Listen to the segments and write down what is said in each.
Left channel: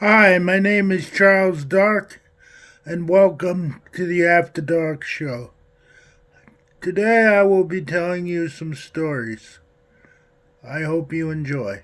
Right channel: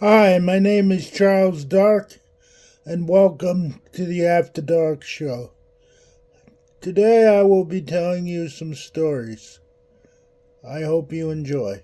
Hi, my name is Charles Dark, and welcome to the After Dark Show. Today I will be telling you some stories. I hope you enjoy.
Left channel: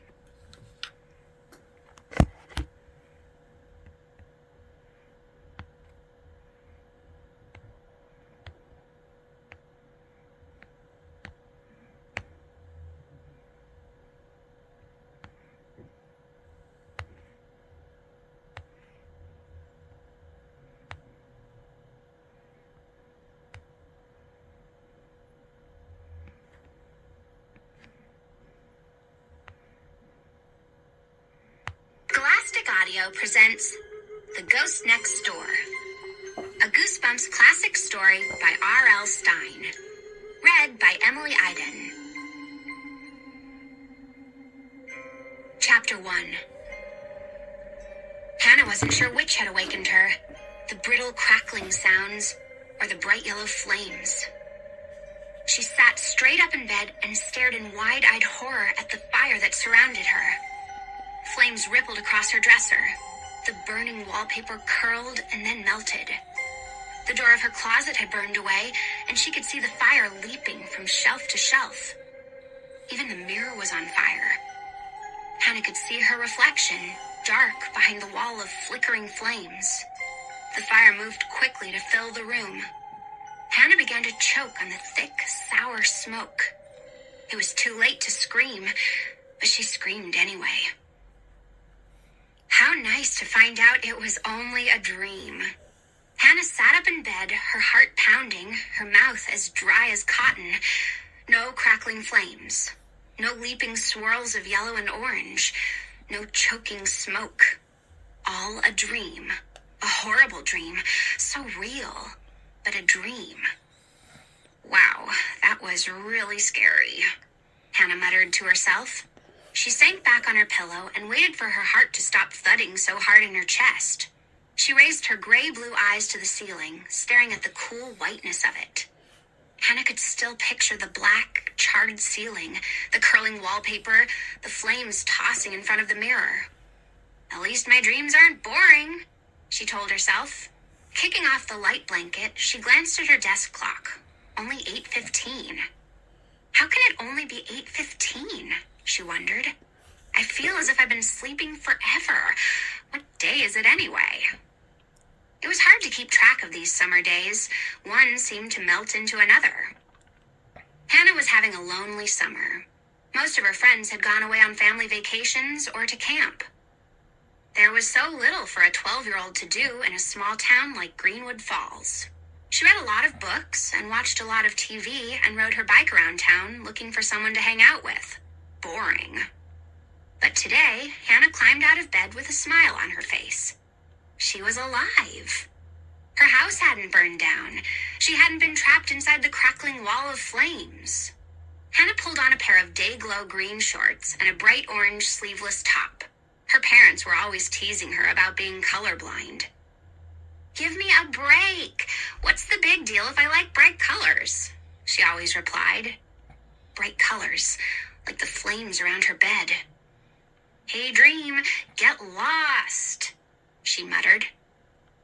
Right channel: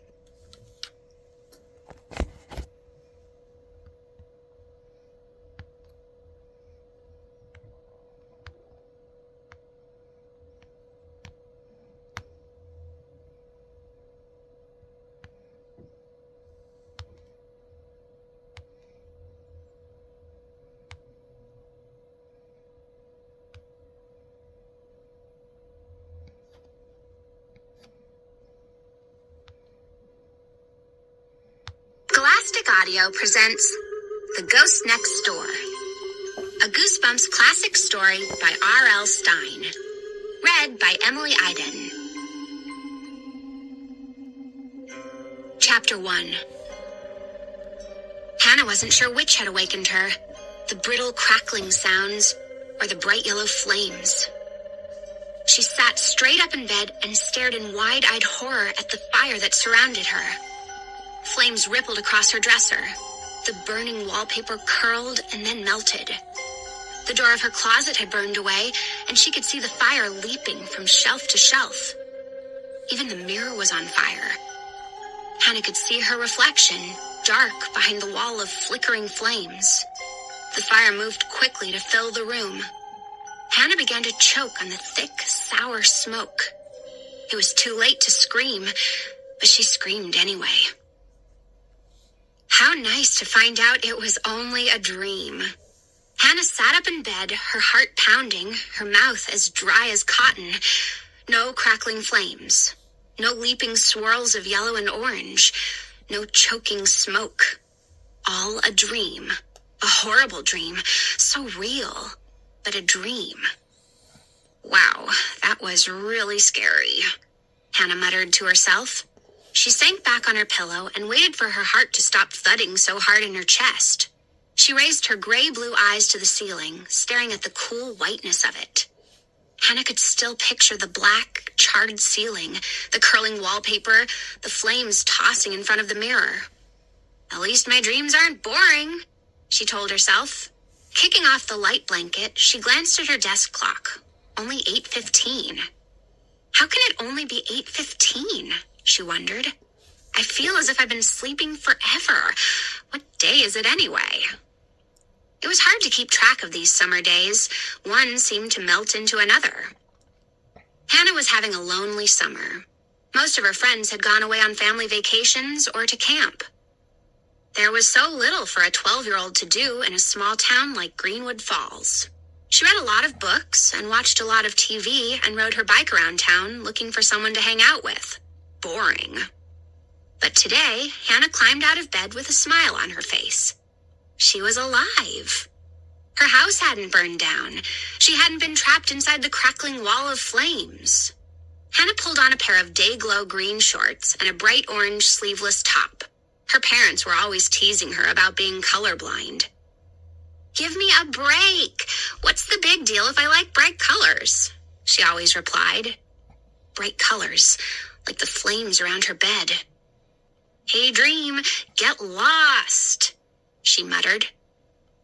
Scholastic Audio presents The Ghost Next Door, a Goosebumps classic story by R.L. Stine, read by Emily Iden. Chapter 1. Hannah wasn't sure which had awakened her, the brittle crackling sounds or the bright yellow flames. She sat straight up in bed and stared in wide-eyed horror at the fire that surrounded her. Flames rippled across her dresser. The burning wallpaper curled and then melted. The door of her closet had burned away, and she could see the fire leaping from shelf to shelf. Even the mirror was on fire. Hannah could see her reflection, dark behind the wall of flickering flames. The fire moved quickly to fill the room. Hannah began to choke on the thick, sour smoke. It was too late to scream, but she screamed anyway. How nice to find out it was only a dream. Hannah sat up in bed, her heart pounding, her mouth as dry as cotton. No crackling flames. No leaping swirls of yellow and orange. No choking smoke. All a dream. A horrible dream. So real, but a dream. Wow, that was really scary, Hannah muttered to herself. She sank back on her pillow and waited for her heart to stop thudding so hard in her chest. She raised her gray-blue eyes to the ceiling, staring at the cool whiteness of it. Hannah could still picture the black, charred ceiling, the curling wallpaper, the flames tossing in front of the mirror. At least my dreams aren't boring, she told herself. Kicking off the light blanket, she glanced at her desk clock. Only 8:15. How can it only be 8:15? She wondered. I feel as if I've been sleeping forever. What day is it anyway? It was hard to keep track of these summer days. One seemed to melt into another. Hannah was having a lonely summer. Most of her friends had gone away on family vacations or to camp. There was so little for a 12-year-old to do in a small town like Greenwood Falls. She read a lot of books and watched a lot of TV and rode her bike around town looking for someone to hang out with. Boring. But today, Hannah climbed out of bed with a smile on her face. She was alive. Her house hadn't burned down. She hadn't been trapped inside the crackling wall of flames. Hannah pulled on a pair of day-glow green shorts and a bright orange sleeveless top. Her parents were always teasing her about being colorblind. Give me a break. What's the big deal if I like bright colors? She always replied. Bright colors, like the flames around her bed. Hey, dream, get lost, she muttered.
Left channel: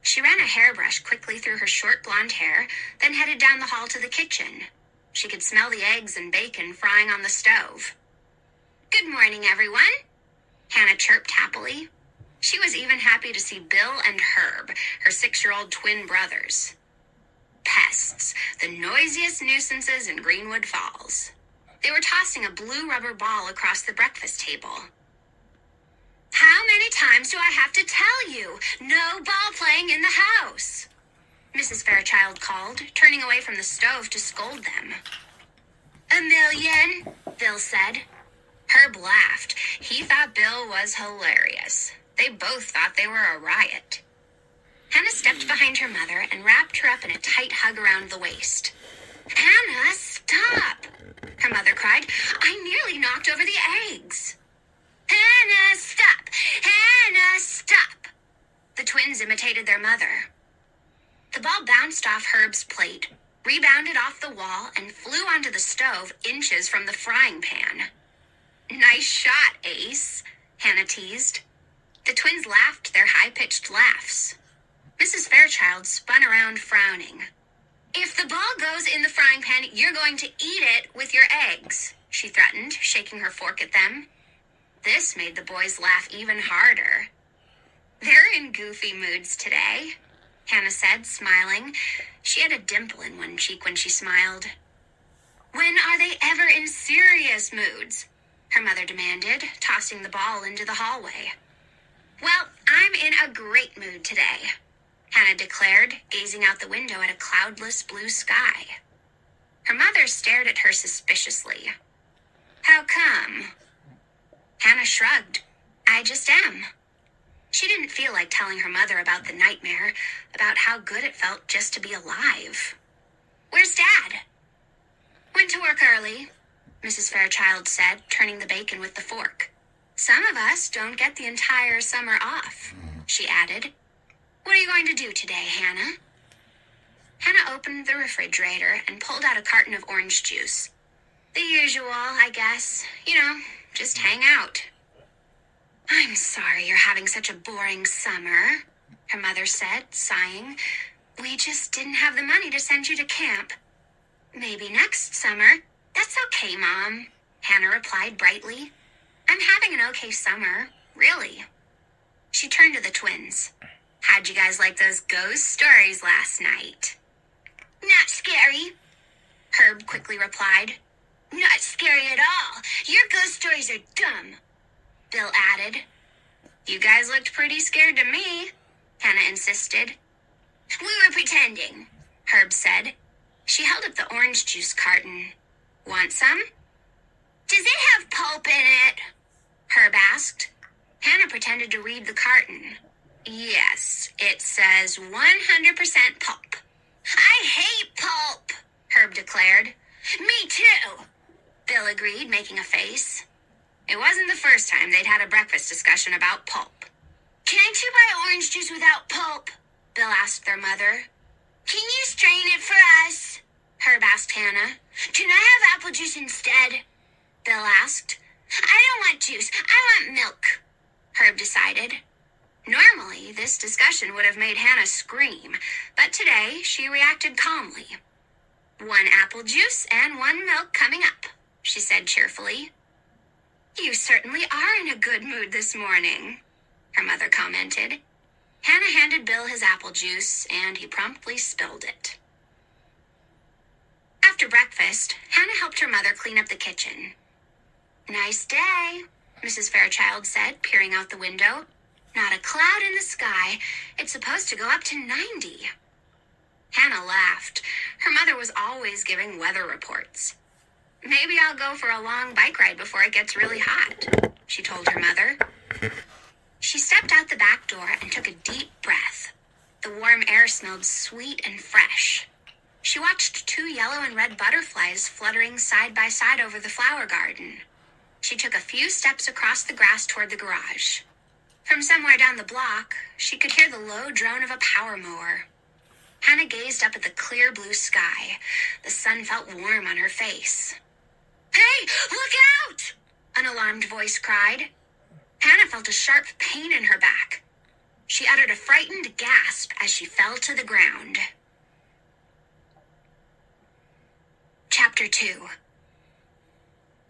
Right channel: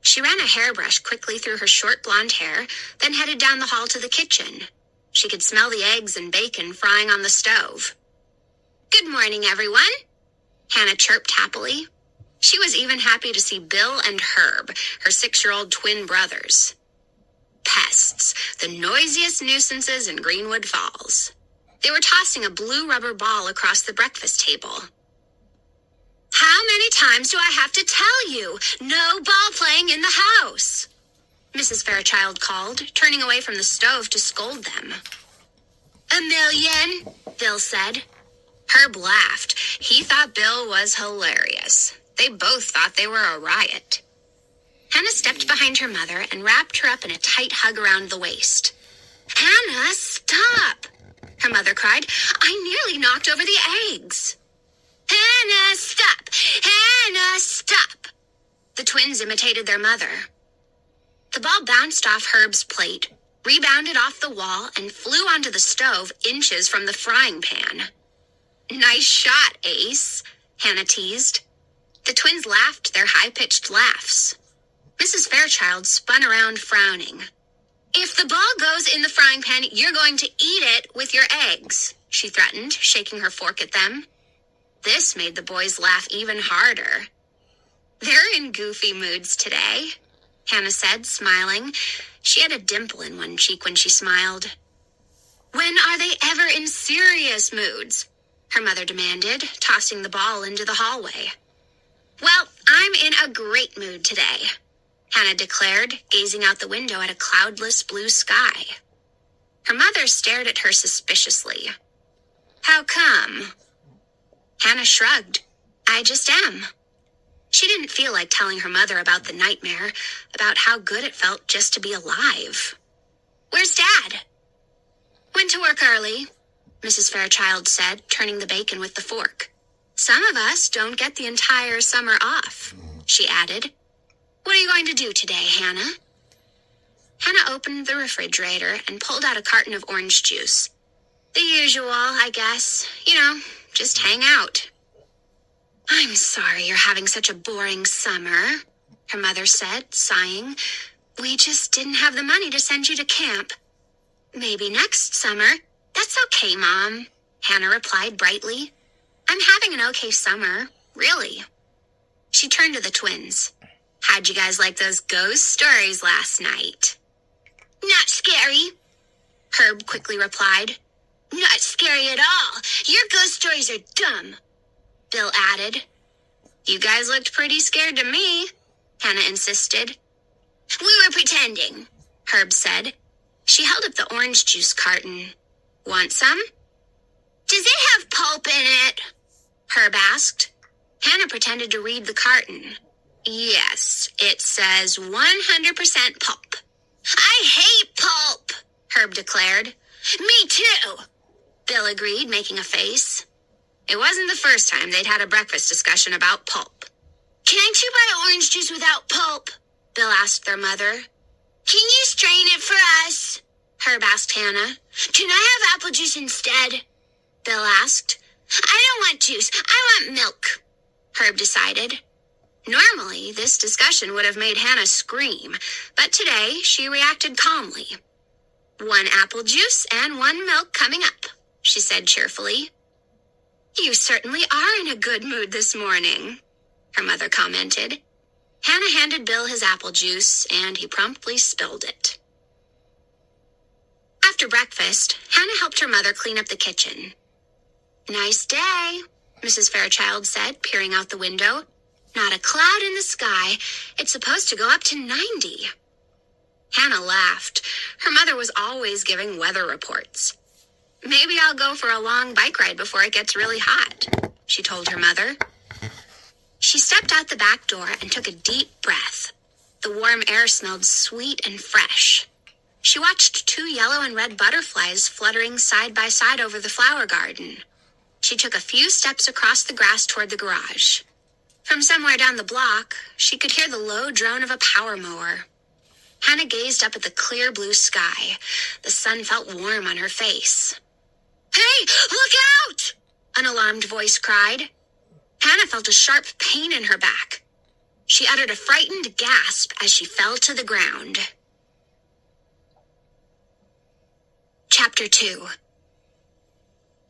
She ran a hairbrush quickly through her short blonde hair, then headed down the hall to the kitchen. She could smell the eggs and bacon frying on the stove. Good morning, everyone, Hannah chirped happily. She was even happy to see Bill and Herb, her 6-year-old twin brothers. Pests, the noisiest nuisances in Greenwood Falls. They were tossing a blue rubber ball across the breakfast table. How many times do I have to tell you? No ball playing in the house, Mrs. Fairchild called, turning away from the stove to scold them. A million, Bill said. Herb laughed. He thought Bill was hilarious. They both thought they were a riot. Hannah stepped behind her mother and wrapped her up in a tight hug around the waist. Hannah, stop, her mother cried. I nearly knocked over the eggs. Hannah, stop! Hannah, stop! The twins imitated their mother. The ball bounced off Herb's plate, rebounded off the wall, and flew onto the stove inches from the frying pan. Nice shot, Ace, Hannah teased. The twins laughed their high-pitched laughs. Mrs. Fairchild spun around frowning. "If the ball goes in the frying pan, you're going to eat it with your eggs," she threatened, shaking her fork at them. This made the boys laugh even harder. "They're in goofy moods today," Hannah said, smiling. She had a dimple in one cheek when she smiled. "When are they ever in serious moods?" her mother demanded, tossing the ball into the hallway. "Well, I'm in a great mood today," Hannah declared, gazing out the window at a cloudless blue sky. Her mother stared at her suspiciously. "How come?" Hannah shrugged. "I just am." She didn't feel like telling her mother about the nightmare, about how good it felt just to be alive. "Where's Dad?" "Went to work early," Mrs. Fairchild said, turning the bacon with the fork. "Some of us don't get the entire summer off," she added. "What are you going to do today, Hannah?" Hannah opened the refrigerator and pulled out a carton of orange juice. "The usual, I guess. Just hang out." "I'm sorry you're having such a boring summer," her mother said, sighing. "We just didn't have the money to send you to camp." "Maybe next summer." "That's okay, Mom," Hannah replied brightly. "I'm having an okay summer, really." She turned to the twins. "How'd you guys like those ghost stories last night?" "Not scary," Herb quickly replied. "Not scary at all. Your ghost stories are dumb," Bill added. "You guys looked pretty scared to me," Hannah insisted. "We were pretending," Herb said. She held up the orange juice carton. "Want some?" "Does it have pulp in it?" Herb asked. Hannah pretended to read the carton. "Yes, it says 100% pulp." "I hate pulp," Herb declared. "Me too," Bill agreed, making a face. It wasn't the first time they'd had a breakfast discussion about pulp. "Can't you buy orange juice without pulp?" Bill asked their mother. "Can you strain it for us?" Herb asked Hannah. "Can I have apple juice instead?" Bill asked. "I don't want juice. I want milk," Herb decided. Normally, this discussion would have made Hannah scream, but today she reacted calmly. "1 apple juice and 1 milk coming up," she said cheerfully. "You certainly are in a good mood this morning," her mother commented. Hannah handed Bill his apple juice, and he promptly spilled it. After breakfast, Hannah helped her mother clean up the kitchen. "Nice day," Mrs. Fairchild said, peering out the window. "Not a cloud in the sky. It's supposed to go up to 90. Hannah laughed. Her mother was always giving weather reports. "Maybe I'll go for a long bike ride before it gets really hot," she told her mother. She stepped out the back door and took a deep breath. The warm air smelled sweet and fresh. She watched 2 yellow and red butterflies fluttering side by side over the flower garden. She took a few steps across the grass toward the garage. From somewhere down the block, she could hear the low drone of a power mower. Hannah gazed up at the clear blue sky. The sun felt warm on her face. "Hey, look out!" an alarmed voice cried. Hannah felt a sharp pain in her back. She uttered a frightened gasp as she fell to the ground. Chapter 2.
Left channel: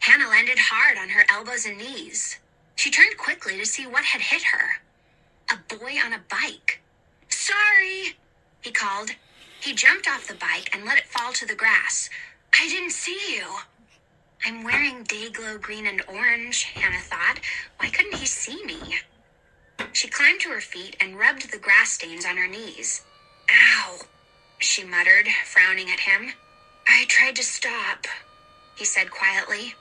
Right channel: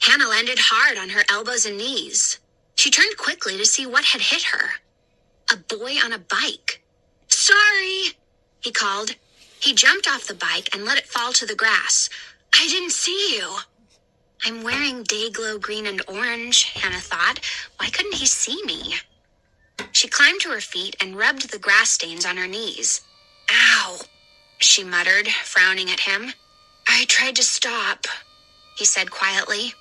Hannah landed hard on her elbows and knees. She turned quickly to see what had hit her. A boy on a bike. "Sorry," he called. He jumped off the bike and let it fall to the grass. "I didn't see you." "I'm wearing day-glow green and orange," Hannah thought. "Why couldn't he see me?" She climbed to her feet and rubbed the grass stains on her knees. "Ow," she muttered, frowning at him. "I tried to stop," he said quietly.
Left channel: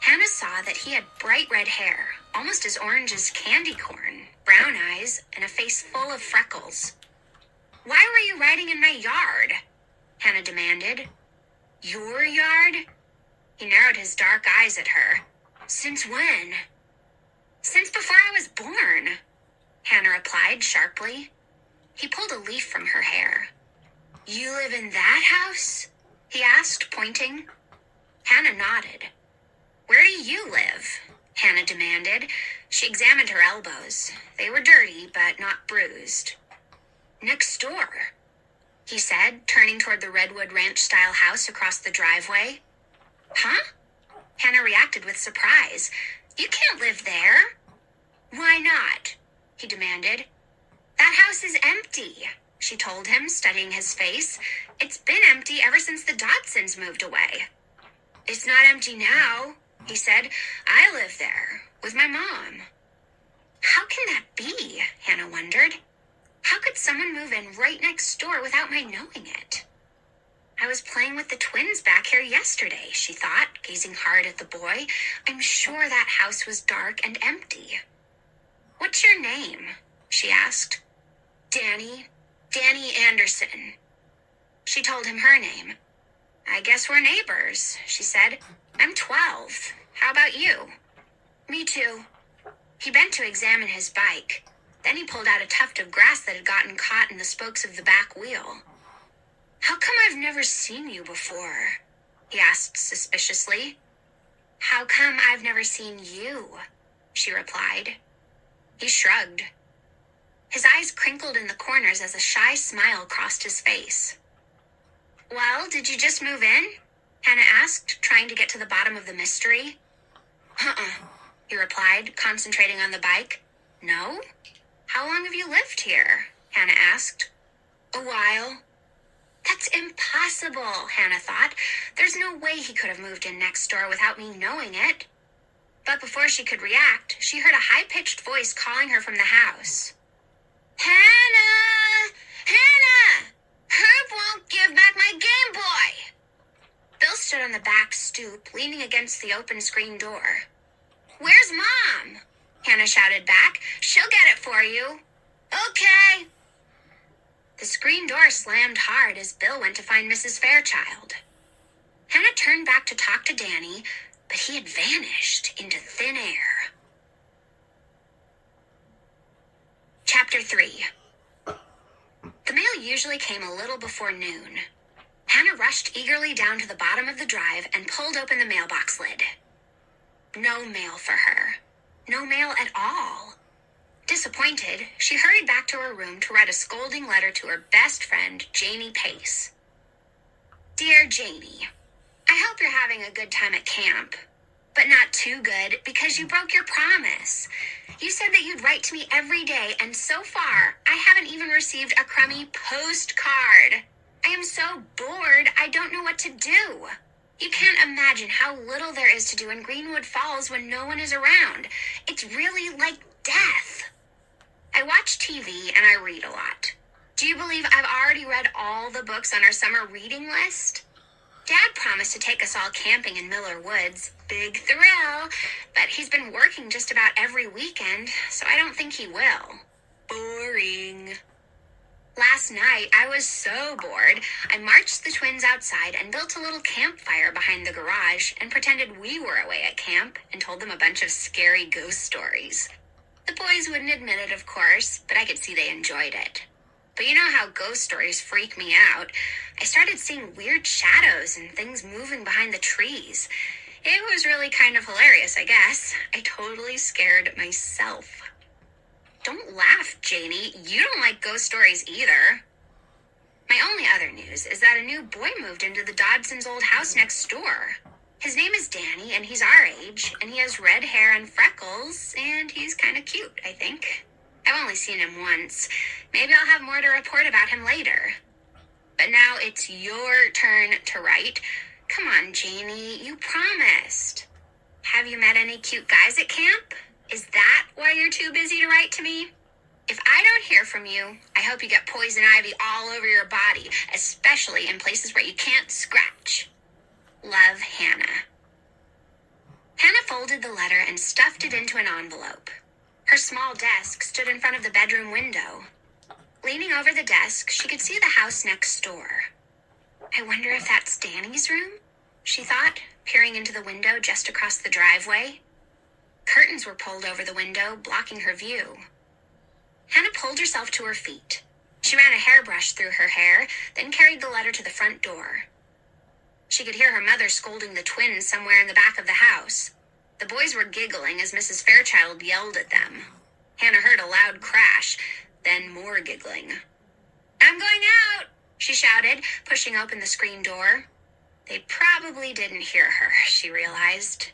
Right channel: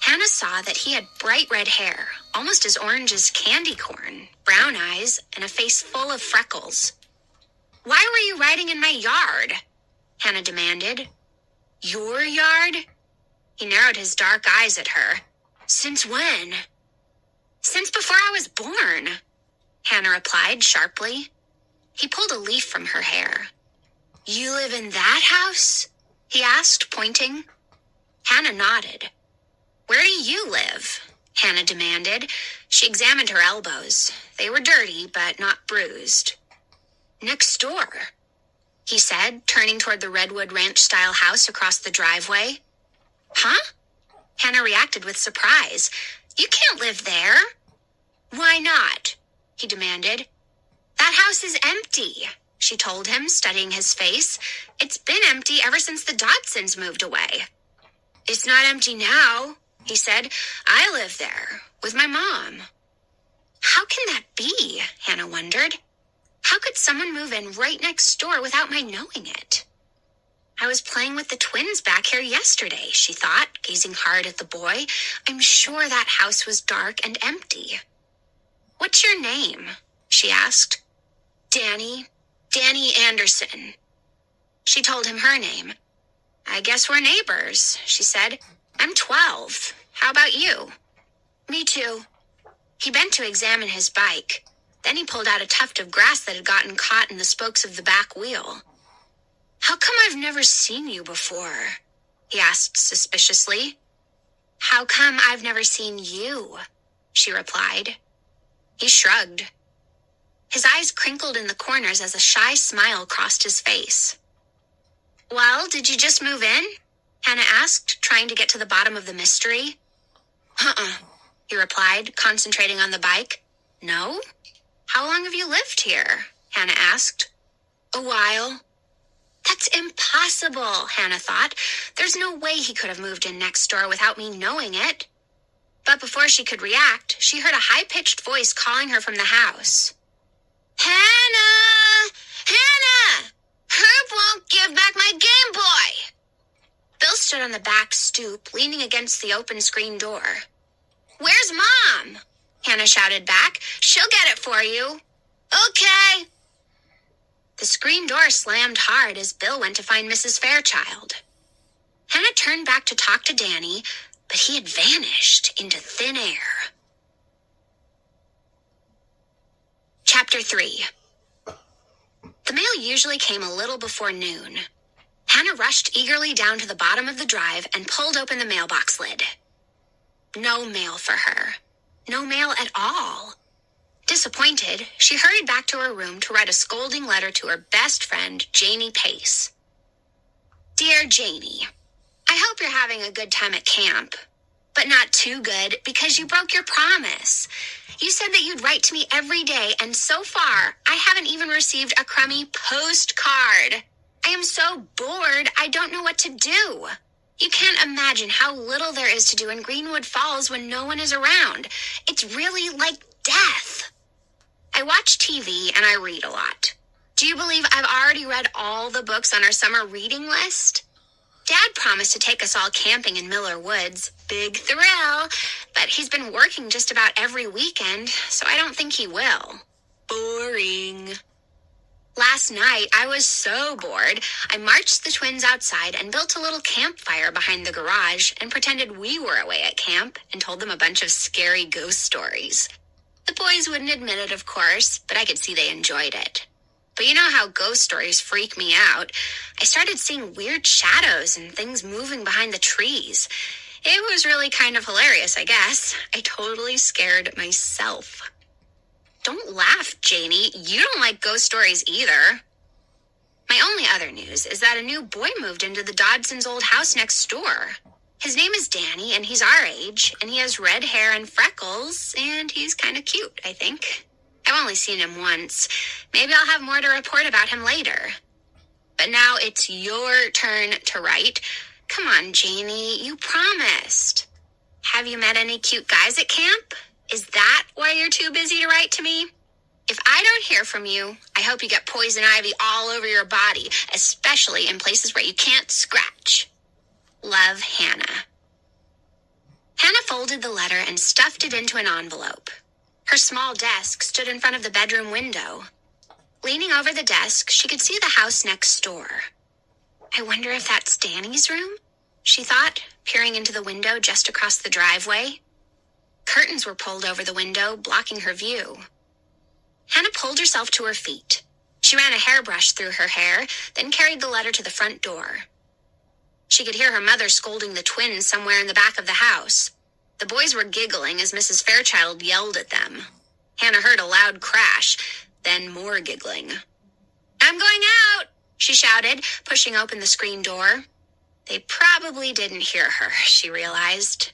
Hannah saw that he had bright red hair, almost as orange as candy corn, brown eyes, and a face full of freckles. "Why were you riding in my yard?" Hannah demanded. "Your yard?" He narrowed his dark eyes at her. "Since when?" "Since before I was born," Hannah replied sharply. He pulled a leaf from her hair. "You live in that house?" he asked, pointing. Hannah nodded. "Where do you live?" Hannah demanded. She examined her elbows. They were dirty, but not bruised. Next door, he said, turning toward the Redwood Ranch-style house across the driveway. Huh? Hannah reacted with surprise. You can't live there. Why not? He demanded. That house is empty, she told him, studying his face. It's been empty ever since the Dodsons moved away. It's not empty now, he said. I live there with my mom. How can that be? Hannah wondered. How could someone move in right next door without my knowing it? I was playing with the twins back here yesterday, she thought, gazing hard at the boy. I'm sure that house was dark and empty. What's your name? She asked. Danny Anderson. She told him her name. I guess we're neighbors, she said. I'm 12. How about you? Me too. He bent to examine his bike. Then he pulled out a tuft of grass that had gotten caught in the spokes of the back wheel. How come I've never seen you before? He asked suspiciously. How come I've never seen you? She replied. He shrugged. His eyes crinkled in the corners as a shy smile crossed his face. Well, did you just move in? Hannah asked, trying to get to the bottom of the mystery. He replied, concentrating on the bike. No? How long have you lived here? Hannah asked. A while. That's impossible, Hannah thought. There's no way he could have moved in next door without me knowing it. But before she could react, she heard a high-pitched voice calling her from the house. Hannah! Hannah! Herb won't give back my Game Boy! Bill stood on the back stoop, leaning against the open screen door. Where's Mom? Hannah shouted back. She'll get it for you. Okay. The screen door slammed hard as Bill went to find Mrs. Fairchild. Hannah turned back to talk to Danny, but he had vanished into thin air. Chapter 3. The mail usually came a little before noon. Hannah rushed eagerly down to the bottom of the drive and pulled open the mailbox lid. No mail for her. No mail at all. Disappointed, she hurried back to her room to write a scolding letter to her best friend, Janie Pace. Dear Janie, I hope you're having a good time at camp, but not too good because you broke your promise. You said that you'd write to me every day, and so far, I haven't even received a crummy postcard. I am so bored, I don't know what to do. You can't imagine how little there is to do in Greenwood Falls when no one is around. It's really like death. I watch TV and I read a lot. Do you believe I've already read all the books on our summer reading list? Dad promised to take us all camping in Miller Woods. Big thrill. But he's been working just about every weekend, so I don't think he will. Boring. Last night, I was so bored, I marched the twins outside and built a little campfire behind the garage and pretended we were away at camp and told them a bunch of scary ghost stories. The boys wouldn't admit it, of course, but I could see they enjoyed it. But you know how ghost stories freak me out. I started seeing weird shadows and things moving behind the trees. It was really kind of hilarious, I guess. I totally scared myself. Don't laugh, Janie. You don't like ghost stories either. My only other news is that a new boy moved into the Dodsons' old house next door. His name is Danny, and he's our age, and he has red hair and freckles, and he's kind of cute, I think. I've only seen him once. Maybe I'll have more to report about him later. But now it's your turn to write. Come on, Janie, you promised. Have you met any cute guys at camp? Is that why you're too busy to write to me? If I don't hear from you, I hope you get poison ivy all over your body, especially in places where you can't scratch. Love, Hannah. Hannah folded the letter and stuffed it into an envelope. Her small desk stood in front of the bedroom window. Leaning over the desk, she could see the house next door. I wonder if that's Danny's room, she thought, peering into the window just across the driveway. Curtains were pulled over the window, blocking her view. Hannah pulled herself to her feet. She ran a hairbrush through her hair, then carried the letter to the front door. She could hear her mother scolding the twins somewhere in the back of the house. The boys were giggling as Mrs. Fairchild yelled at them. Hannah heard a loud crash, then more giggling. "I'm going out," she shouted, pushing open the screen door. They probably didn't hear her, she realized.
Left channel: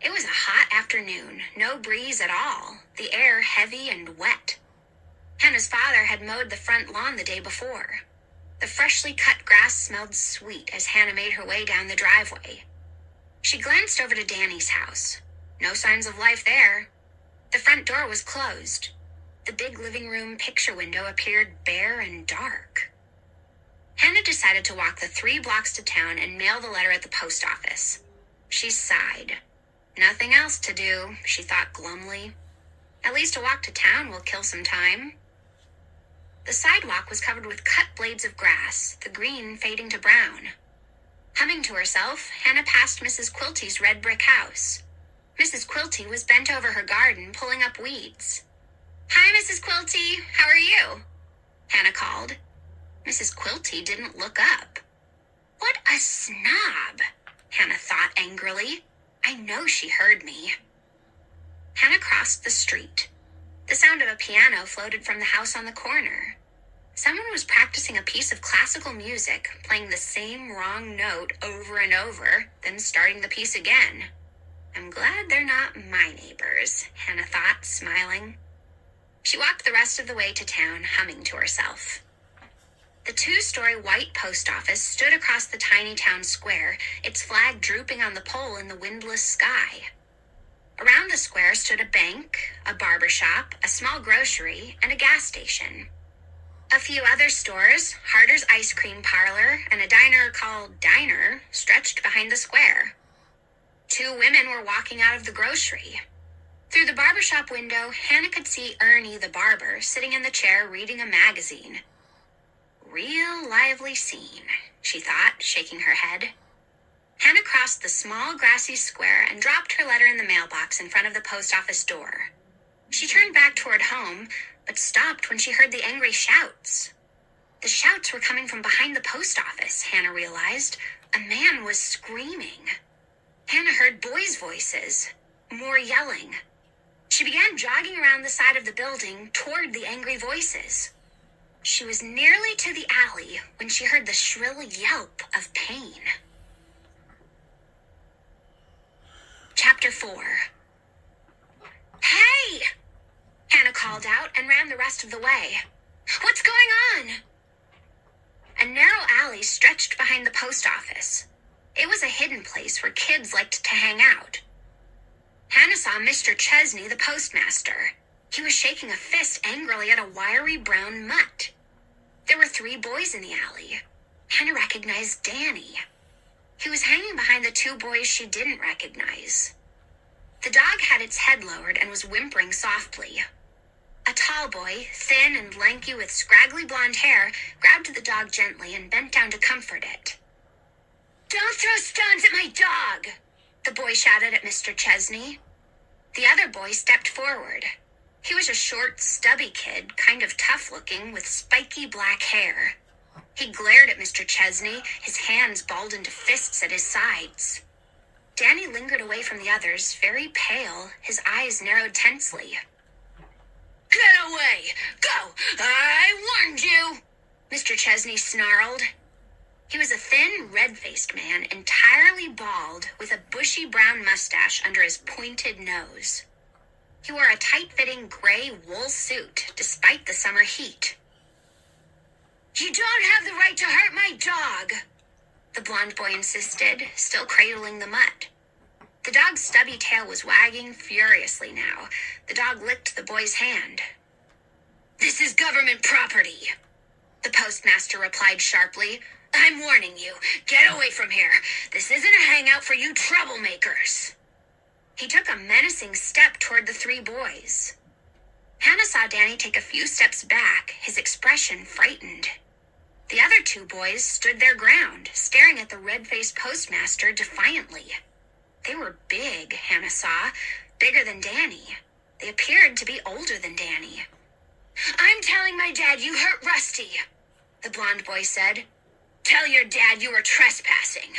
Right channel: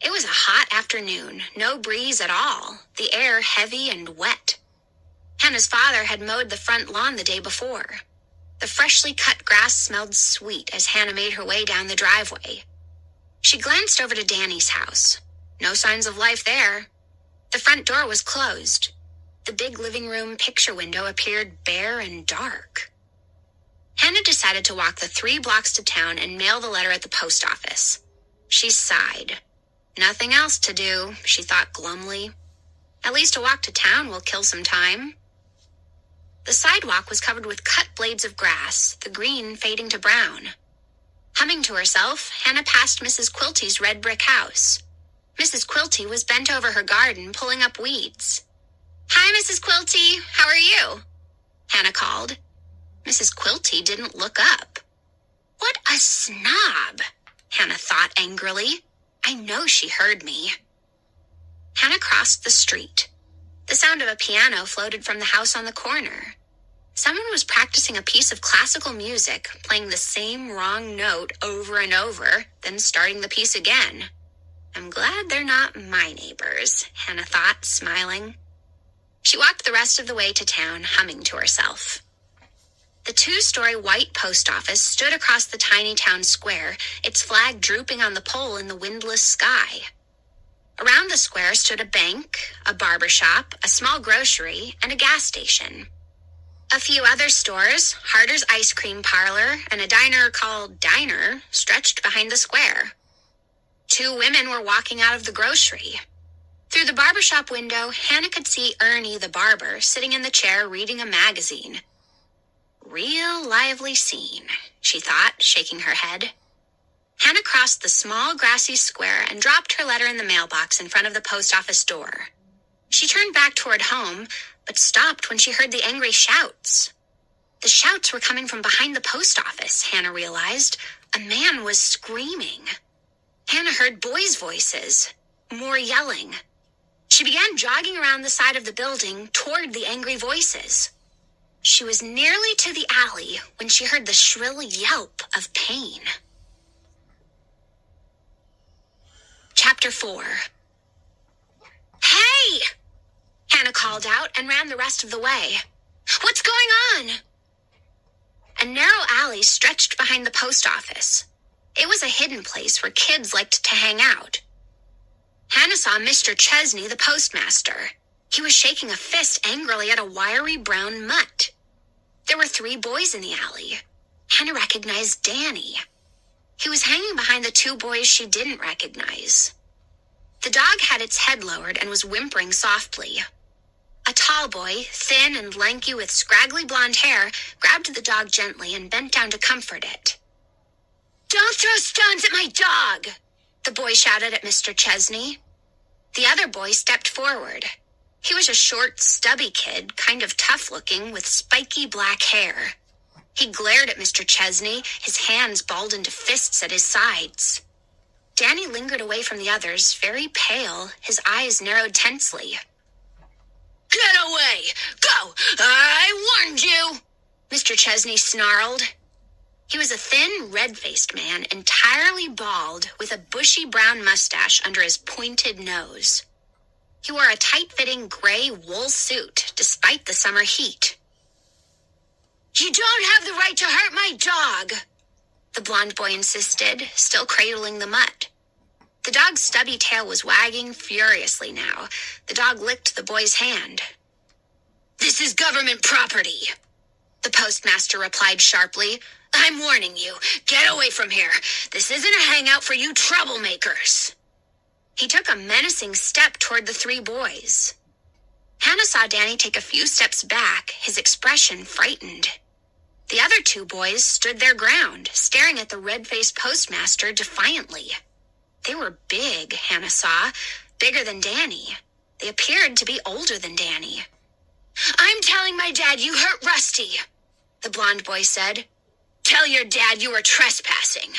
It was a hot afternoon, no breeze at all, the air heavy and wet. Hannah's father had mowed the front lawn the day before. The freshly cut grass smelled sweet as Hannah made her way down the driveway. She glanced over to Danny's house. No signs of life there. The front door was closed. The big living room picture window appeared bare and dark. Hannah decided to walk the 3 blocks to town and mail the letter at the post office. She sighed. Nothing else to do, she thought glumly. At least a walk to town will kill some time. The sidewalk was covered with cut blades of grass, the green fading to brown. Humming to herself, Hannah passed Mrs. Quilty's red brick house. Mrs. Quilty was bent over her garden, pulling up weeds. "Hi, Mrs. Quilty. How are you?" Hannah called. Mrs. Quilty didn't look up. What a snob, Hannah thought angrily. I know she heard me. Hannah crossed the street. The sound of a piano floated from the house on the corner. Someone was practicing a piece of classical music, playing the same wrong note over and over, then starting the piece again. I'm glad they're not my neighbors, Hannah thought, smiling. She walked the rest of the way to town, humming to herself. The 2-story white post office stood across the tiny town square, its flag drooping on the pole in the windless sky. Around the square stood a bank, a barber shop, a small grocery, and a gas station. A few other stores, Harder's Ice Cream Parlor, and a diner called Diner, stretched behind the square. 2 women were walking out of the grocery. Through the barbershop window, Hannah could see Ernie the barber sitting in the chair reading a magazine. Real lively scene, she thought, shaking her head. Hannah crossed the small grassy square and dropped her letter in the mailbox in front of the post office door. She turned back toward home, but stopped when she heard the angry shouts. The shouts were coming from behind the post office, Hannah realized. A man was screaming. Hannah heard boys' voices, more yelling. She began jogging around the side of the building toward the angry voices. She was nearly to the alley when she heard the shrill yelp of pain. Chapter 4. Hey! Hannah called out and ran the rest of the way. What's going on? A narrow alley stretched behind the post office. It was a hidden place where kids liked to hang out. Hannah saw Mr. Chesney, the postmaster. He was shaking a fist angrily at a wiry brown mutt. There were 3 boys in the alley. Hannah recognized Danny. He was hanging behind the 2 boys she didn't recognize. The dog had its head lowered and was whimpering softly. A tall boy, thin and lanky with scraggly blonde hair, grabbed the dog gently and bent down to comfort it. "Don't throw stones at my dog!" the boy shouted at Mr. Chesney. The other boy stepped forward. He was a short, stubby kid, kind of tough-looking, with spiky black hair. He glared at Mr. Chesney, his hands balled into fists at his sides. Danny lingered away from the others, very pale, his eyes narrowed tensely. "Get away! Go! I warned you!" Mr. Chesney snarled. He was a thin, red-faced man, entirely bald, with a bushy brown mustache under his pointed nose. He wore a tight-fitting gray wool suit, despite the summer heat. "You don't have the right to hurt my dog," the blonde boy insisted, still cradling the mutt. The dog's stubby tail was wagging furiously now. The dog licked the boy's hand. "This is government property," the postmaster replied sharply. "I'm warning you. Get away from here. This isn't a hangout for you troublemakers." He took a menacing step toward the 3 boys. Hannah saw Danny take a few steps back, his expression frightened. The other 2 boys stood their ground, staring at the red-faced postmaster defiantly. They were big, Hannah saw, bigger than Danny. They appeared to be older than Danny. "I'm telling my dad you hurt Rusty," the blonde boy said. Tell your dad you were trespassing,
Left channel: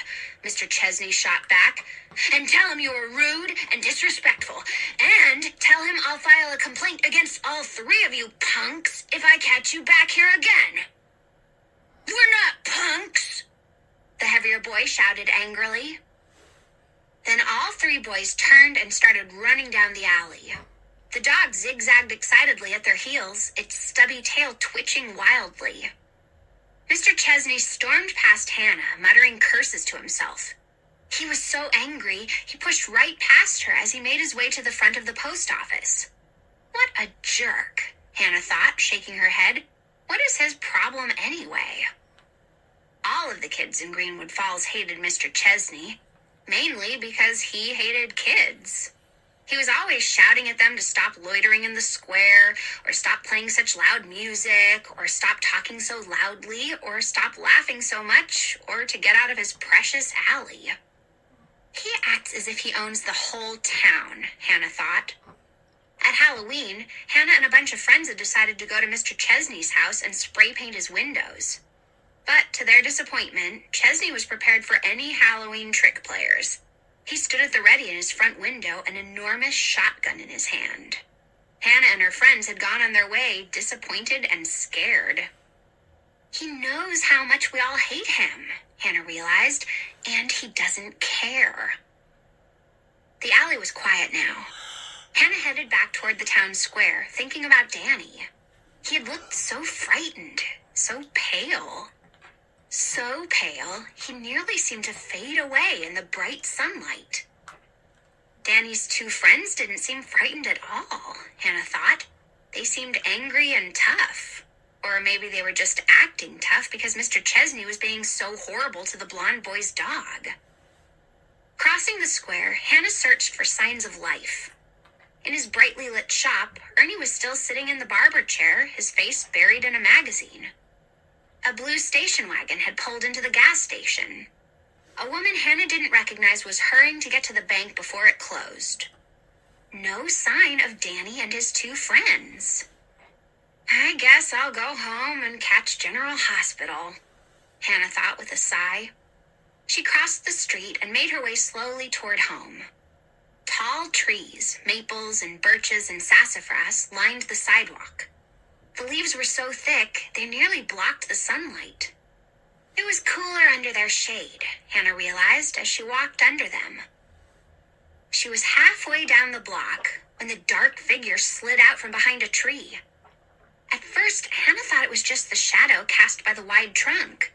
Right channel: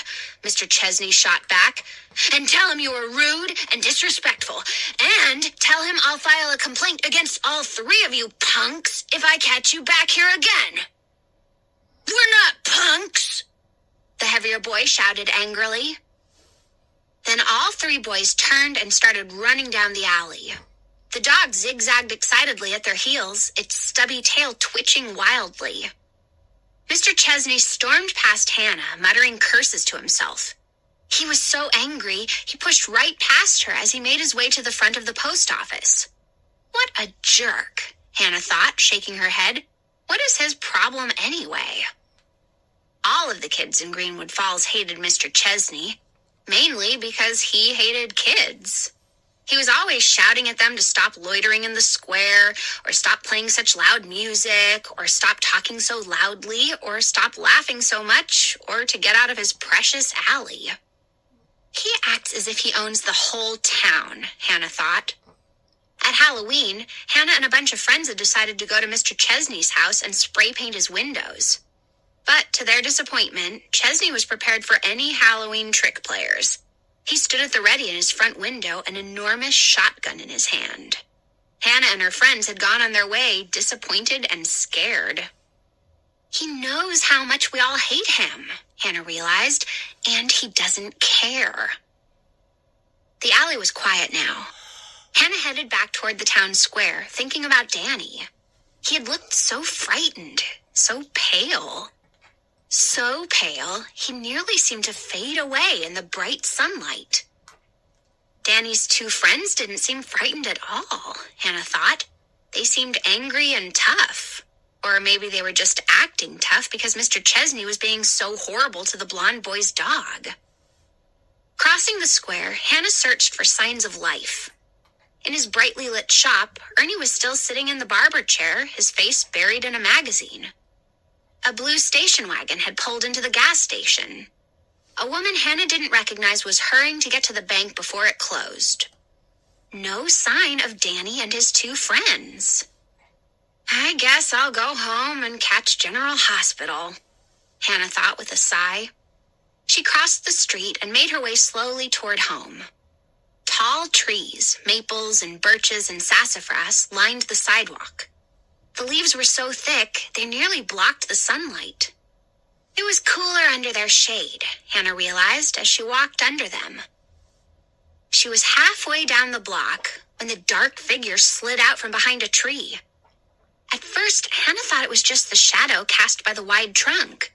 Mr. Chesney shot back. And tell him you were rude and disrespectful. And tell him I'll file a complaint against all three of you punks if I catch you back here again. We're not punks, the heavier boy shouted angrily. Then all three boys turned and started running down the alley. The dog zigzagged excitedly at their heels, its stubby tail twitching wildly. Mr. Chesney stormed past Hannah, muttering curses to himself. He was so angry, he pushed right past her as he made his way to the front of the post office. What a jerk, Hannah thought, shaking her head. What is his problem anyway? All of the kids in Greenwood Falls hated Mr. Chesney, mainly because he hated kids. He was always shouting at them to stop loitering in the square, or stop playing such loud music, or stop talking so loudly, or stop laughing so much, or to get out of his precious alley. He acts as if he owns the whole town, Hannah thought. At Halloween, Hannah and a bunch of friends had decided to go to Mr. Chesney's house and spray paint his windows. But to their disappointment, Chesney was prepared for any Halloween trick players. He stood at the ready in his front window, an enormous shotgun in his hand. Hannah and her friends had gone on their way, disappointed and scared. He knows how much we all hate him, Hannah realized, and he doesn't care. The alley was quiet now. Hannah headed back toward the town square, thinking about Danny. He had looked so frightened, so pale. So pale, he nearly seemed to fade away in the bright sunlight. Danny's two friends didn't seem frightened at all, Hannah thought. They seemed angry and tough. Or maybe they were just acting tough because Mr. Chesney was being so horrible to the blonde boy's dog. Crossing the square, Hannah searched for signs of life. In his brightly lit shop, Ernie was still sitting in the barber chair, his face buried in a magazine. A blue station wagon had pulled into the gas station. A woman Hannah didn't recognize was hurrying to get to the bank before it closed. No sign of Danny and his two friends. I guess I'll go home and catch General Hospital, Hannah thought with a sigh. She crossed the street and made her way slowly toward home. Tall trees, maples and birches and sassafras, lined the sidewalk. The leaves were so thick, they nearly blocked the sunlight. It was cooler under their shade, Hannah realized as she walked under them. She was halfway down the block when the dark figure slid out from behind a tree. At first, Hannah thought it was just the shadow cast by the wide trunk.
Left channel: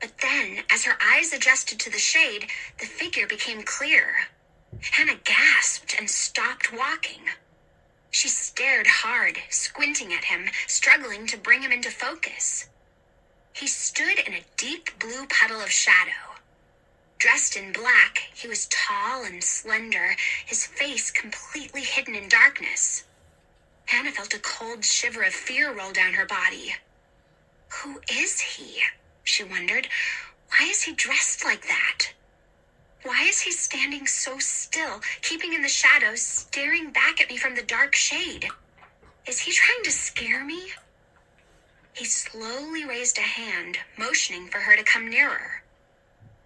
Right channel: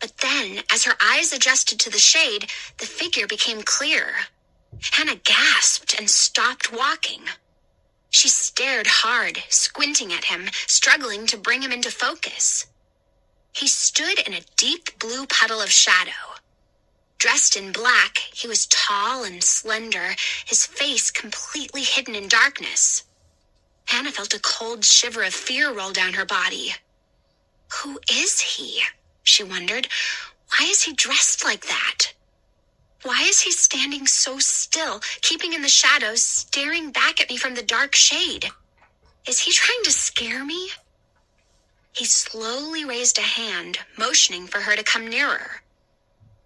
But then, as her eyes adjusted to the shade, the figure became clear. Hannah gasped and stopped walking. She stared hard, squinting at him, struggling to bring him into focus. He stood in a deep blue puddle of shadow. Dressed in black, he was tall and slender, his face completely hidden in darkness. Hannah felt a cold shiver of fear roll down her body. Who is he? She wondered. Why is he dressed like that? Why is he standing so still, keeping in the shadows, staring back at me from the dark shade? Is he trying to scare me? He slowly raised a hand, motioning for her to come nearer.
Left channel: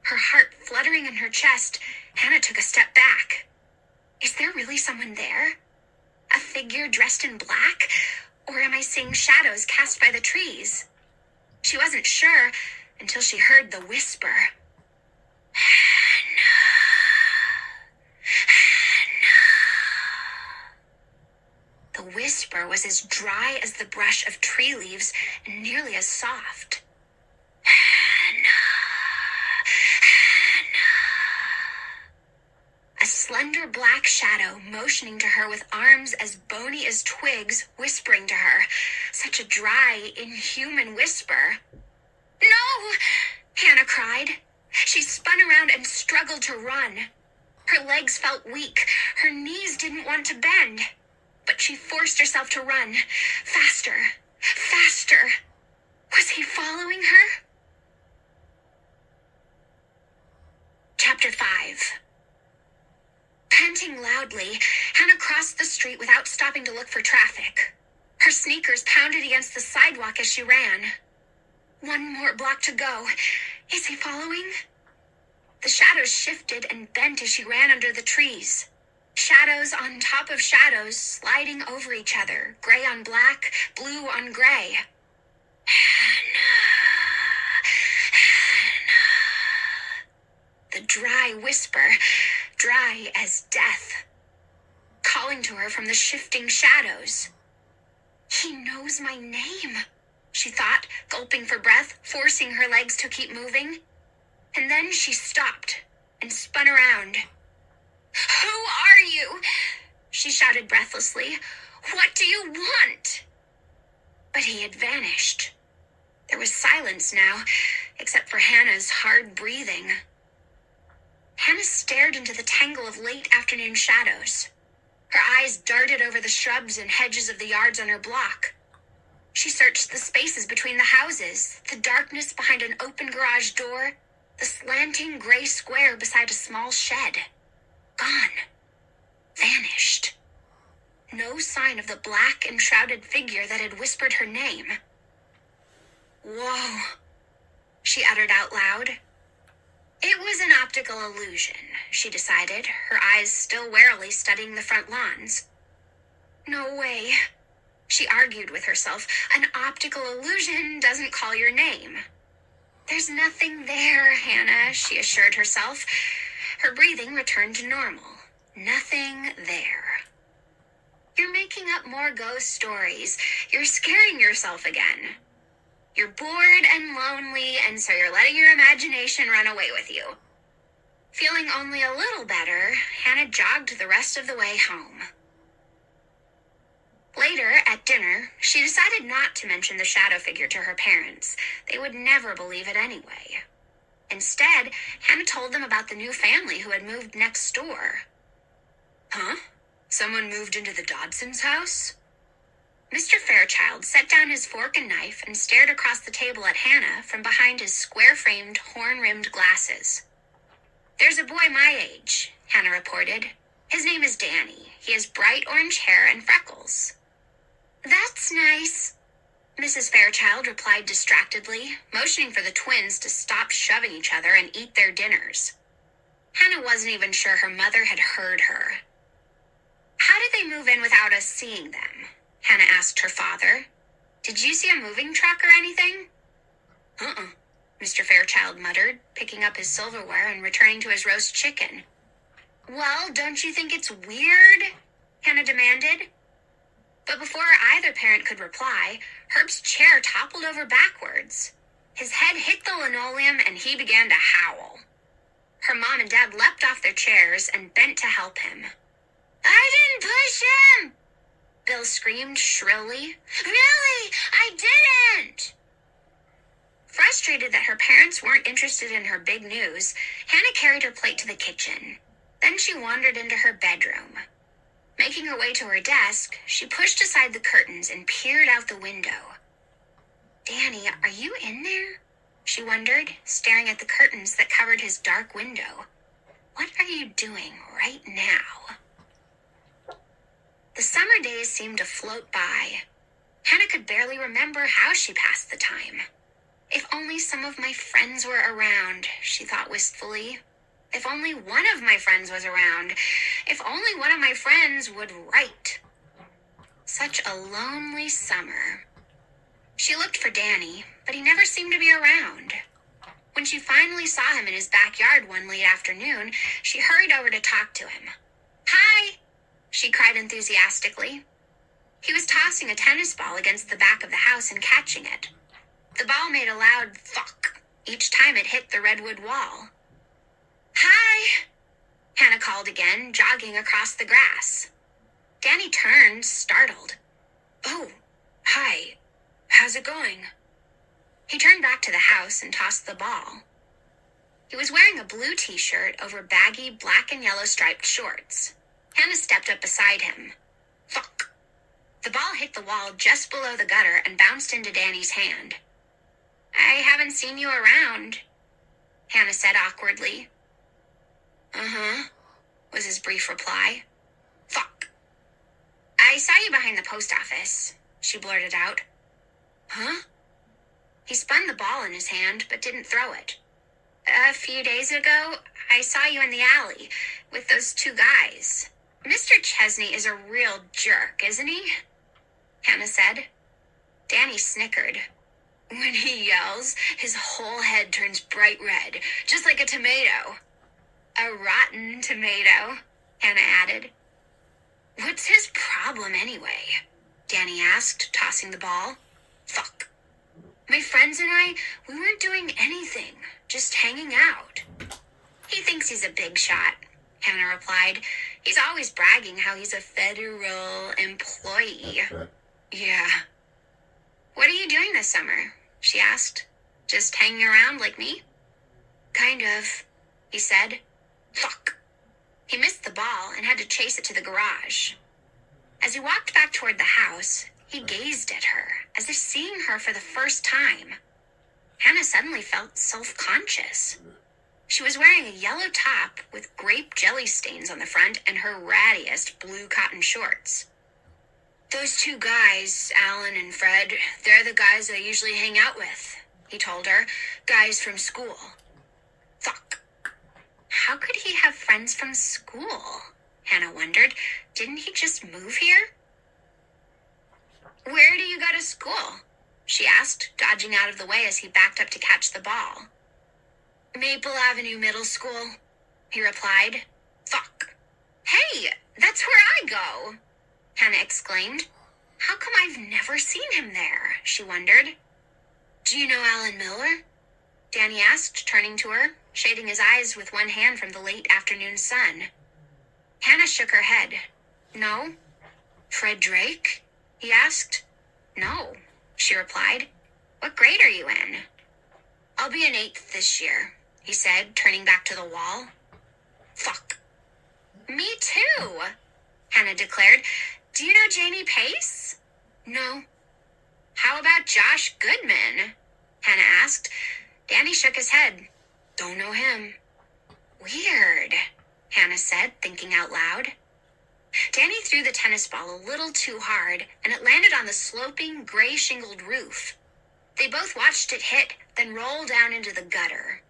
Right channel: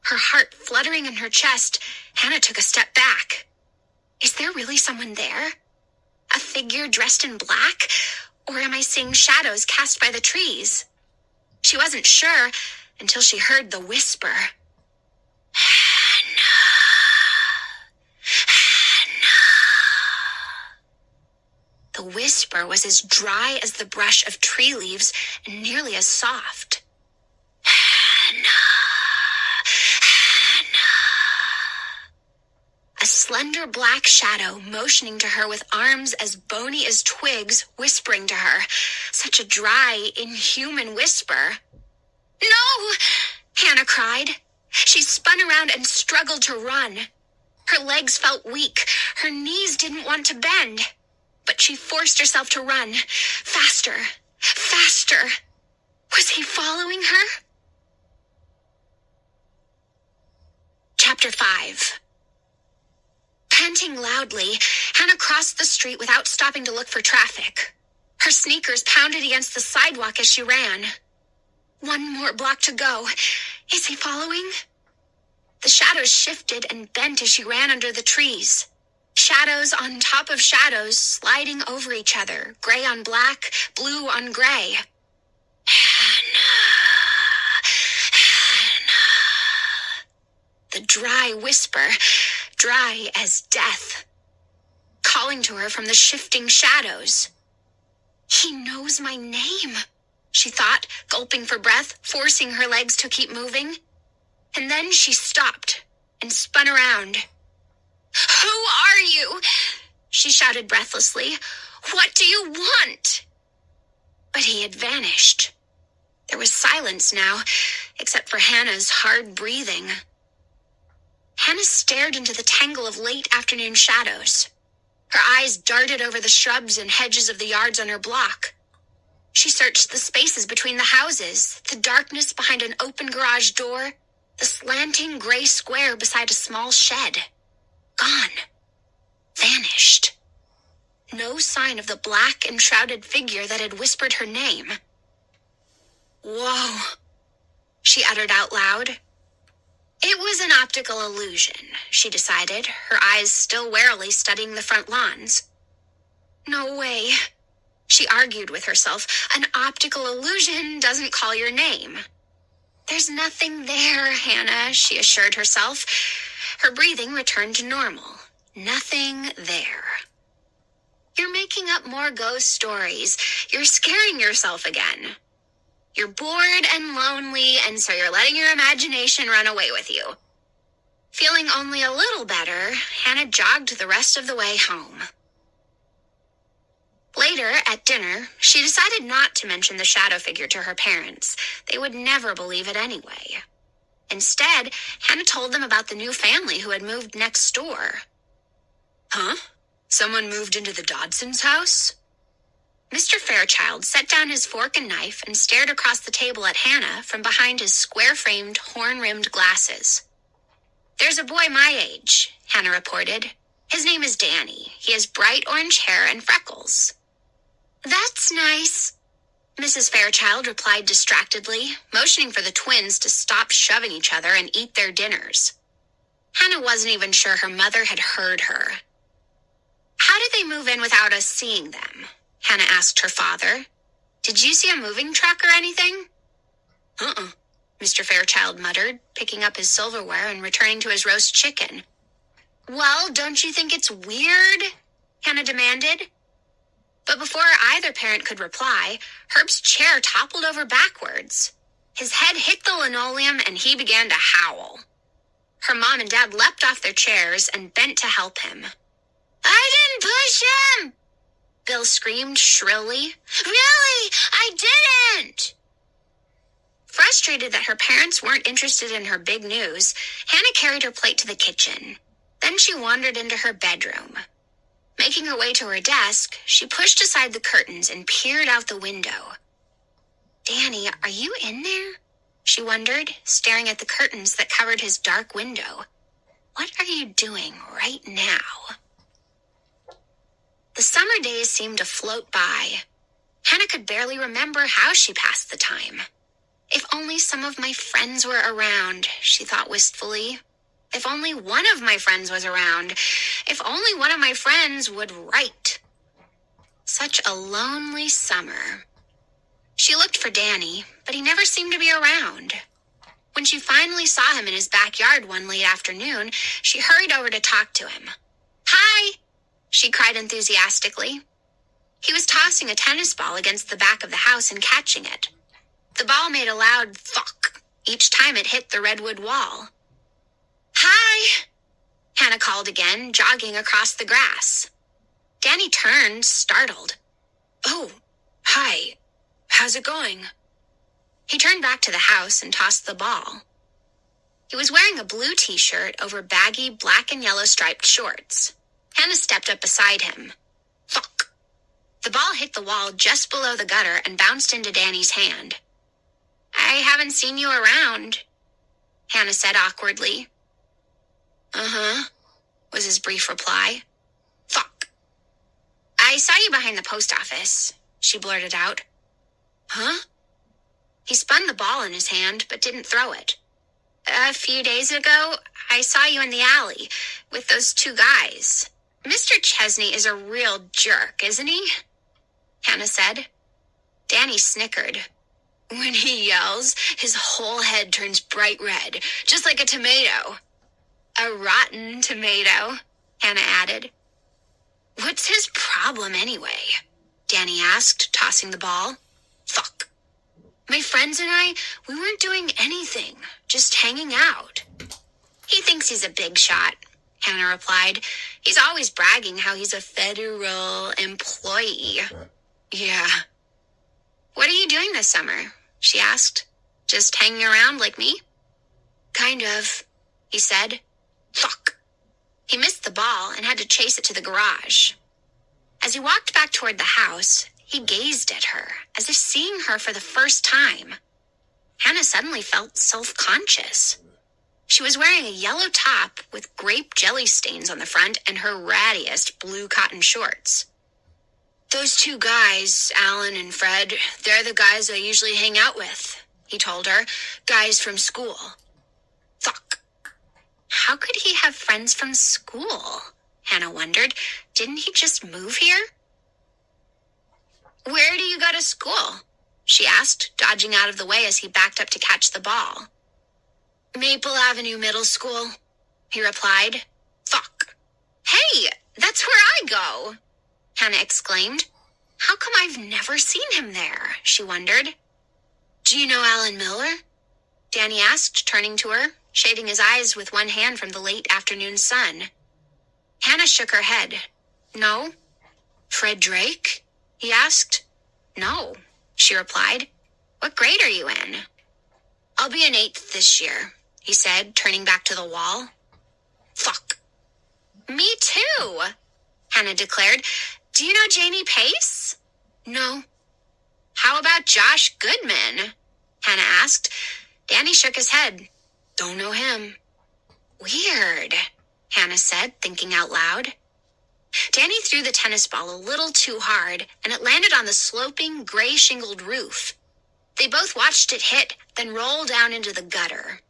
Her heart fluttering in her chest, Hannah took a step back. Is there really someone there? A figure dressed in black? Or am I seeing shadows cast by the trees? She wasn't sure until she heard the whisper. The whisper was as dry as the brush of tree leaves and nearly as soft. Hannah, Hannah. A slender black shadow motioning to her with arms as bony as twigs, whispering to her. Such a dry, inhuman whisper. No! Hannah cried. She spun around and struggled to run. Her legs felt weak. Her knees didn't want to bend. But she forced herself to run. Faster. Faster. Was he following her? Chapter 5. Panting loudly, Hannah crossed the street without stopping to look for traffic. Her sneakers pounded against the sidewalk as she ran. One more block to go. Is he following? The shadows shifted and bent as she ran under the trees. Shadows on top of shadows, sliding over each other, gray on black, blue on gray. Hannah! Hannah! The dry whisper, dry as death, calling to her from the shifting shadows. He knows my name, she thought, gulping for breath, forcing her legs to keep moving. And then she stopped and spun around. Who are you? She shouted breathlessly. What do you want? But he had vanished. There was silence now, except for Hannah's hard breathing. Hannah stared into the tangle of late afternoon shadows. Her eyes darted over the shrubs and hedges of the yards on her block. She searched the spaces between the houses, the darkness behind an open garage door, the slanting gray square beside a small shed. Gone. Vanished. No sign of the black enshrouded figure that had whispered her name. Whoa, she uttered out loud. It was an optical illusion, she decided, her eyes still warily studying the front lawns. No way, she argued with herself. An optical illusion doesn't call your name. There's nothing there, Hannah, she assured herself. Her breathing returned to normal. Nothing there. You're making up more ghost stories. You're scaring yourself again. You're bored and lonely, and so you're letting your imagination run away with you. Feeling only a little better, Hannah jogged the rest of the way home. Later, at dinner, she decided not to mention the shadow figure to her parents. They would never believe it anyway. Instead, Hannah told them about the new family who had moved next door. Huh? Someone moved into the Dodsons' house? Mr. Fairchild set down his fork and knife and stared across the table at Hannah from behind his square-framed, horn-rimmed glasses. There's a boy my age, Hannah reported. His name is Danny. He has bright orange hair and freckles. That's nice, Mrs. Fairchild replied distractedly, motioning for the twins to stop shoving each other and eat their dinners. Hannah wasn't even sure her mother had heard her. How did they move in without us seeing them? Hannah asked her father. Did you see a moving truck or anything? Mr. Fairchild muttered, picking up his silverware and returning to his roast chicken. Well, don't you think it's weird? Hannah demanded. But before either parent could reply, Herb's chair toppled over backwards. His head hit the linoleum and he began to howl. Her mom and dad leapt off their chairs and bent to help him. I didn't push him! Bill screamed shrilly. Really? I didn't! Frustrated that her parents weren't interested in her big news, Hannah carried her plate to the kitchen. Then she wandered into her bedroom. Making her way to her desk, she pushed aside the curtains and peered out the window. Danny, are you in there? She wondered, staring at the curtains that covered his dark window. What are you doing right now? The summer days seemed to float by. Hannah could barely remember how she passed the time. If only some of my friends were around, she thought wistfully. If only one of my friends was around. If only one of my friends would write. Such a lonely summer. She looked for Danny, but he never seemed to be around. When she finally saw him in his backyard one late afternoon, she hurried over to talk to him. Hi, she cried enthusiastically. He was tossing a tennis ball against the back of the house and catching it. The ball made a loud thunk each time it hit the redwood wall. Hi, Hannah called again, jogging across the grass. Danny turned, startled. Oh, hi. How's it going? He turned back to the house and tossed the ball. He was wearing a blue t-shirt over baggy black and yellow striped shorts. Hannah stepped up beside him. Thunk. The ball hit the wall just below the gutter and bounced into Danny's hand. I haven't seen you around, Hannah said awkwardly. Uh-huh, was his brief reply. Fuck. I saw you behind the post office, she blurted out. Huh? He spun the ball in his hand, but didn't throw it. A few days ago, I saw you in the alley with those two guys. Mr. Chesney is a real jerk, isn't he? Hannah said. Danny snickered. When he yells, his whole head turns bright red, just like a tomato. A rotten tomato, Hannah added. What's his problem anyway? Danny asked, tossing the ball. Fuck. My friends and I, we weren't doing anything, just hanging out. He thinks he's a big shot, Hannah replied. He's always bragging how he's a federal employee. Yeah. What are you doing this summer? She asked. Just hanging around like me? Kind of, he said. Fuck. He missed the ball and had to chase it to the garage. As he walked back toward the house, he gazed at her, as if seeing her for the first time. Hannah suddenly felt self-conscious. She was wearing a yellow top with grape jelly stains on the front and her rattiest blue cotton shorts. Those two guys, Alan and Fred, they're the guys I usually hang out with, he told her. Guys from school. Fuck. How could he have friends from school? Hannah wondered. Didn't he just move here? Where do you go to school? She asked, dodging out of the way as he backed up to catch the ball. Maple Avenue Middle School, he replied. Fuck. Hey, that's where I go, Hannah exclaimed. How come I've never seen him there? She wondered. Do you know Alan Miller? Danny asked, turning to her, shading his eyes with one hand from the late afternoon sun. Hannah shook her head. No. Fred Drake? He asked. No, she replied. What grade are you in? I'll be in 8th this year, he said, turning back to the wall. Fuck. Me too, Hannah declared. Do you know Janie Pace? No. How about Josh Goodman? Hannah asked. Danny shook his head. Don't know him. Weird, Hannah said, thinking out loud. Danny threw the tennis ball a little too hard, and it landed on the sloping, gray-shingled roof. They both watched it hit, then roll down into the gutter.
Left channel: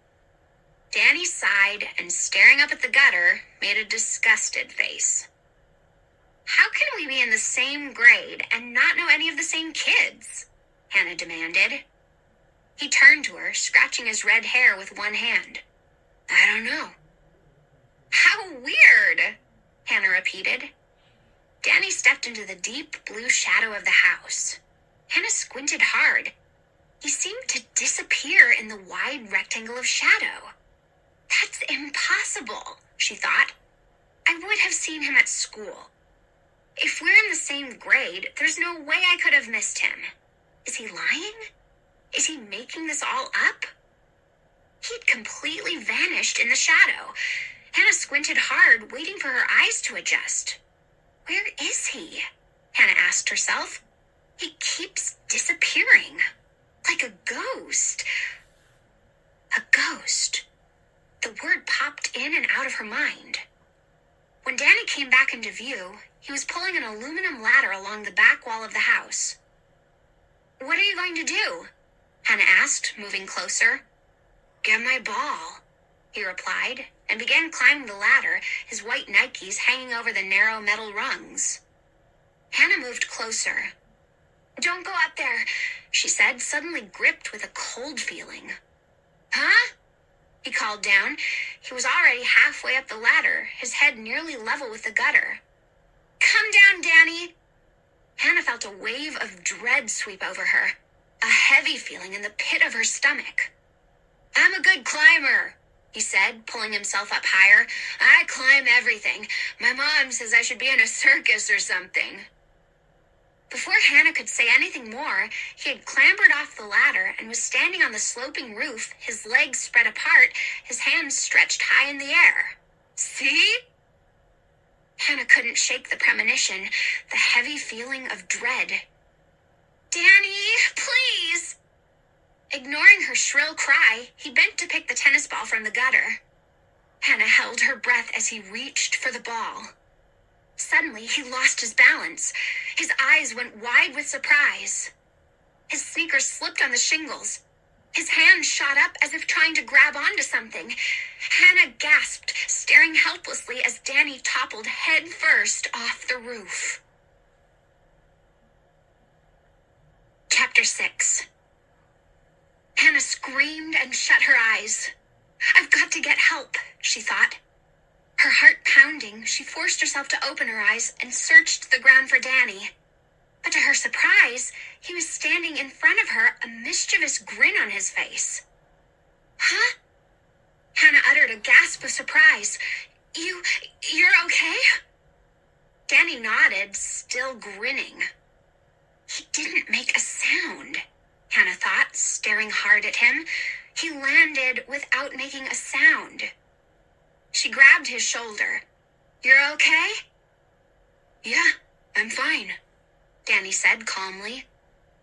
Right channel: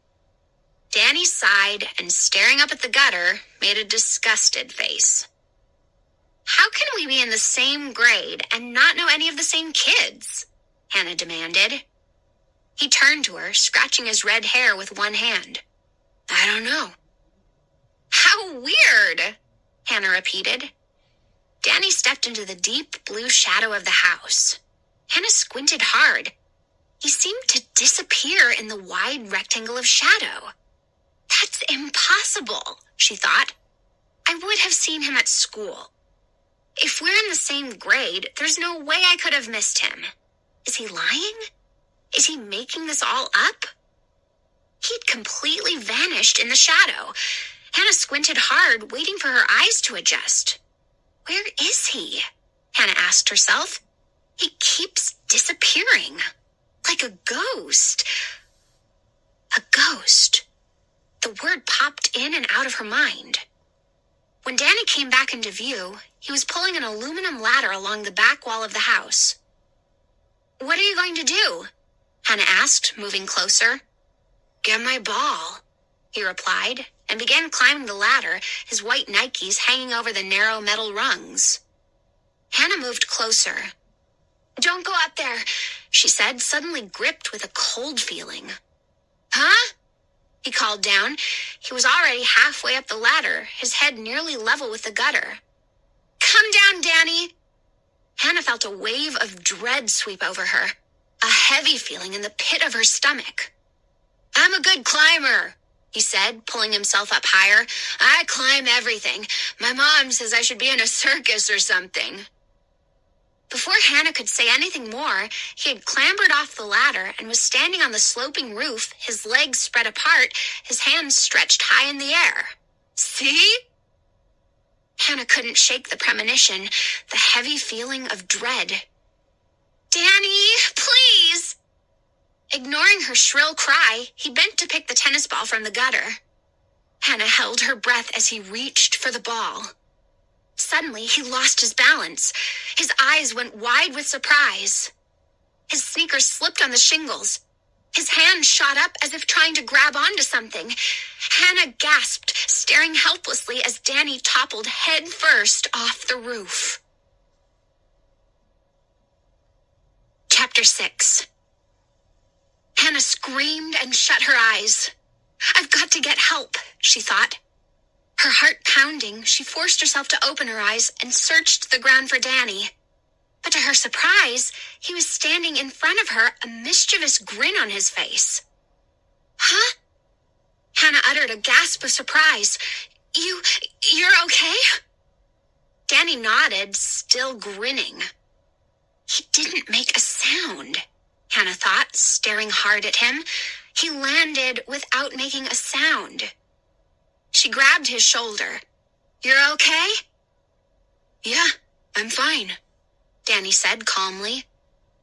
Danny sighed and, staring up at the gutter, made a disgusted face. How can we be in the same grade and not know any of the same kids? Hannah demanded. He turned to her, scratching his red hair with one hand. I don't know. How weird, Hannah repeated. Danny stepped into the deep blue shadow of the house. Hannah squinted hard. He seemed to disappear in the wide rectangle of shadow. That's impossible, she thought. I would have seen him at school. If we're in the same grade, there's no way I could have missed him. Is he lying? Is he making this all up? He'd completely vanished in the shadow. Hannah squinted hard, waiting for her eyes to adjust. Where is he? Hannah asked herself. He keeps disappearing. Like a ghost. A ghost. The word popped in and out of her mind. When Danny came back into view, he was pulling an aluminum ladder along the back wall of the house. What are you going to do? Hannah asked, moving closer. Get my ball, he replied, and began climbing the ladder, his white Nikes hanging over the narrow metal rungs. Hannah moved closer. Don't go up there, she said, suddenly gripped with a cold feeling. Huh? He called down. He was already halfway up the ladder, his head nearly level with the gutter. Come down, Danny. Hannah felt a wave of dread sweep over her, a heavy feeling in the pit of her stomach. I'm a good climber, he said, pulling himself up higher. I climb everything. My mom says I should be in a circus or something. Before Hannah could say anything more, he had clambered off the ladder and was standing on the sloping roof, his legs spread apart, his hands stretched high in the air. See? Hannah couldn't shake the premonition, the heavy feeling of dread. Danny, please! Ignoring her shrill cry, he bent to pick the tennis ball from the gutter. Hannah held her breath as he reached for the ball. Suddenly, he lost his balance. His eyes went wide with surprise. His sneakers slipped on the shingles. His hand shot up as if trying to grab onto something. Hannah gasped, staring helplessly as Danny toppled head first off the roof. Chapter 6. Hannah screamed and shut her eyes. I've got to get help, she thought. Her heart pounding, she forced herself to open her eyes and searched the ground for Danny. But to her surprise, he was standing in front of her, a mischievous grin on his face. Huh? Hannah uttered a gasp of surprise. You're okay? Danny nodded, still grinning. He didn't make a sound, Hannah thought, staring hard at him. He landed without making a sound. She grabbed his shoulder. You're okay? Yeah, I'm fine, Danny said calmly.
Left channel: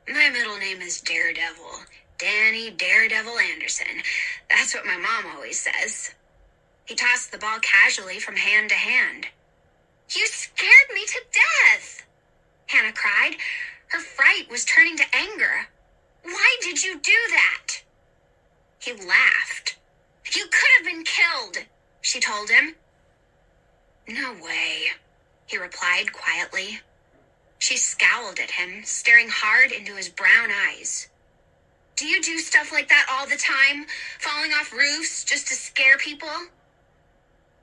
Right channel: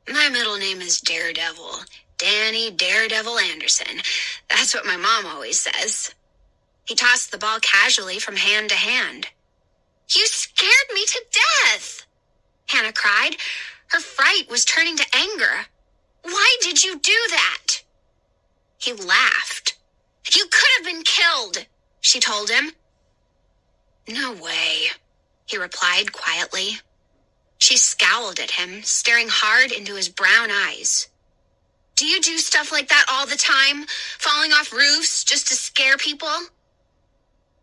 My middle name is Daredevil. Danny Daredevil Anderson. That's what my mom always says. He tossed the ball casually from hand to hand. You scared me to death, Hannah cried. Her fright was turning to anger. Why did you do that? He laughed. You could have been killed, she told him. No way, he replied quietly. She scowled at him, staring hard into his brown eyes. Do you do stuff like that all the time? Falling off roofs just to scare people?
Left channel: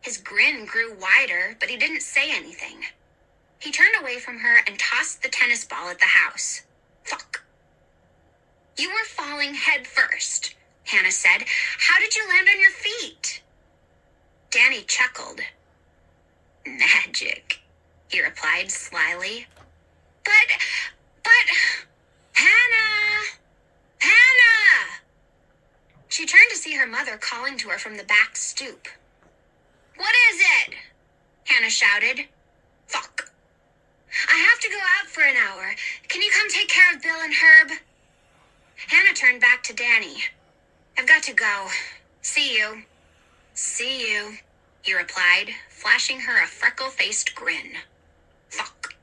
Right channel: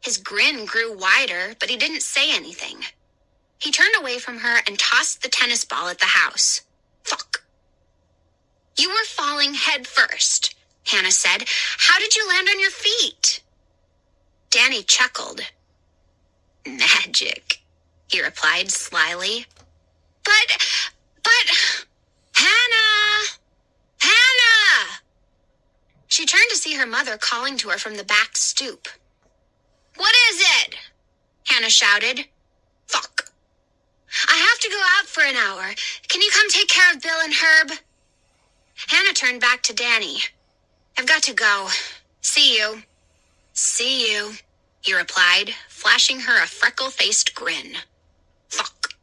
His grin grew wider, but he didn't say anything. He turned away from her and tossed the tennis ball at the house. Fuck. You were falling head first, Hannah said. How did you land on your feet? Danny chuckled. Magic, he replied slyly. But, Hannah! Hannah! She turned to see her mother calling to her from the back stoop. What is it? Hannah shouted. Fuck. I have to go out for an hour. Can you come take care of Bill and Herb? Hannah turned back to Danny. I've got to go. See you. See you, he replied, flashing her a freckle-faced grin. Fuck.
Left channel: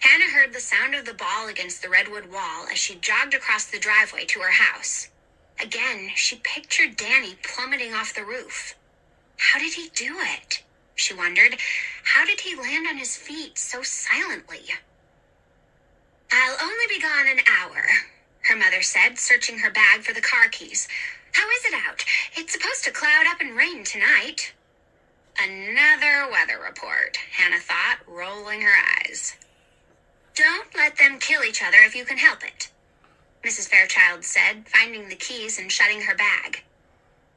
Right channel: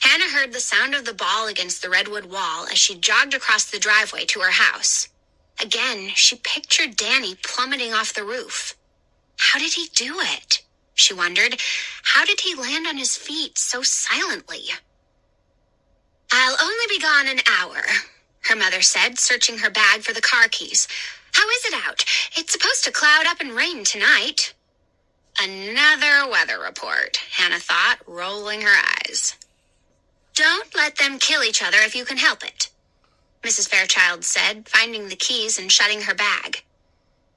Hannah heard the sound of the ball against the redwood wall as she jogged across the driveway to her house. Again, she pictured Danny plummeting off the roof. How did he do it? She wondered. How did he land on his feet so silently? I'll only be gone an hour, her mother said, searching her bag for the car keys. How is it out? It's supposed to cloud up and rain tonight. Another weather report, Hannah thought, rolling her eyes. Don't let them kill each other if you can help it, Mrs. Fairchild said, finding the keys and shutting her bag.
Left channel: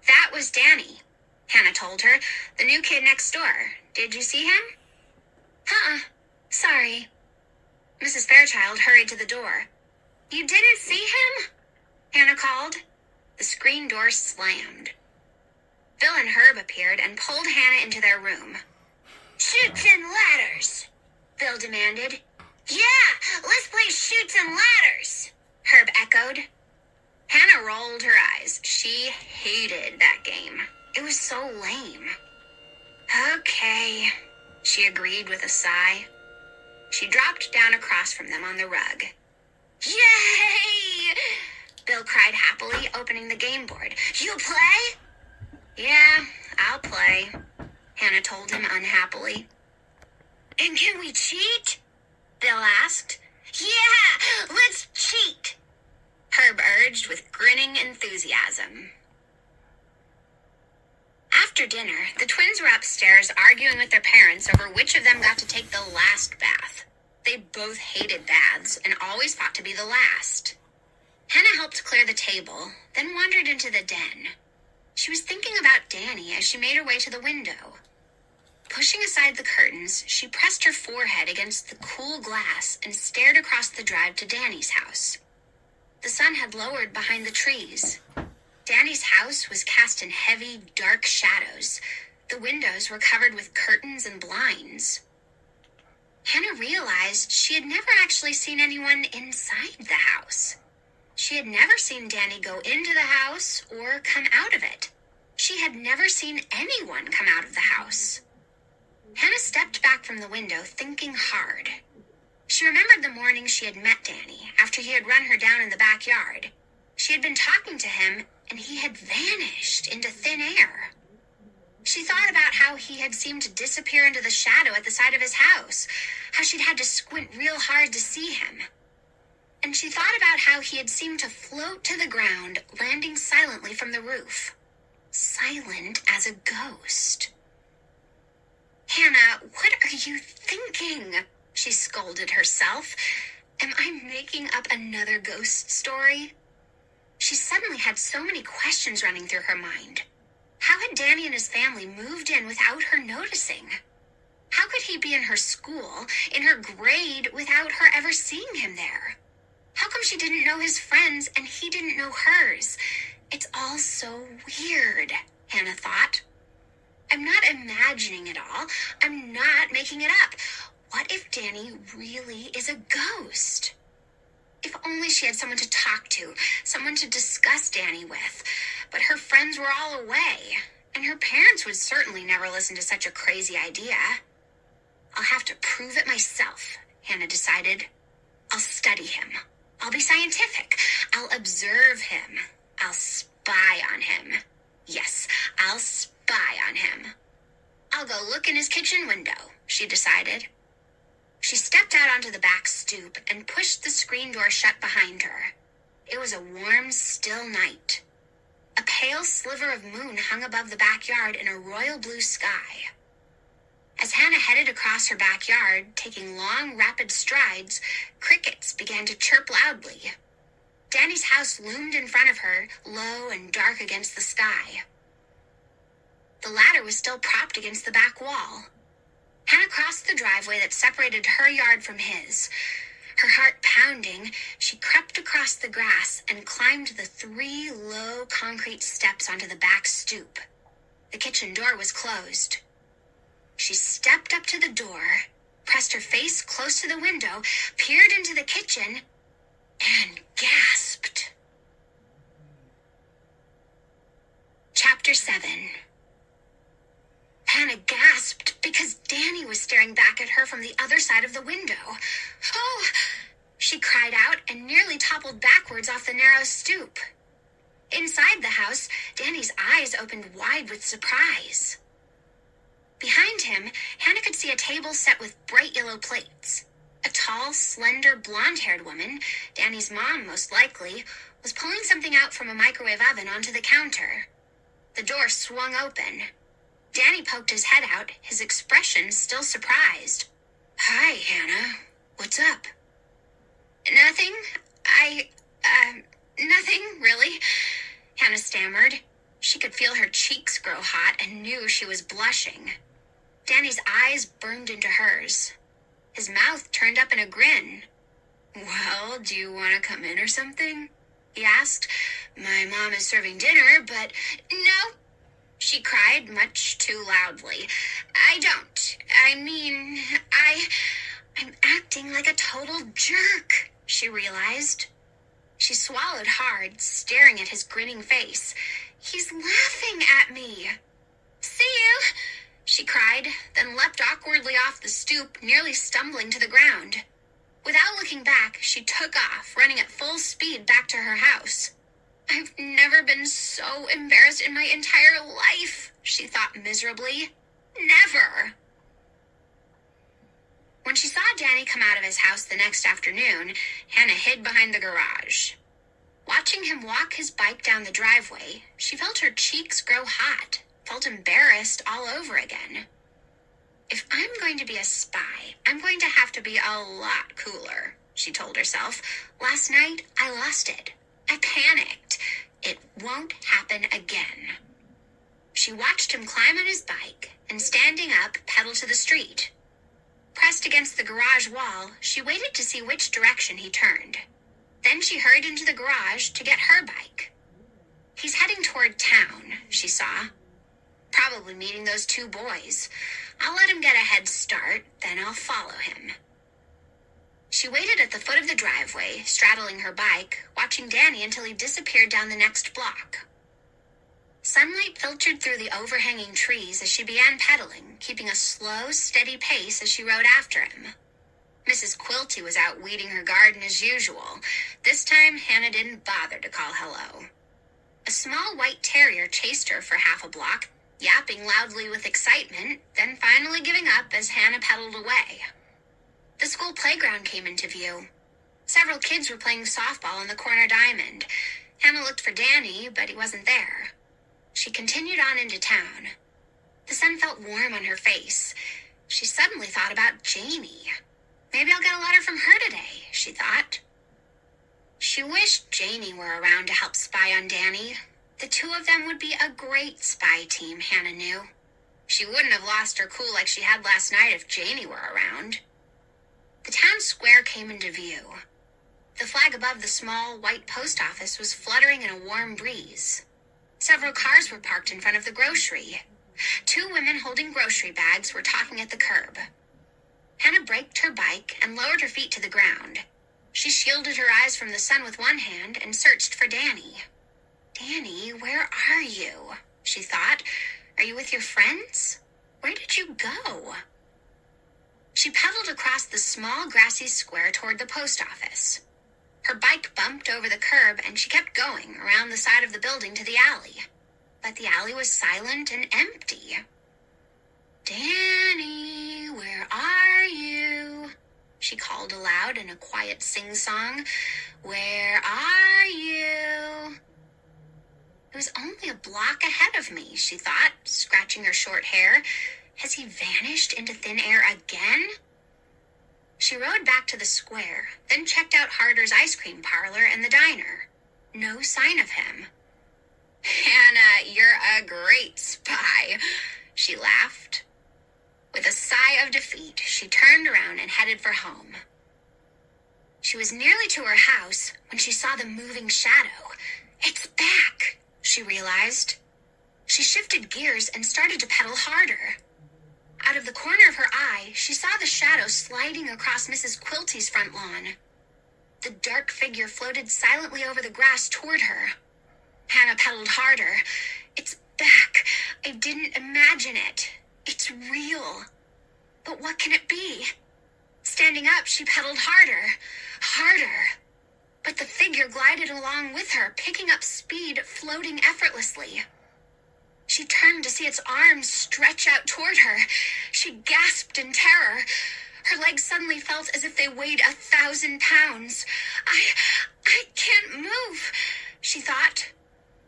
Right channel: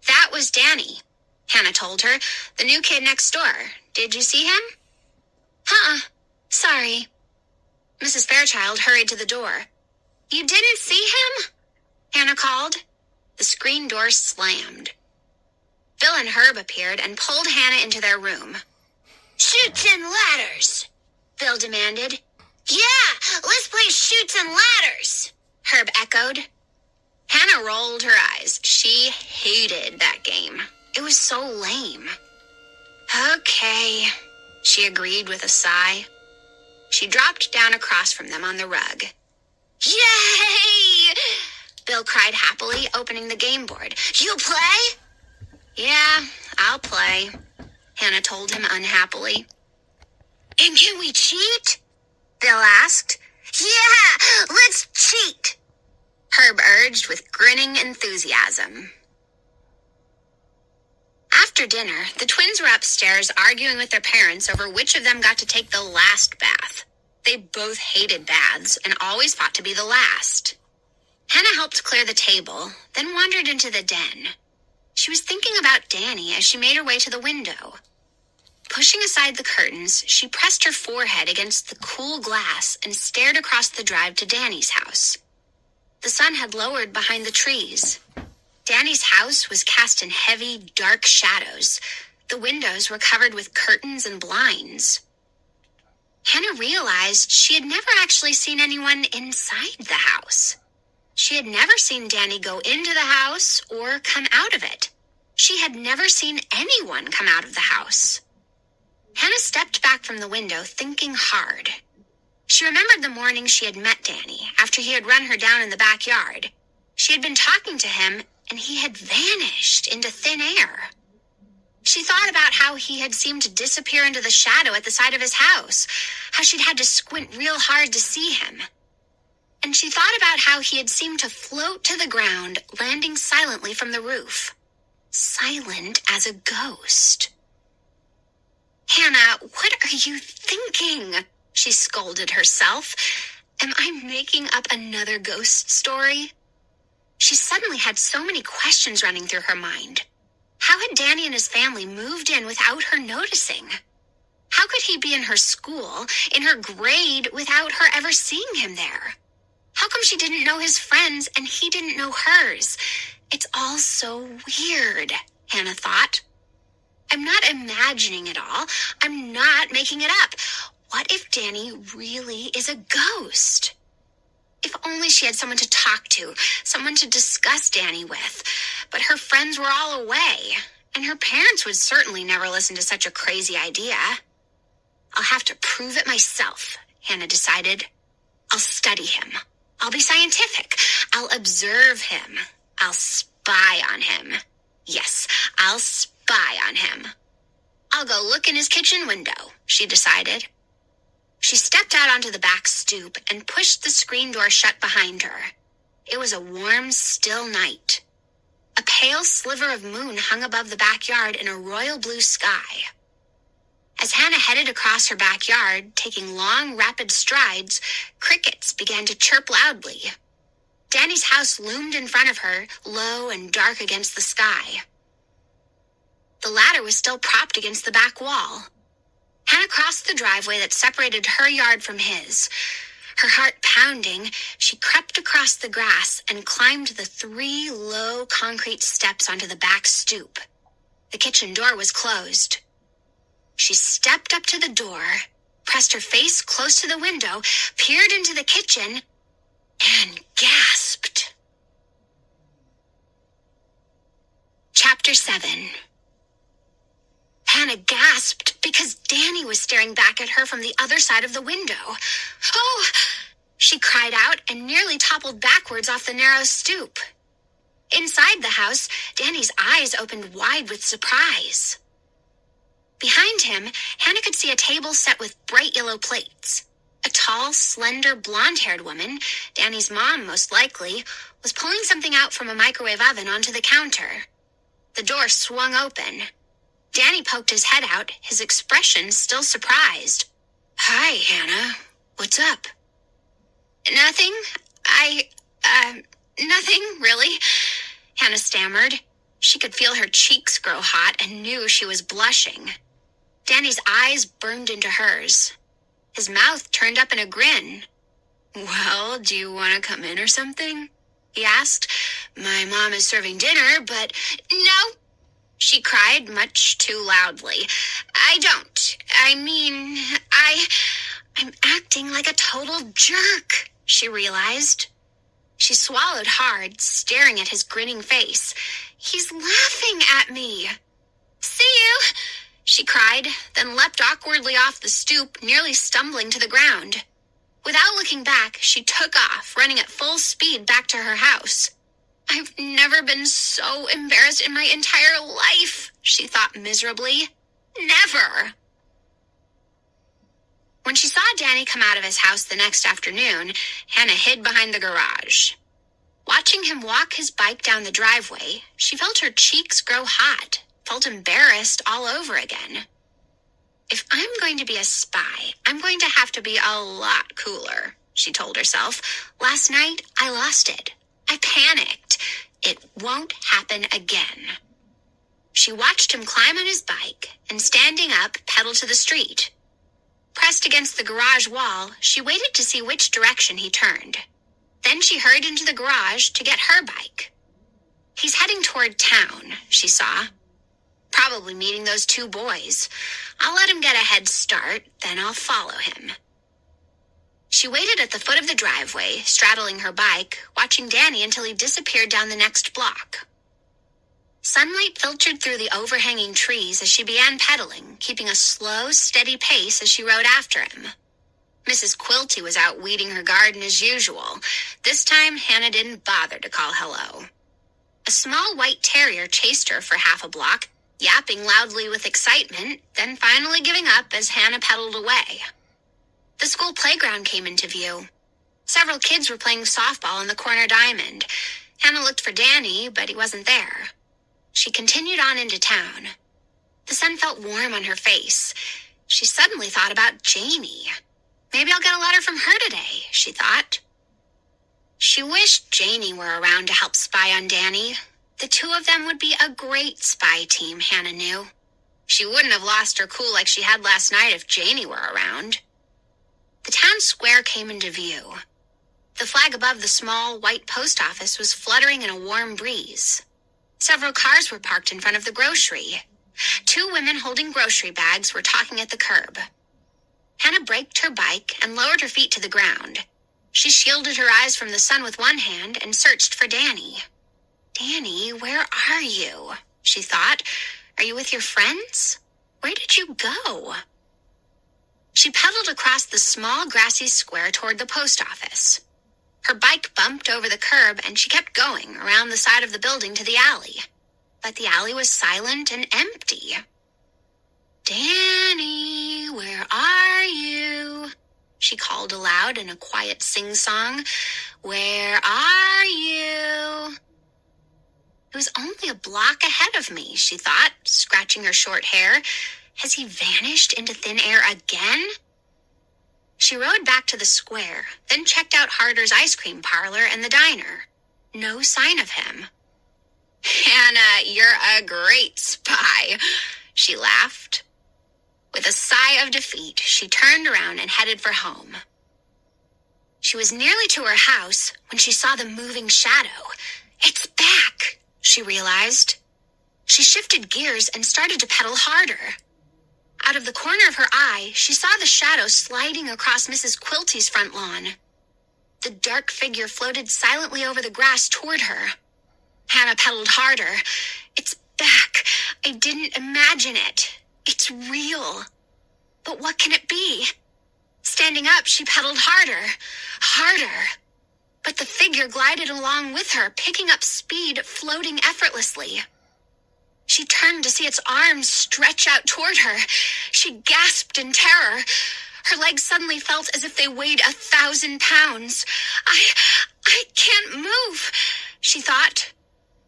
That was Danny, Hannah told her, the new kid next door. Did you see him? Sorry. Mrs. Fairchild hurried to the door. You didn't see him? Hannah called. The screen door slammed. Bill and Herb appeared and pulled Hannah into their room. Chutes and ladders, Bill demanded. Yeah, let's play chutes and ladders, Herb echoed. Hannah rolled her eyes. She hated that game. It was so lame. Okay, she agreed with a sigh. She dropped down across from them on the rug. Yay! Bill cried happily, opening the game board. You play? Yeah, I'll play, Hannah told him unhappily. And can we cheat? Bill asked. Yeah, let's cheat, Herb urged with grinning enthusiasm. After dinner, the twins were upstairs arguing with their parents over which of them got to take the last bath. They both hated baths and always fought to be the last. Hannah helped clear the table, then wandered into the den. She was thinking about Danny as she made her way to the window. Pushing aside the curtains, she pressed her forehead against the cool glass and stared across the drive to Danny's house. The sun had lowered behind the trees. Danny's house was cast in heavy, dark shadows. The windows were covered with curtains and blinds. Hannah realized she had never actually seen anyone inside the house. She had never seen Danny go into the house or come out of it. She had never seen anyone come out of the house. Hannah stepped back from the window, thinking hard. She remembered the morning she had met Danny after he had run her down in the backyard. She had been talking to him, and he had vanished into thin air. She thought about how he had seemed to disappear into the shadow at the side of his house, how she'd had to squint real hard to see him. And she thought about how he had seemed to float to the ground, landing silently from the roof. Silent as a ghost. "Hannah, what are you thinking?" she scolded herself. "Am I making up another ghost story?" She suddenly had so many questions running through her mind. How had Danny and his family moved in without her noticing? How could he be in her school, in her grade, without her ever seeing him there? How come she didn't know his friends and he didn't know hers? It's all so weird, Hannah thought. I'm not imagining it all. I'm not making it up. What if Danny really is a ghost? If only she had someone to talk to, someone to discuss Danny with. But her friends were all away, and her parents would certainly never listen to such a crazy idea. I'll have to prove it myself, Hannah decided. I'll study him. I'll be scientific. I'll observe him. I'll spy on him. Yes, I'll spy on him. I'll go look in his kitchen window, she decided. She stepped out onto the back stoop and pushed the screen door shut behind her. It was a warm, still night. A pale sliver of moon hung above the backyard in a royal blue sky. As Hannah headed across her backyard, taking long, rapid strides, crickets began to chirp loudly. Danny's house loomed in front of her, low and dark against the sky. The ladder was still propped against the back wall. Hannah crossed the driveway that separated her yard from his. Her heart pounding, she crept across the grass and climbed the 3 low concrete steps onto the back stoop. The kitchen door was closed. She stepped up to the door, pressed her face close to the window, peered into the kitchen, and gasped. Chapter 7. Hannah gasped because Danny was staring back at her from the other side of the window. "Oh!" she cried out and nearly toppled backwards off the narrow stoop. Inside the house, Danny's eyes opened wide with surprise. Behind him, Hannah could see a table set with bright yellow plates. A tall, slender, blonde-haired woman, Danny's mom most likely, was pulling something out from a microwave oven onto the counter. The door swung open. Danny poked his head out, his expression still surprised. "Hi, Hannah. What's up?" "Nothing. Nothing, really," Hannah stammered. She could feel her cheeks grow hot and knew she was blushing. Danny's eyes burned into hers. His mouth turned up in a grin. "Well, do you want to come in or something?" he asked. "My mom is serving dinner, but—" "No," she cried much too loudly. "I don't. I mean, I'm acting like a total jerk," she realized. She swallowed hard, staring at his grinning face. "He's laughing at me." "See you," she cried, then leapt awkwardly off the stoop, nearly stumbling to the ground. Without looking back, she took off, running at full speed back to her house. "I've never been so embarrassed in my entire life," she thought miserably. Never. When she saw Danny come out of his house the next afternoon, Hannah hid behind the garage. Watching him walk his bike down the driveway, she felt her cheeks grow hot, felt embarrassed all over again. If I'm going to be a spy, I'm going to have to be a lot cooler, she told herself. Last night, I lost it. I panicked. It won't happen again. She watched him climb on his bike and, standing up, pedal to the street. Pressed against the garage wall, she waited to see which direction he turned. Then she hurried into the garage to get her bike. He's heading toward town, she saw. Probably meeting those 2 boys. I'll let him get a head start, then I'll follow him. She waited at the foot of the driveway, straddling her bike, watching Danny until he disappeared down the next block. Sunlight filtered through the overhanging trees as she began pedaling, keeping a slow, steady pace as she rode after him. Mrs. Quilty was out weeding her garden as usual. This time, Hannah didn't bother to call hello. A small white terrier chased her for half a block, yapping loudly with excitement, then finally giving up as Hannah pedaled away. The school playground came into view. Several kids were playing softball in the corner diamond. Hannah looked for Danny, but he wasn't there. She continued on into town. The sun felt warm on her face. She suddenly thought about Janie. Maybe I'll get a letter from her today, she thought. She wished Janie were around to help spy on Danny. The two of them would be a great spy team, Hannah knew. She wouldn't have lost her cool like she had last night if Janie were around. The town square came into view. The flag above the small, white post office was fluttering in a warm breeze. Several cars were parked in front of the grocery. Two women holding grocery bags were talking at the curb. Hannah braked her bike and lowered her feet to the ground. She shielded her eyes from the sun with one hand and searched for Danny. "Danny, where are you?" she thought. "Are you with your friends? Where did you go?" She pedaled across the small grassy square toward the post office. Her bike bumped over the curb and she kept going around the side of the building to the alley. But the alley was silent and empty. "Danny, where are you?" she called aloud in a quiet sing-song. "Where are you?" It was only a block ahead of me, she thought, scratching her short hair. Has he vanished into thin air again? She rode back to the square, then checked out Harder's ice cream parlor and the diner. No sign of him. "Hannah, you're a great spy," she laughed. With a sigh of defeat, she turned around and headed for home. She was nearly to her house when she saw the moving shadow. "It's back," she realized. She shifted gears and started to pedal harder. Out of the corner of her eye, she saw the shadow sliding across Mrs. Quilty's front lawn. The dark figure floated silently over the grass toward her. Hannah pedaled harder. "It's back. I didn't imagine it. It's real. But what can it be?" Standing up, she pedaled harder. Harder. But the figure glided along with her, picking up speed, floating effortlessly. She turned to see its arms stretch out toward her. She gasped in terror. Her legs suddenly felt as if they weighed 1,000 pounds. I can't move," she thought.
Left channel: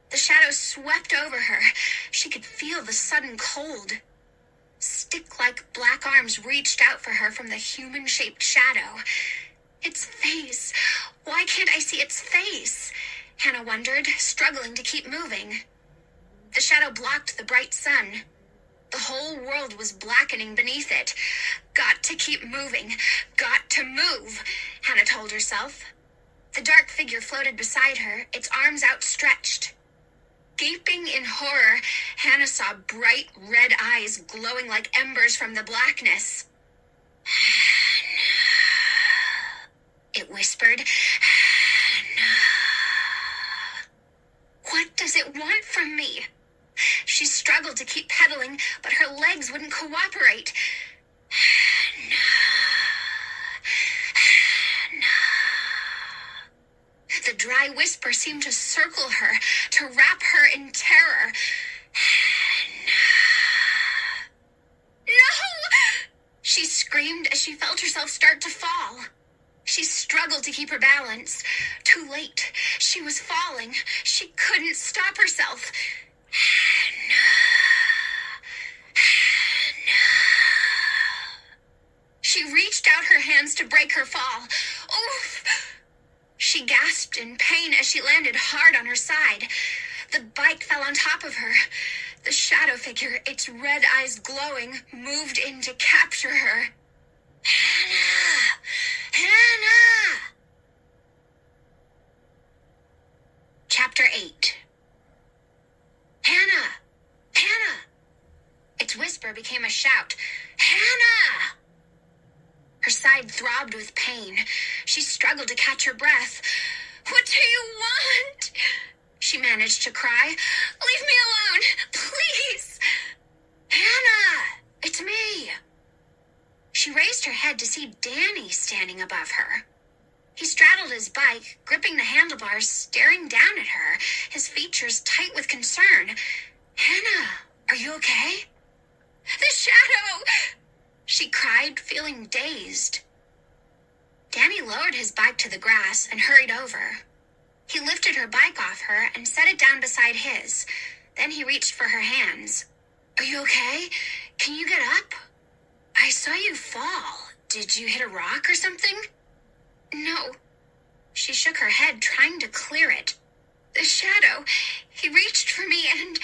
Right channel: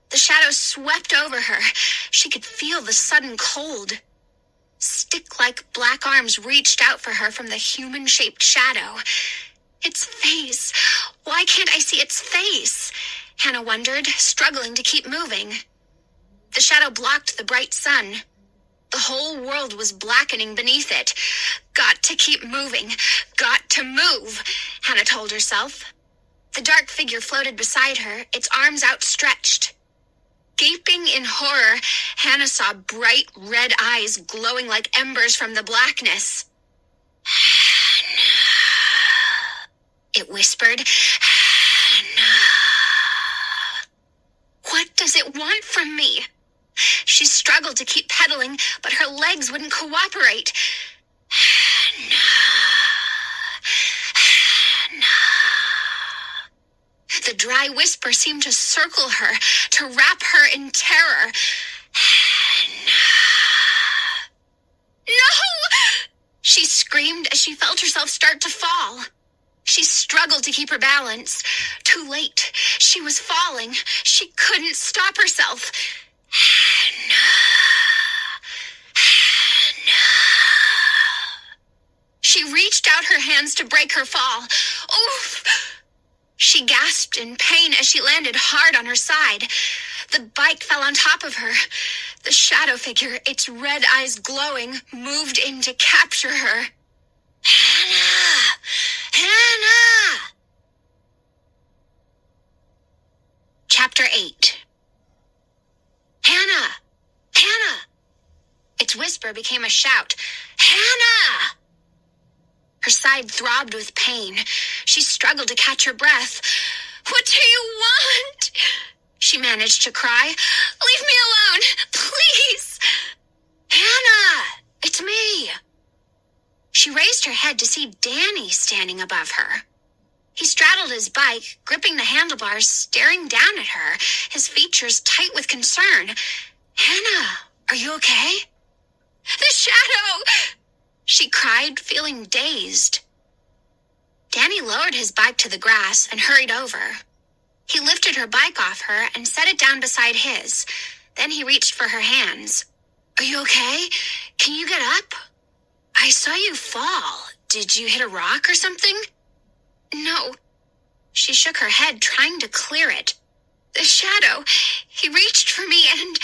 The shadow swept over her. She could feel the sudden cold. Stick-like black arms reached out for her from the human-shaped shadow. Its face. Why can't I see its face? Hannah wondered, struggling to keep moving. The shadow blocked the bright sun. The whole world was blackening beneath it. Got to keep moving. Got to move, Hannah told herself. The dark figure floated beside her, its arms outstretched. Gaping in horror, Hannah saw bright red eyes glowing like embers from the blackness. "Hannah," it whispered. "Hannah. What does it want from me?" She struggled to keep pedaling, but her legs wouldn't cooperate. "Hannah. Hannah." The dry whisper seemed to circle her, to wrap her in terror. "Hannah." "No!" she screamed as she felt herself start to fall. She struggled to keep her balance. Too late. She was falling. She couldn't stop herself. "Hannah. Hannah." She reached out her hands to break her fall. Oof! She gasped in pain as she landed hard on her side. The bike fell on top of her. The shadow figure, its red eyes glowing, moved in to capture her. "Hannah! Hannah!" Chapter 8. "Hannah! Hannah!" Its whisper became a shout. "Hannah!" Her side throbbed with pain. She struggled to catch her breath. "What do you want?" she managed to cry. "Leave me alone, please." "Hannah, it's me." She raised her head to see Danny standing above her. He straddled his bike, gripping the handlebars, staring down at her, his features tight with concern. "Hannah, are you okay?" "The shadow!" she cried, feeling dazed. Danny lowered his bike to the grass and hurried over. He lifted her bike off her and set it down beside his. Then he reached for her hands. "Are you okay? Can you get up? I saw you fall. Did you hit a rock or something?" "No." She shook her head, trying to clear it. "The shadow, he reached for me and..."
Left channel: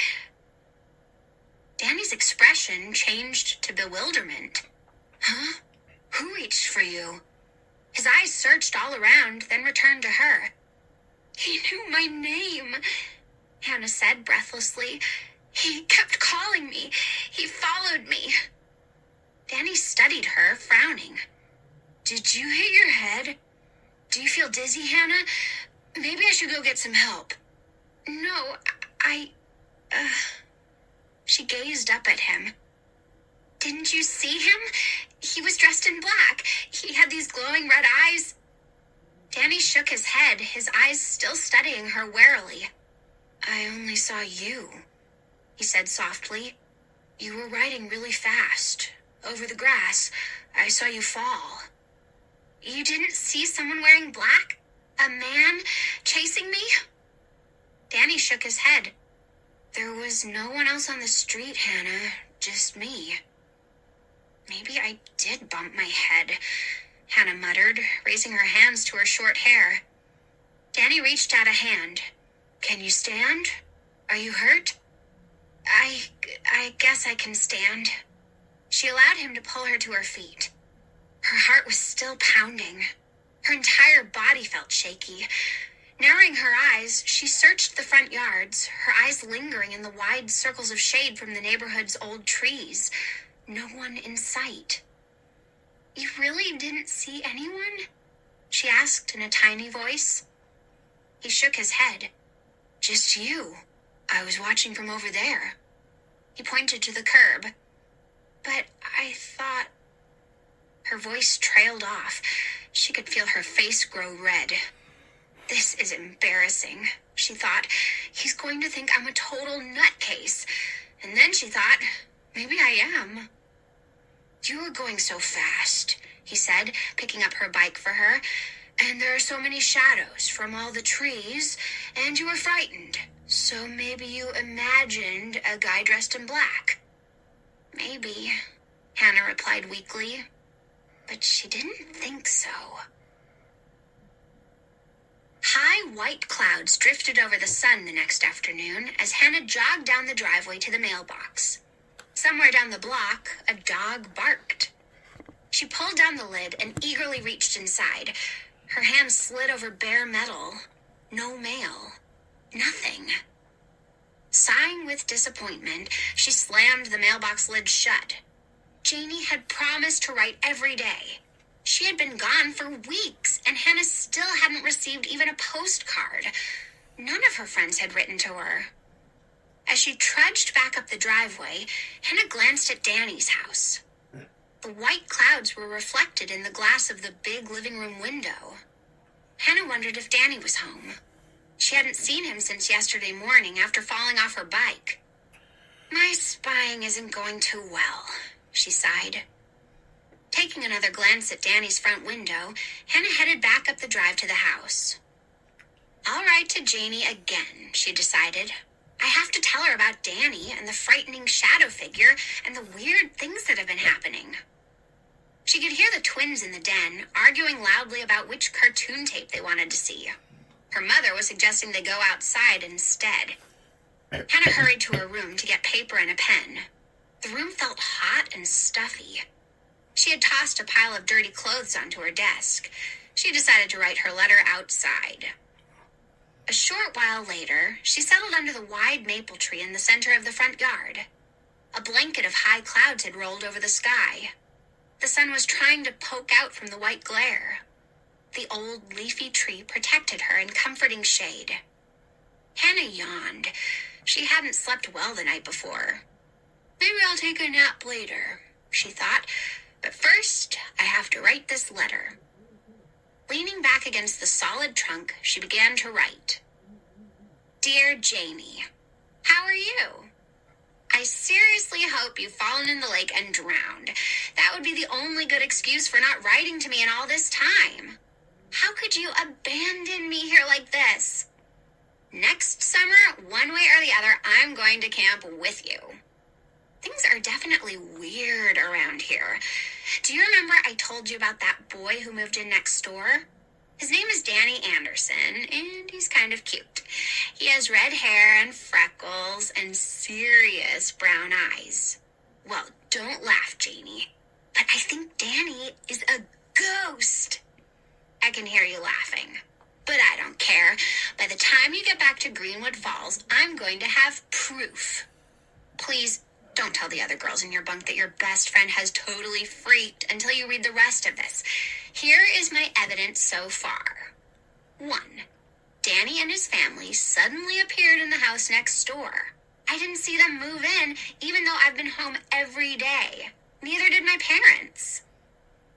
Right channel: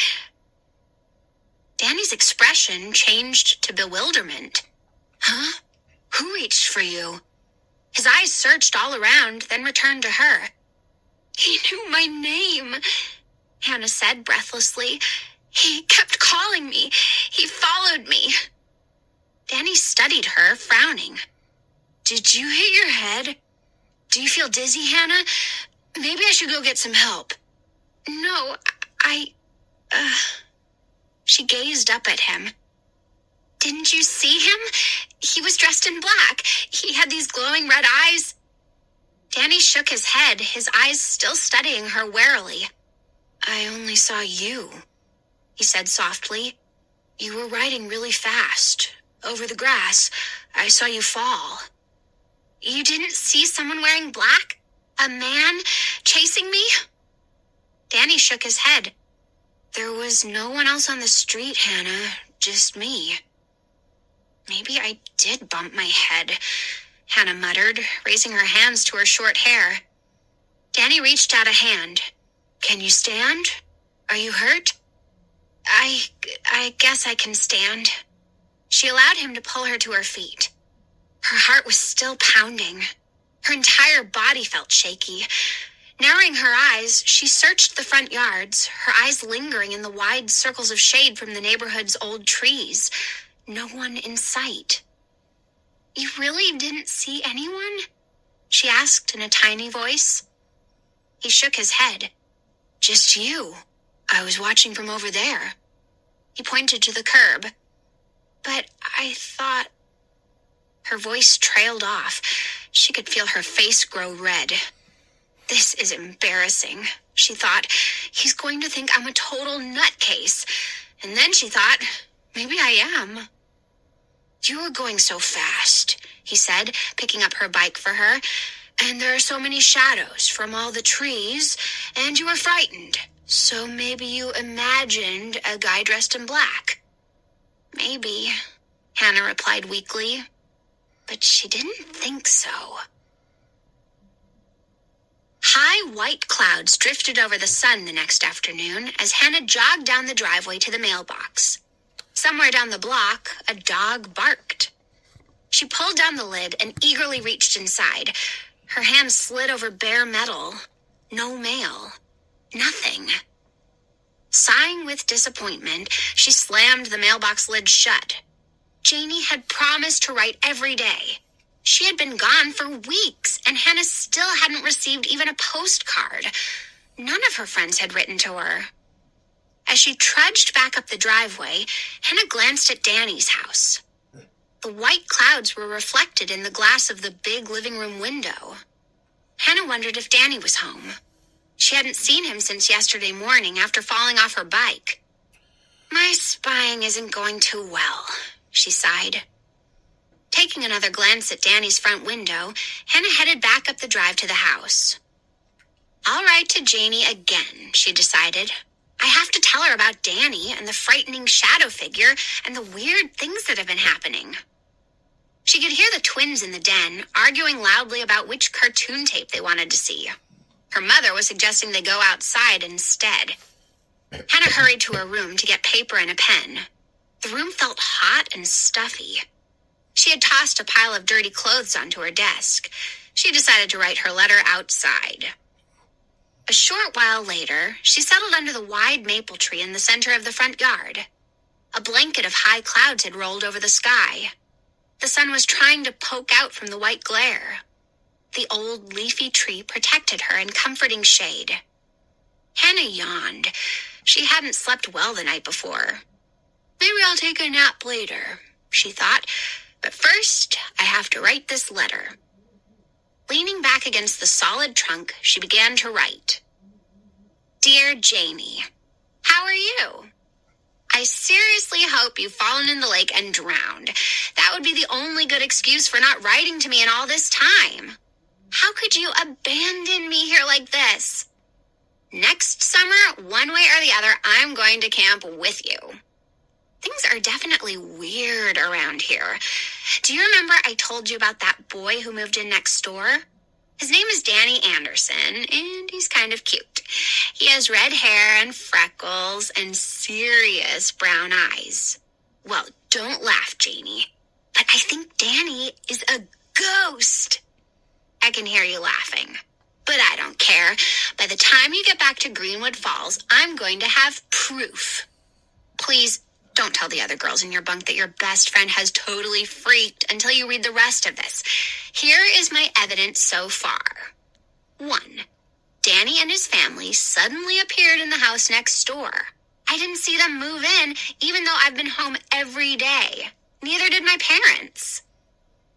Danny's expression changed to bewilderment. "Huh? Who reached for you?" His eyes searched all around, then returned to her. "He knew my name," Hannah said breathlessly. "He kept calling me. He followed me." Danny studied her, frowning. "Did you hit your head? Do you feel dizzy, Hannah? Maybe I should go get some help." "No, She gazed up at him. "Didn't you see him? He was dressed in black. He had these glowing red eyes." Danny shook his head, his eyes still studying her warily. "I only saw you," he said softly. "You were riding really fast. Over the grass. I saw you fall." "You didn't see someone wearing black? A man chasing me?" Danny shook his head. "There was no one else on the street, Hannah. Just me." "Maybe I did bump my head," Hannah muttered, raising her hands to her short hair. Danny reached out a hand. "Can you stand? Are you hurt?" I guess I can stand." She allowed him to pull her to her feet. Her heart was still pounding. Her entire body felt shaky. Narrowing her eyes, she searched the front yards, her eyes lingering in the wide circles of shade from the neighborhood's old trees. No one in sight. "You really didn't see anyone?" she asked in a tiny voice. He shook his head. "Just you. I was watching from over there." He pointed to the curb. "But I thought..." Her voice trailed off. She could feel her face grow red. "This is embarrassing," she thought. "He's going to think I'm a total nutcase." And then she thought, maybe I am. "You were going so fast," he said, picking up her bike for her. "And there are so many shadows from all the trees, and you were frightened. So maybe you imagined a guy dressed in black." "Maybe," Hannah replied weakly. But she didn't think so. High white clouds drifted over the sun the next afternoon as Hannah jogged down the driveway to the mailbox. Somewhere down the block, a dog barked. She pulled down the lid and eagerly reached inside. Her hand slid over bare metal. No mail. Nothing. Sighing with disappointment, she slammed the mailbox lid shut. Janie had promised to write every day. She had been gone for weeks, and Hannah still hadn't received even a postcard. None of her friends had written to her. As she trudged back up the driveway, Hannah glanced at Danny's house. The white clouds were reflected in the glass of the big living room window. Hannah wondered if Danny was home. She hadn't seen him since yesterday morning after falling off her bike. "My spying isn't going too well," she sighed. Taking another glance at Danny's front window, Hannah headed back up the drive to the house. "I'll write to Janie again," she decided. "I have to tell her about Danny and the frightening shadow figure and the weird things that have been happening." She could hear the twins in the den arguing loudly about which cartoon tape they wanted to see. Her mother was suggesting they go outside instead. Hannah hurried to her room to get paper and a pen. The room felt hot and stuffy. She had tossed a pile of dirty clothes onto her desk. She decided to write her letter outside. A short while later, she settled under the wide maple tree in the center of the front yard. A blanket of high clouds had rolled over the sky. The sun was trying to poke out from the white glare. The old leafy tree protected her in comforting shade. Hannah yawned. She hadn't slept well the night before. "Maybe I'll take a nap later," she thought. "But first, have to write this letter." Leaning back against the solid trunk, she began to write. "Dear Janie, how are you? I seriously hope you've fallen in the lake and drowned. That would be the only good excuse for not writing to me in all this time. How could you abandon me here like this? Next summer, one way or the other, I'm going to camp with you. Things are definitely weird around here. Do you remember I told you about that boy who moved in next door? His name is Danny Anderson, and he's kind of cute. He has red hair and freckles and serious brown eyes. Well, don't laugh, Janie, but I think Danny is a ghost." I can hear you laughing, but I don't care. By the time you get back to Greenwood Falls, I'm going to have proof. Please don't tell the other girls in your bunk that your best friend has totally freaked until you read the rest of this. Here is my evidence so far. 1. Danny and his family suddenly appeared in the house next door. I didn't see them move in, even though I've been home every day. Neither did my parents.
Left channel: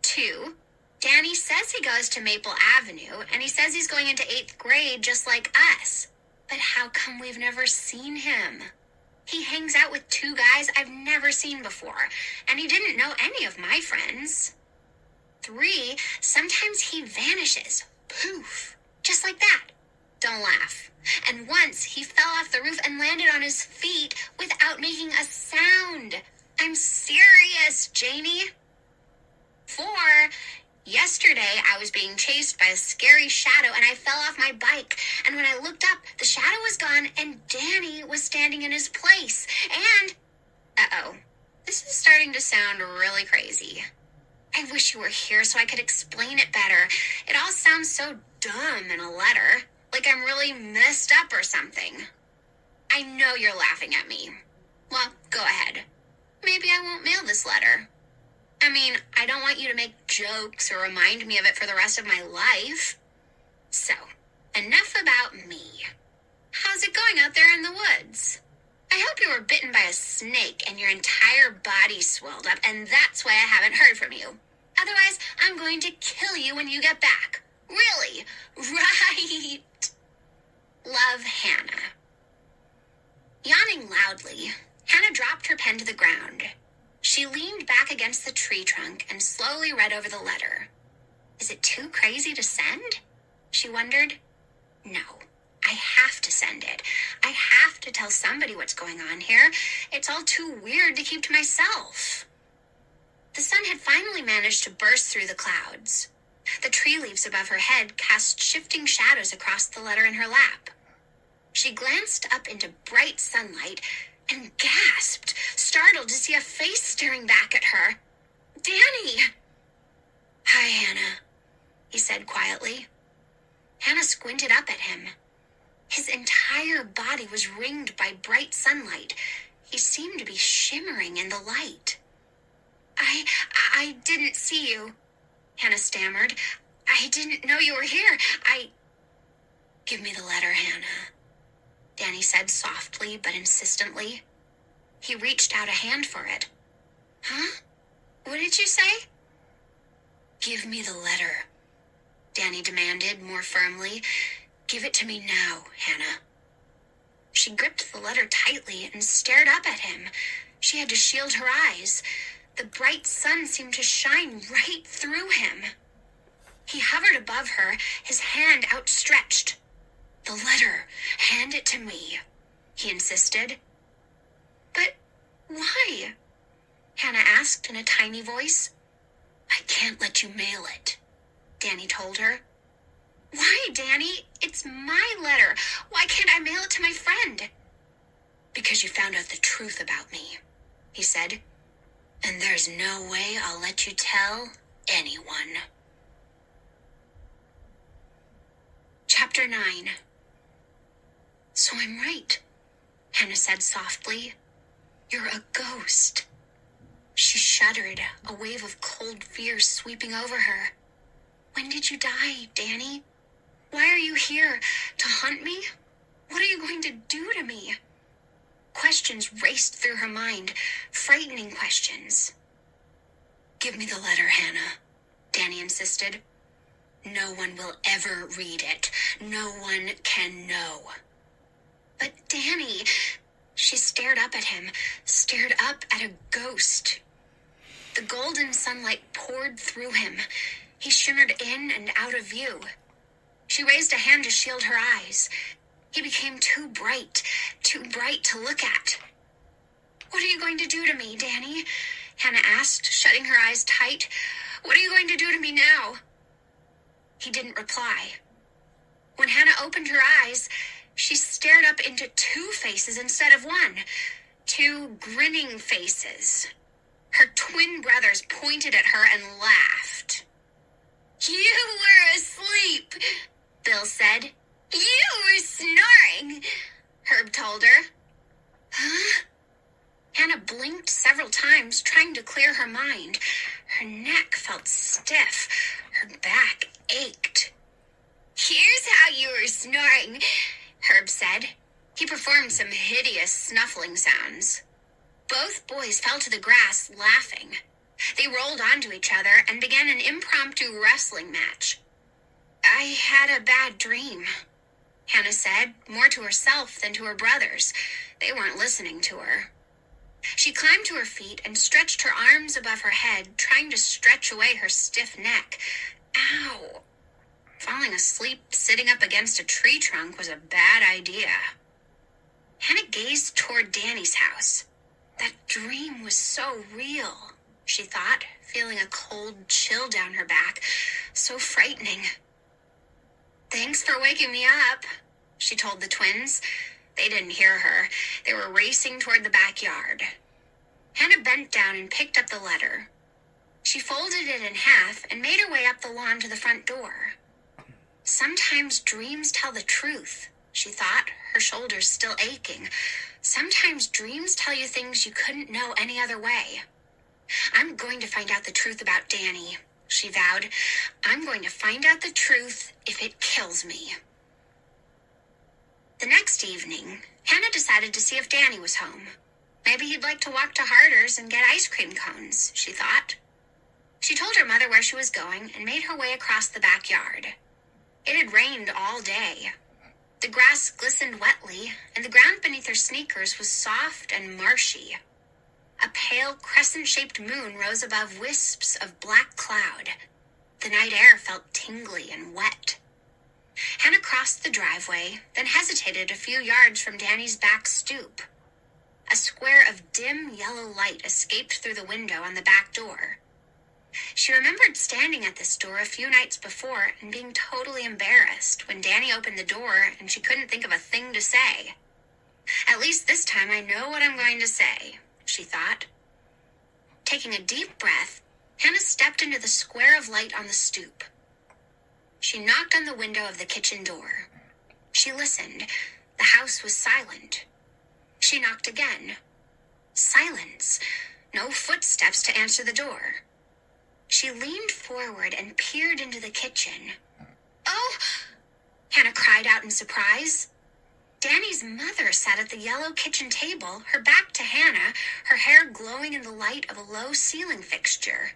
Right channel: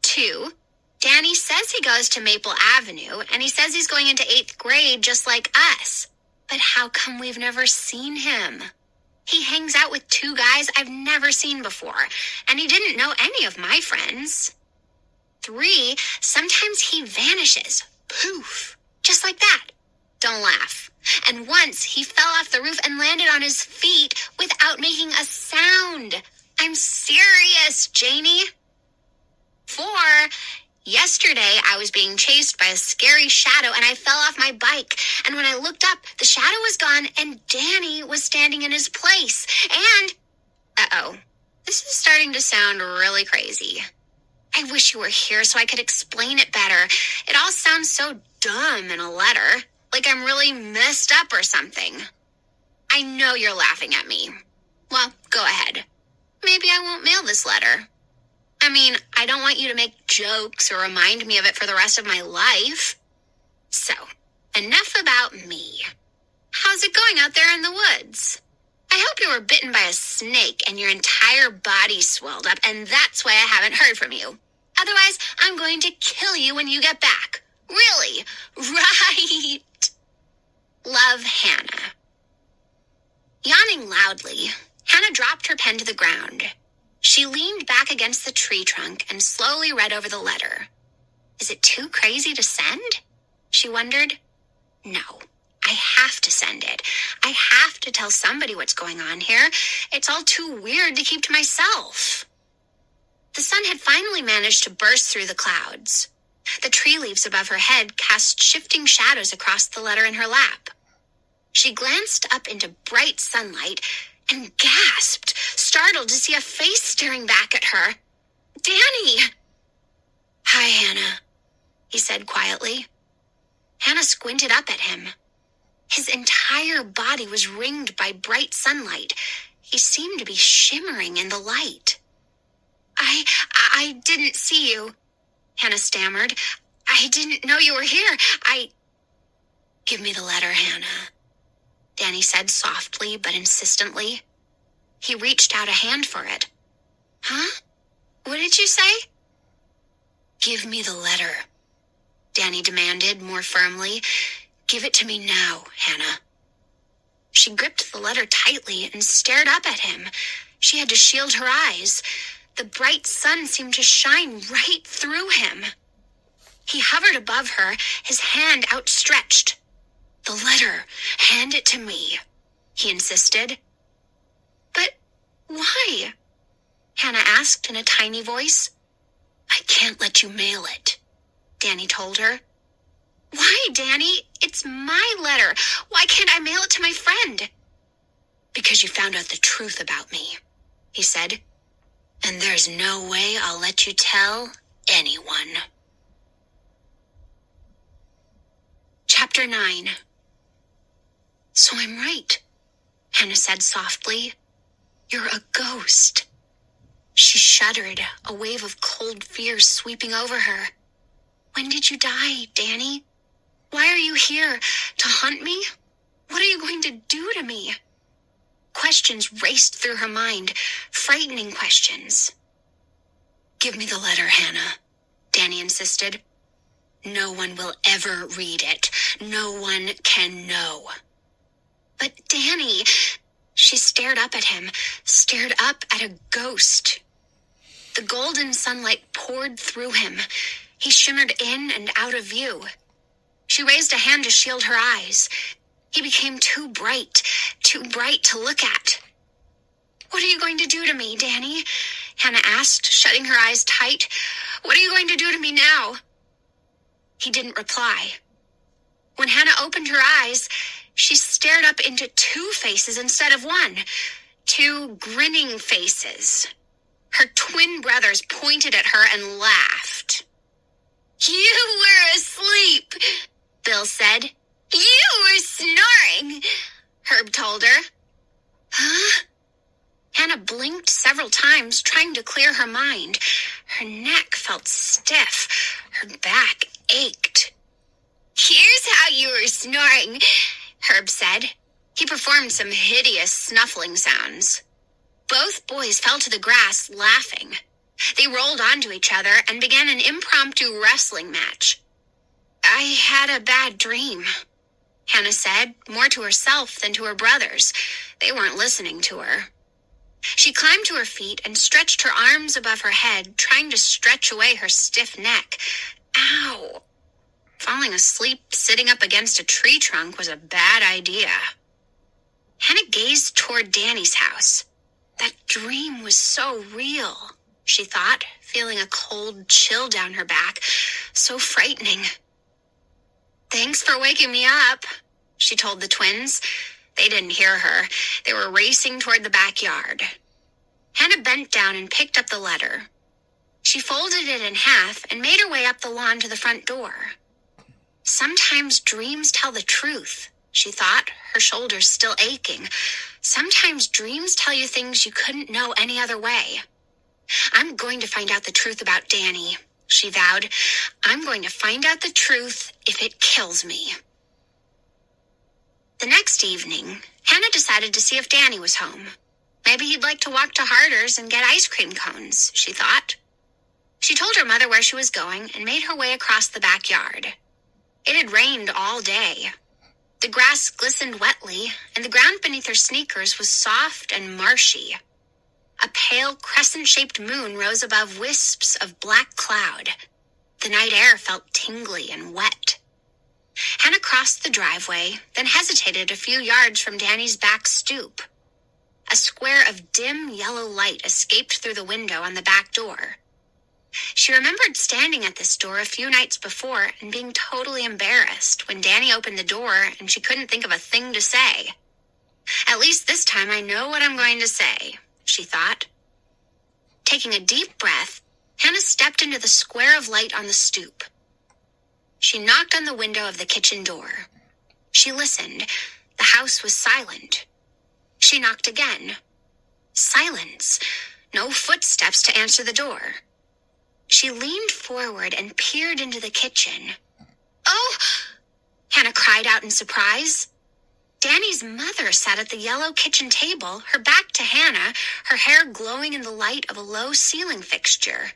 2. Danny says he goes to Maple Avenue, and he says he's going into 8th grade just like us. But how come we've never seen him? He hangs out with 2 guys I've never seen before, and he didn't know any of my friends. 3, sometimes he vanishes. Poof. Just like that. Don't laugh. And once he fell off the roof and landed on his feet without making a sound. I'm serious, Janie. 4, yesterday I was being chased by a scary shadow and I fell off my bike. And when I looked up, the shadow was gone and Danny was standing in his place. And, this is starting to sound really crazy. I wish you were here so I could explain it better. It all sounds so dumb in a letter, like I'm really messed up or something. I know you're laughing at me. Well, go ahead. Maybe I won't mail this letter. I mean, I don't want you to make jokes or remind me of it for the rest of my life. So, enough about me. How's it going out there in the woods? I hope you were bitten by a snake and your entire body swelled up, and that's why I haven't heard from you. Otherwise, I'm going to kill you when you get back. Really? Right. Love, Hannah. Yawning loudly, Hannah dropped her pen to the ground. She leaned back against the tree trunk and slowly read over the letter. Is it too crazy to send? She wondered. No, I have to send it. I have to tell somebody what's going on here. It's all too weird to keep to myself. The sun had finally managed to burst through the clouds. The tree leaves above her head cast shifting shadows across the letter in her lap. She glanced up into bright sunlight and gasped, startled to see a face staring back at her. Danny! Hi, Hannah, he said quietly. Hannah squinted up at him. His entire body was ringed by bright sunlight. He seemed to be shimmering in the light. I didn't see you, Hannah stammered. I didn't know you were here. Give me the letter, Hannah, Danny said softly but insistently. He reached out a hand for it. Huh? What did you say? Give me the letter, Danny demanded more firmly. Give it to me now, Hannah. She gripped the letter tightly and stared up at him. She had to shield her eyes. The bright sun seemed to shine right through him. He hovered above her, his hand outstretched. The letter, hand it to me, he insisted. But why? Hannah asked in a tiny voice. I can't let you mail it, Danny told her. Why, Danny? It's my letter. Why can't I mail it to my friend? Because you found out the truth about me, he said. And there's no way I'll let you tell anyone. Chapter 9. So I'm right, Hannah said softly. You're a ghost. She shuddered, a wave of cold fear sweeping over her. When did you die, Danny? Why are you here? To hunt me? What are you going to do to me? Questions raced through her mind, frightening questions. Give me the letter, Hannah, Danny insisted. No one will ever read it. No one can know. But Danny, she stared up at him, stared up at a ghost. The golden sunlight poured through him. He shimmered in and out of view. She raised a hand to shield her eyes. He became too bright to look at. What are you going to do to me, Danny? Hannah asked, shutting her eyes tight. What are you going to do to me now? He didn't reply. When Hannah opened her eyes, she stared up into two faces instead of one. Two grinning faces. Her twin brothers pointed at her and laughed. You were asleep, Bill said. You were snoring, Herb told her. Huh? Hannah blinked several times, trying to clear her mind. Her neck felt stiff. Her back ached. Here's how you were snoring, Herb said. He performed some hideous snuffling sounds. Both boys fell to the grass, laughing. They rolled onto each other and began an impromptu wrestling match. I had a bad dream, Hannah said, more to herself than to her brothers. They weren't listening to her. She climbed to her feet and stretched her arms above her head, trying to stretch away her stiff neck. Ow! Falling asleep sitting up against a tree trunk was a bad idea. Hannah gazed toward Danny's house. That dream was so real, she thought, feeling a cold chill down her back. So frightening. Thanks for waking me up, she told the twins. They didn't hear her. They were racing toward the backyard. Hannah bent down and picked up the letter. She folded it in half and made her way up the lawn to the front door. Sometimes dreams tell the truth, she thought, her shoulders still aching. Sometimes dreams tell you things you couldn't know any other way. I'm going to find out the truth about Danny, she vowed. I'm going to find out the truth if it kills me. The next evening, Hannah decided to see if Danny was home. Maybe he'd like to walk to Harder's and get ice cream cones, she thought. She told her mother where she was going and made her way across the backyard. It had rained all day. The grass glistened wetly, and the ground beneath her sneakers was soft and marshy. A pale crescent-shaped moon rose above wisps of black cloud. The night air felt tingly and wet. Hannah crossed the driveway, then hesitated a few yards from Danny's back stoop. A square of dim yellow light escaped through the window on the back door. She remembered standing at this door a few nights before and being totally embarrassed when Danny opened the door and she couldn't think of a thing to say. At least this time I know what I'm going to say, she thought. Taking a deep breath, Hannah stepped into the square of light on the stoop. She knocked on the window of the kitchen door. She listened. The house was silent. She knocked again. Silence. No footsteps to answer the door. She leaned forward and peered into the kitchen. Oh! Hannah cried out in surprise. Danny's mother sat at the yellow kitchen table, her back to Hannah, her hair glowing in the light of a low ceiling fixture.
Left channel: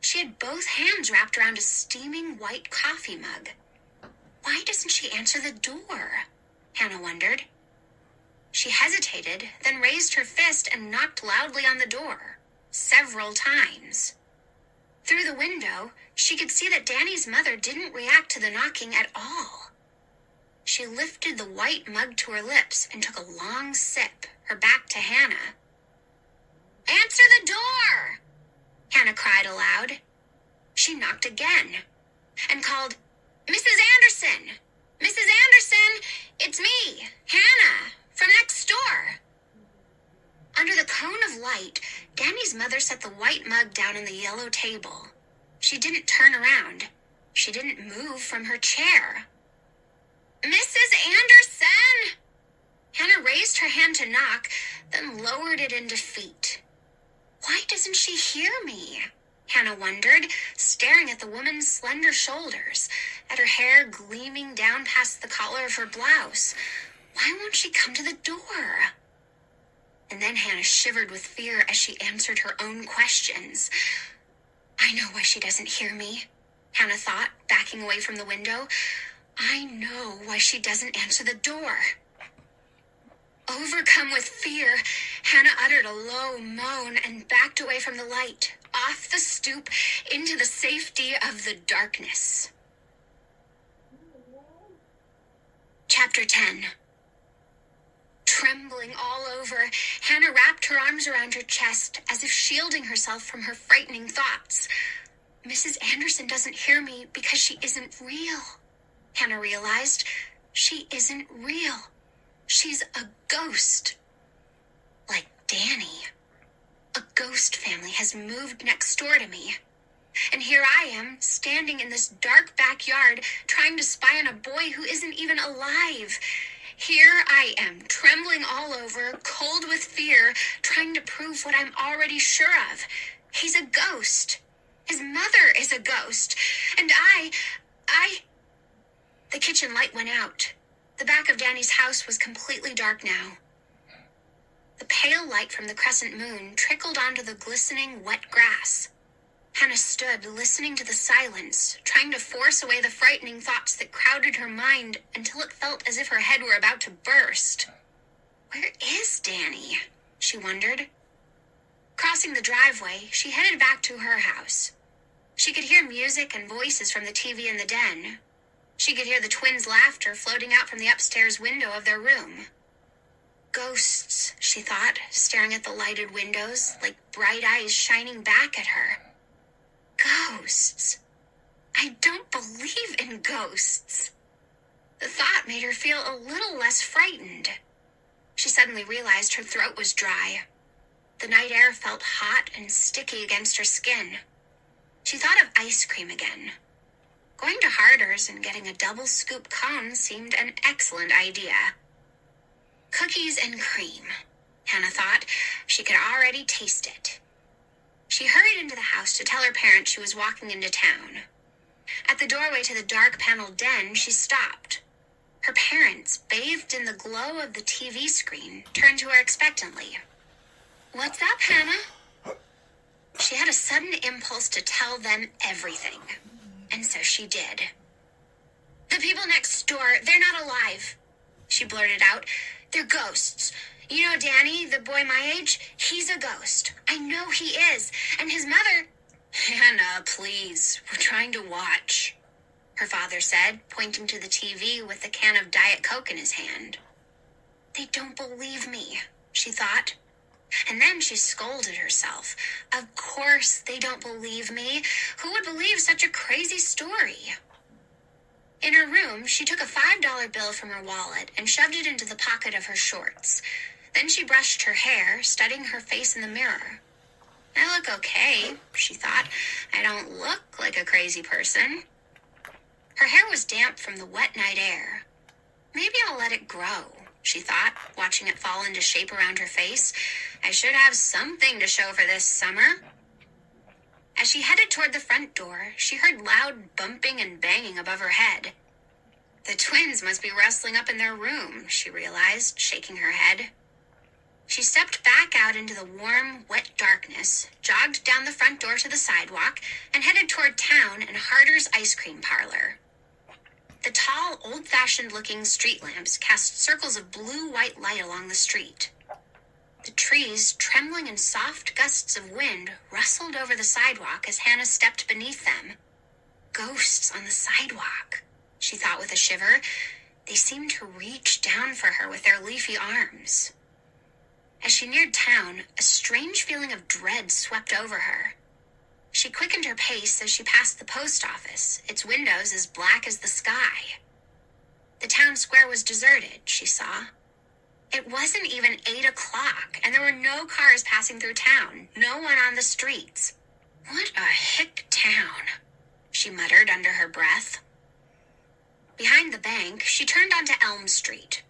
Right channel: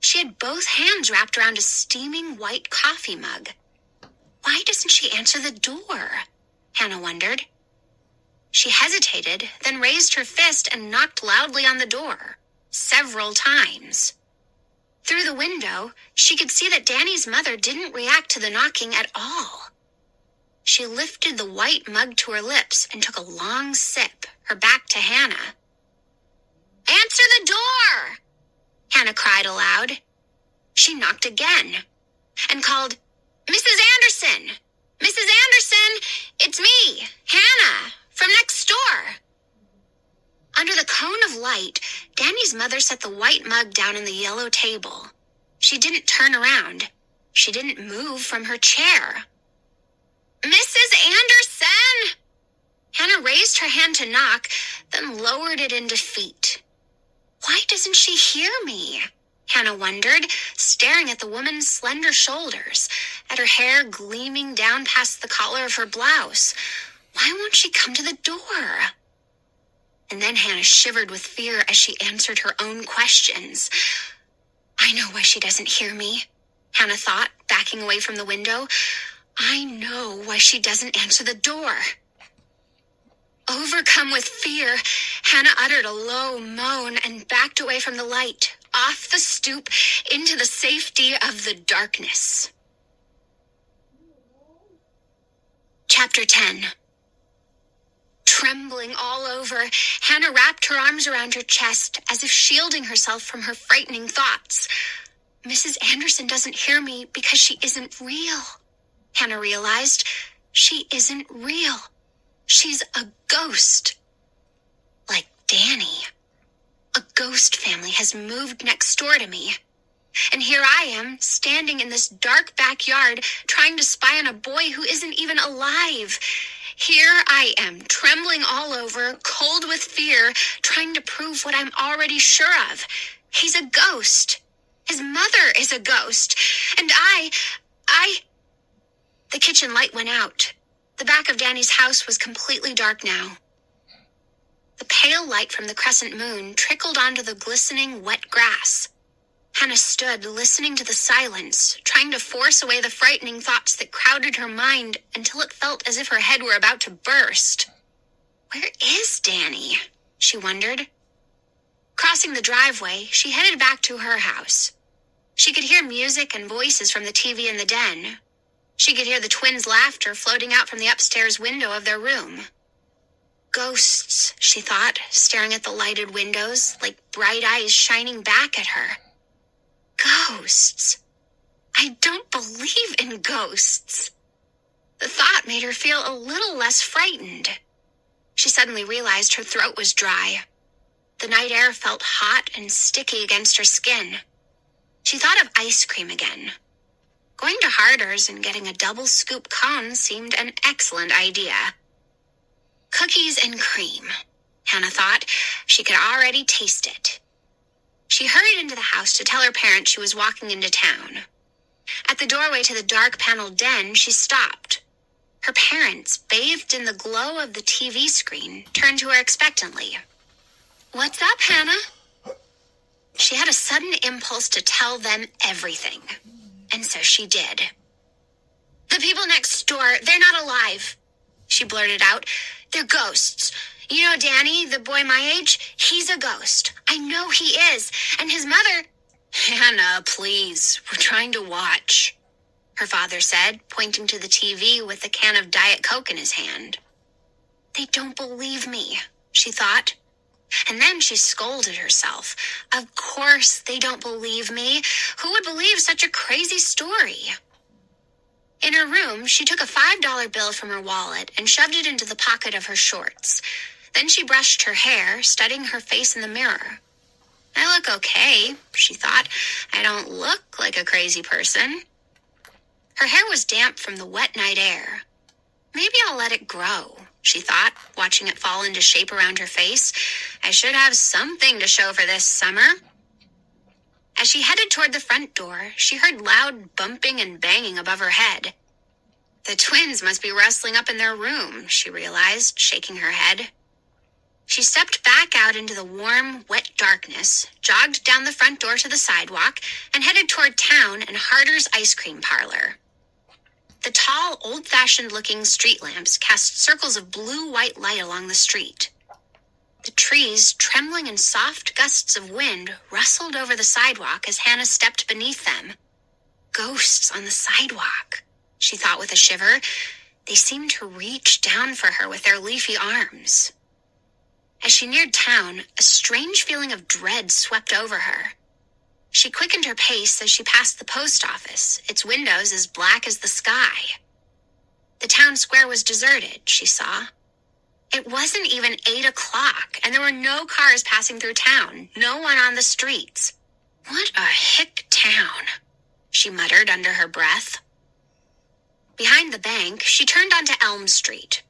She had both hands wrapped around a steaming white coffee mug. Why doesn't she answer the door? Hannah wondered. She hesitated, then raised her fist and knocked loudly on the door, several times. Through the window, she could see that Danny's mother didn't react to the knocking at all. She lifted the white mug to her lips and took a long sip, her back to Hannah. Answer the door! Hannah cried aloud. She knocked again and called, Mrs. Anderson! Mrs. Anderson! It's me, Hannah, from next door. Under the cone of light, Danny's mother set the white mug down on the yellow table. She didn't turn around. She didn't move from her chair. Mrs. Anderson! Hannah raised her hand to knock, then lowered it in defeat. Why doesn't she hear me? Hannah wondered, staring at the woman's slender shoulders, at her hair gleaming down past the collar of her blouse. Why won't she come to the door? And then Hannah shivered with fear as she answered her own questions. I know why she doesn't hear me, Hannah thought, backing away from the window. I know why she doesn't answer the door. Overcome with fear, Hannah uttered a low moan and backed away from the light, off the stoop, into the safety of the darkness. Chapter 10. Trembling all over, Hannah wrapped her arms around her chest as if shielding herself from her frightening thoughts. Mrs. Anderson doesn't hear me because she isn't real. Hannah realized she isn't real. She's a ghost. Like Danny. A ghost family has moved next door to me. And here I am, standing in this dark backyard, trying to spy on a boy who isn't even alive. Here I am, trembling all over, cold with fear, trying to prove what I'm already sure of. He's a ghost. His mother is a ghost. And I... The kitchen light went out. The back of Danny's house was completely dark now. The pale light from the crescent moon trickled onto the glistening, wet grass. Hannah stood, listening to the silence, trying to force away the frightening thoughts that crowded her mind until it felt as if her head were about to burst. Where is Danny? She wondered. Crossing the driveway, she headed back to her house. She could hear music and voices from the TV in the den. She could hear the twins' laughter floating out from the upstairs window of their room. Ghosts, she thought, staring at the lighted windows, like bright eyes shining back at her. Ghosts. I don't believe in ghosts. The thought made her feel a little less frightened. She suddenly realized her throat was dry. The night air felt hot and sticky against her skin. She thought of ice cream again. Going to Harder's and getting a double scoop cone seemed an excellent idea. Cookies and cream, Hannah thought. She could already taste it. She hurried into the house to tell her parents she was walking into town. At the doorway to the dark paneled den, she stopped. Her parents, bathed in the glow of the TV screen, turned to her expectantly. What's up, Hannah? She had a sudden impulse to tell them everything. And so she did. The people next door, they're not alive, she blurted out. They're ghosts. You know Danny, the boy my age? He's a ghost. I know he is. And his mother... Hannah, please. We're trying to watch, her father said, pointing to the TV with a can of Diet Coke in his hand. They don't believe me, she thought. And then she scolded herself. Of course they don't believe me. Who would believe such a crazy story? In her room, she took a $5 bill from her wallet and shoved it into the pocket of her shorts. Then she brushed her hair, studying her face in the mirror. I look okay, she thought. I don't look like a crazy person. Her hair was damp from the wet night air. Maybe I'll let it grow, she thought, watching it fall into shape around her face. I should have something to show for this summer. As she headed toward the front door, she heard loud bumping and banging above her head. The twins must be wrestling up in their room, she realized, shaking her head. She stepped back out into the warm, wet darkness, jogged down the front door to the sidewalk, and headed toward town and Harder's ice cream parlor. The tall, old-fashioned-looking street lamps cast circles of blue-white light along the street. The trees, trembling in soft gusts of wind, rustled over the sidewalk as Hannah stepped beneath them. Ghosts on the sidewalk, she thought with a shiver. They seemed to reach down for her with their leafy arms. As she neared town, a strange feeling of dread swept over her. She quickened her pace as she passed the post office, its windows as black as the sky. The town square was deserted, she saw. It wasn't even 8 o'clock, and there were no cars passing through town, no one on the streets. What a hick town, she muttered under her breath. Behind the bank, she turned onto Elm Street.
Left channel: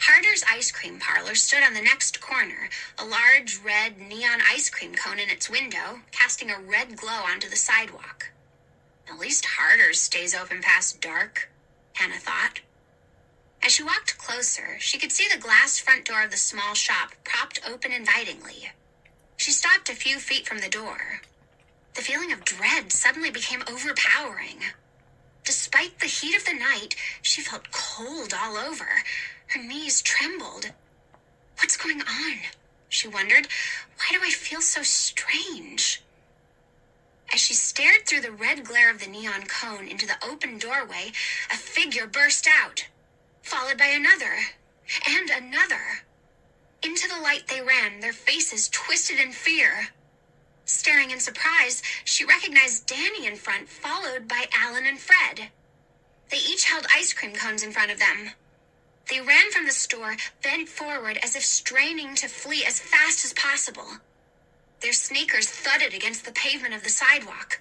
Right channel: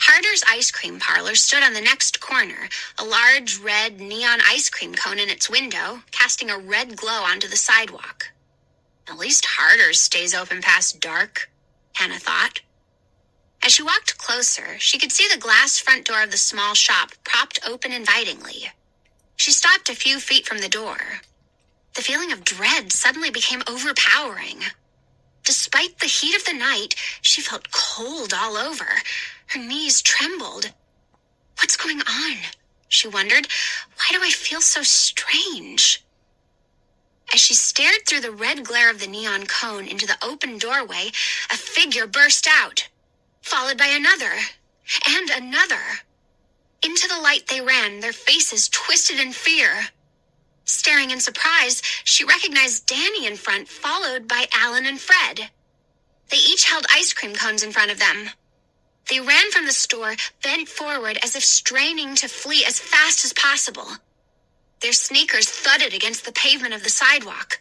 Harder's ice cream parlor stood on the next corner, a large red neon ice cream cone in its window, casting a red glow onto the sidewalk. At least Harder's stays open past dark, Hannah thought. As she walked closer, she could see the glass front door of the small shop propped open invitingly. She stopped a few feet from the door. The feeling of dread suddenly became overpowering. Despite the heat of the night, she felt cold all over. Her knees trembled. What's going on? She wondered. Why do I feel so strange? As she stared through the red glare of the neon cone into the open doorway, a figure burst out, followed by another, and another. Into the light they ran, their faces twisted in fear. Staring in surprise, she recognized Danny in front, followed by Alan and Fred. They each held ice cream cones in front of them. They ran from the store, bent forward as if straining to flee as fast as possible. Their sneakers thudded against the pavement of the sidewalk.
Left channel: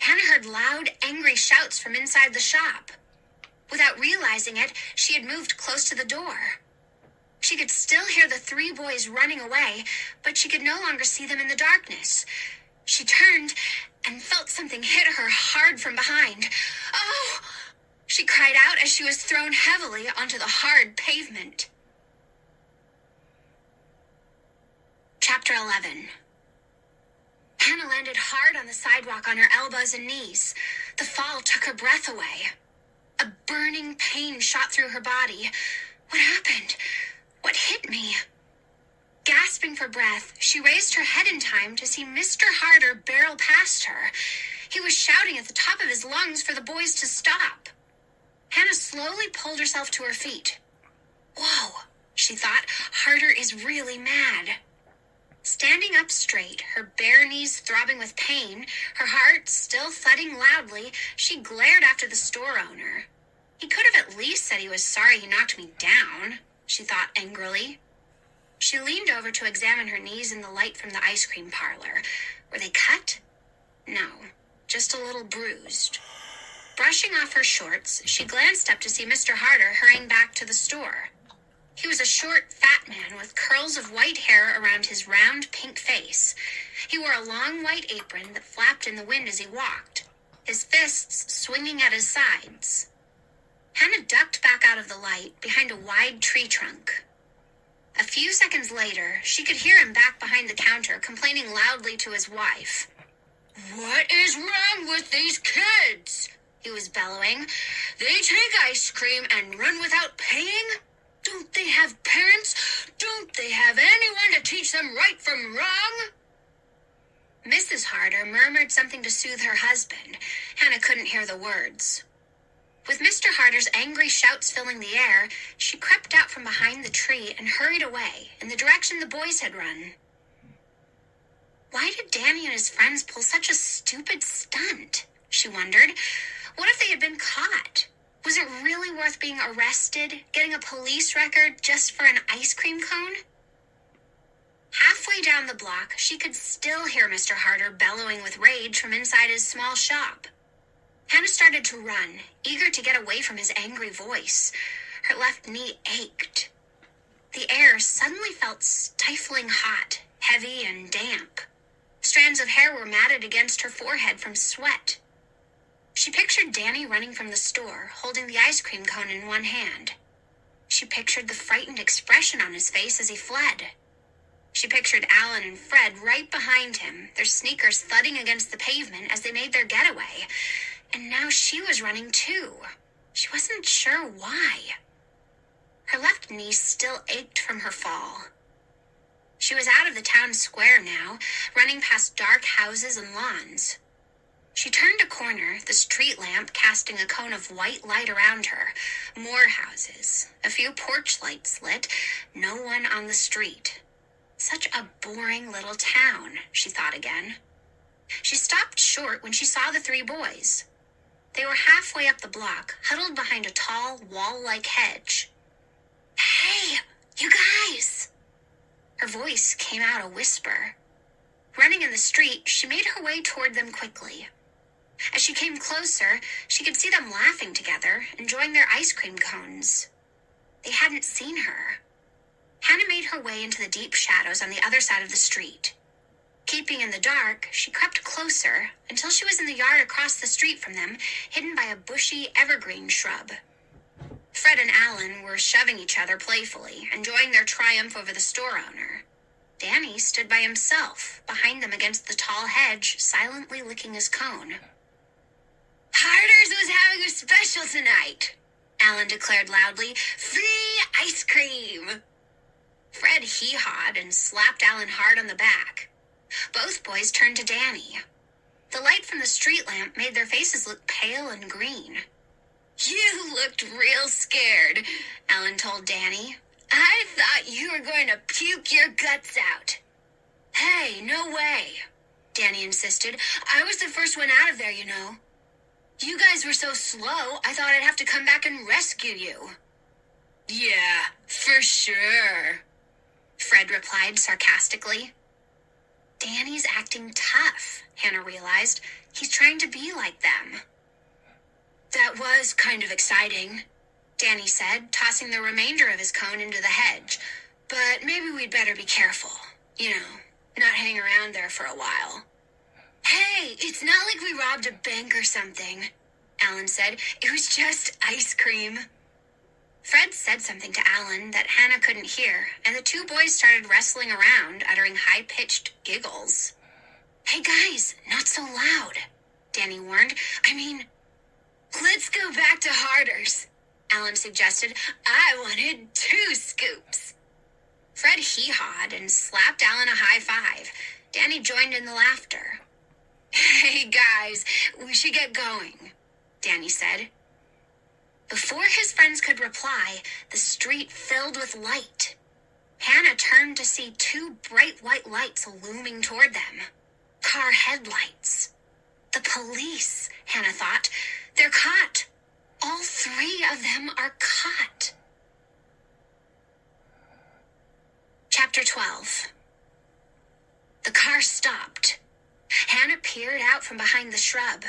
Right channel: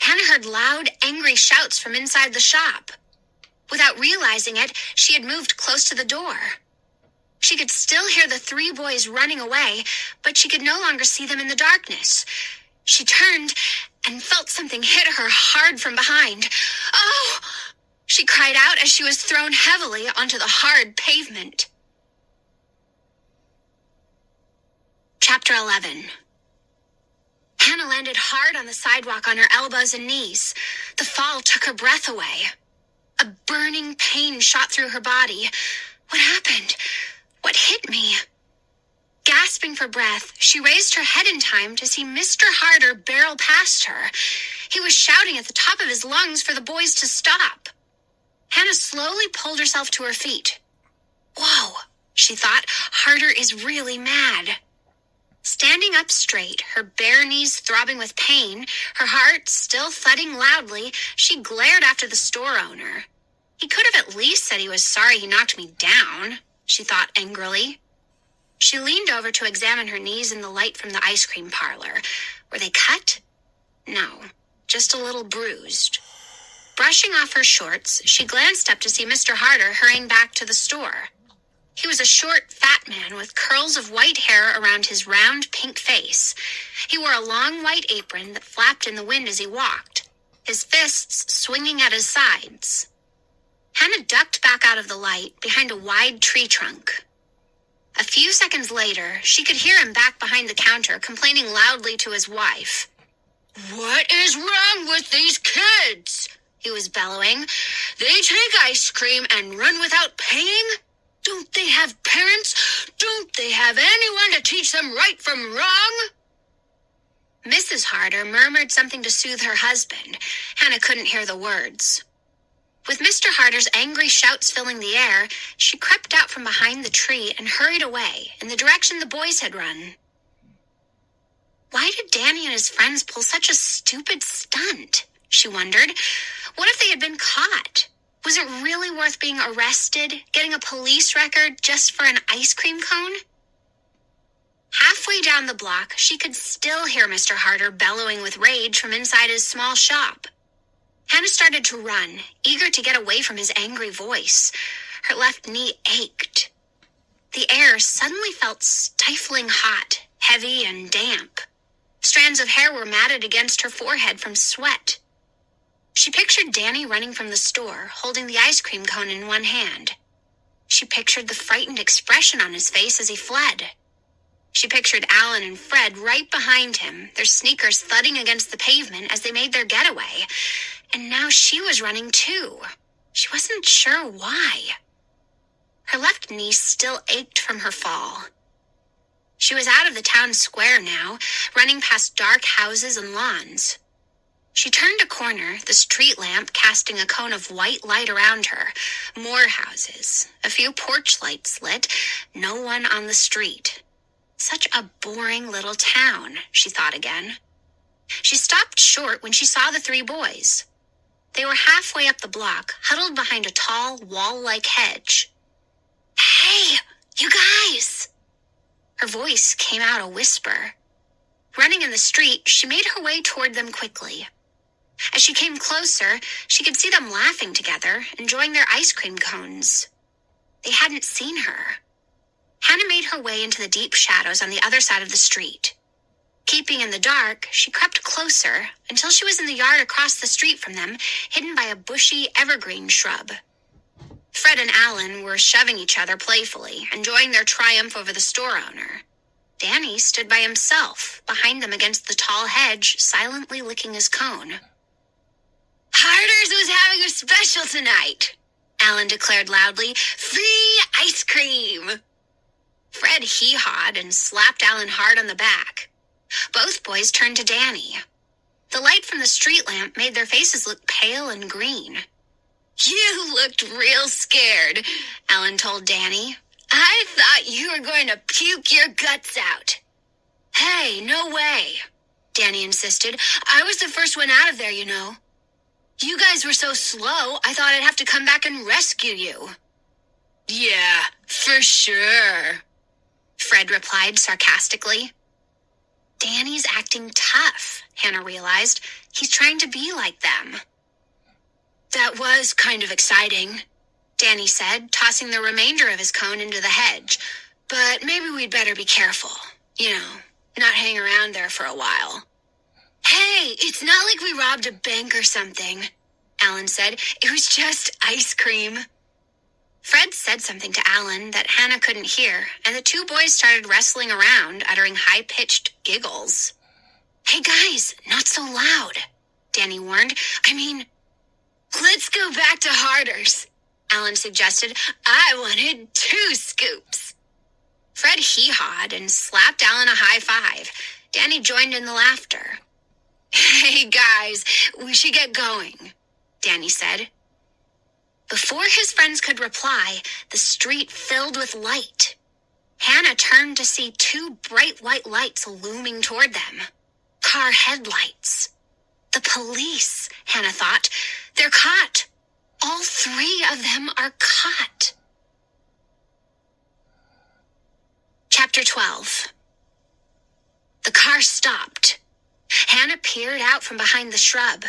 Hannah heard loud, angry shouts from inside the shop. Without realizing it, she had moved close to the door. She could still hear the three boys running away, but she could no longer see them in the darkness. She turned and felt something hit her hard from behind. "Oh!" she cried out as she was thrown heavily onto the hard pavement. Chapter 11. Hannah landed hard on the sidewalk on her elbows and knees. The fall took her breath away. A burning pain shot through her body. What happened? What hit me? Gasping for breath, she raised her head in time to see Mr. Harder barrel past her. He was shouting at the top of his lungs for the boys to stop. Hannah slowly pulled herself to her feet. Whoa, she thought, Harder is really mad. Standing up straight, her bare knees throbbing with pain, her heart still thudding loudly, she glared after the store owner. He could have at least said he was sorry he knocked me down, she thought angrily. She leaned over to examine her knees in the light from the ice cream parlor. Were they cut? No, just a little bruised. Brushing off her shorts, she glanced up to see Mr. Harder hurrying back to the store. He was a short, fat man with curls of white hair around his round, pink face. He wore a long white apron that flapped in the wind as he walked, his fists swinging at his sides. Hannah ducked back out of the light behind a wide tree trunk. A few seconds later, she could hear him back behind the counter complaining loudly to his wife. "What is wrong with these kids?" he was bellowing. "They take ice cream and run without paying? Don't they have parents? Don't they have anyone to teach them right from wrong?" Mrs. Harder murmured something to soothe her husband. Hannah couldn't hear the words. With Mr. Harder's angry shouts filling the air, she crept out from behind the tree and hurried away in the direction the boys had run. Why did Danny and his friends pull such a stupid stunt? She wondered. What if they had been caught? Was it really worth being arrested, getting a police record just for an ice cream cone? Halfway down the block, she could still hear Mr. Harder bellowing with rage from inside his small shop. Hannah started to run, eager to get away from his angry voice. Her left knee ached. The air suddenly felt stifling hot, heavy and damp. Strands of hair were matted against her forehead from sweat. She pictured Danny running from the store, holding the ice cream cone in one hand. She pictured the frightened expression on his face as he fled. She pictured Alan and Fred right behind him, their sneakers thudding against the pavement as they made their getaway. And now she was running too. She wasn't sure why. Her left knee still ached from her fall. She was out of the town square now, running past dark houses and lawns. She turned a corner, the street lamp casting a cone of white light around her. More houses, a few porch lights lit, no one on the street. Such a boring little town, she thought again. She stopped short when she saw the three boys. They were halfway up the block, huddled behind a tall, wall-like hedge. "Hey, you guys!" Her voice came out a whisper. Running in the street, she made her way toward them quickly. As she came closer, she could see them laughing together, enjoying their ice cream cones. They hadn't seen her. Hannah made her way into the deep shadows on the other side of the street. Keeping in the dark, she crept closer until she was in the yard across the street from them, hidden by a bushy evergreen shrub. Fred and Alan were shoving each other playfully, enjoying their triumph over the store owner. Danny stood by himself, behind them against the tall hedge, silently licking his cone. Harders was having a special tonight, Alan declared loudly. Free ice cream! Fred hee-hawed and slapped Alan hard on the back. Both boys turned to Danny. The light from the street lamp made their faces look pale and green. You looked real scared, Alan told Danny. I thought you were going to puke your guts out. Hey, no way, Danny insisted. I was the first one out of there, you know. You guys were so slow, I thought I'd have to come back and rescue you. Yeah, for sure, Fred replied sarcastically. Danny's acting tough, Hannah realized. He's trying to be like them. That was kind of exciting, Danny said, tossing the remainder of his cone into the hedge. But maybe we'd better be careful. You know, not hang around there for a while. Hey, it's not like we robbed a bank or something, Alan said. It was just ice cream. Fred said something to Alan that Hannah couldn't hear, and the two boys started wrestling around, uttering high-pitched giggles. Hey guys, not so loud, Danny warned. I mean, let's go back to Harders, Alan suggested. I wanted 2 scoops. Fred hee-hawed and slapped Alan a high five. Danny joined in the laughter. Hey guys, we should get going, Danny said. Before his friends could reply, the street filled with light. Hannah turned to see 2 bright white lights looming toward them. Car headlights. The police, Hannah thought. They're caught. All 3 of them are caught. Chapter 12. The car stopped. Hannah peered out from behind the shrub.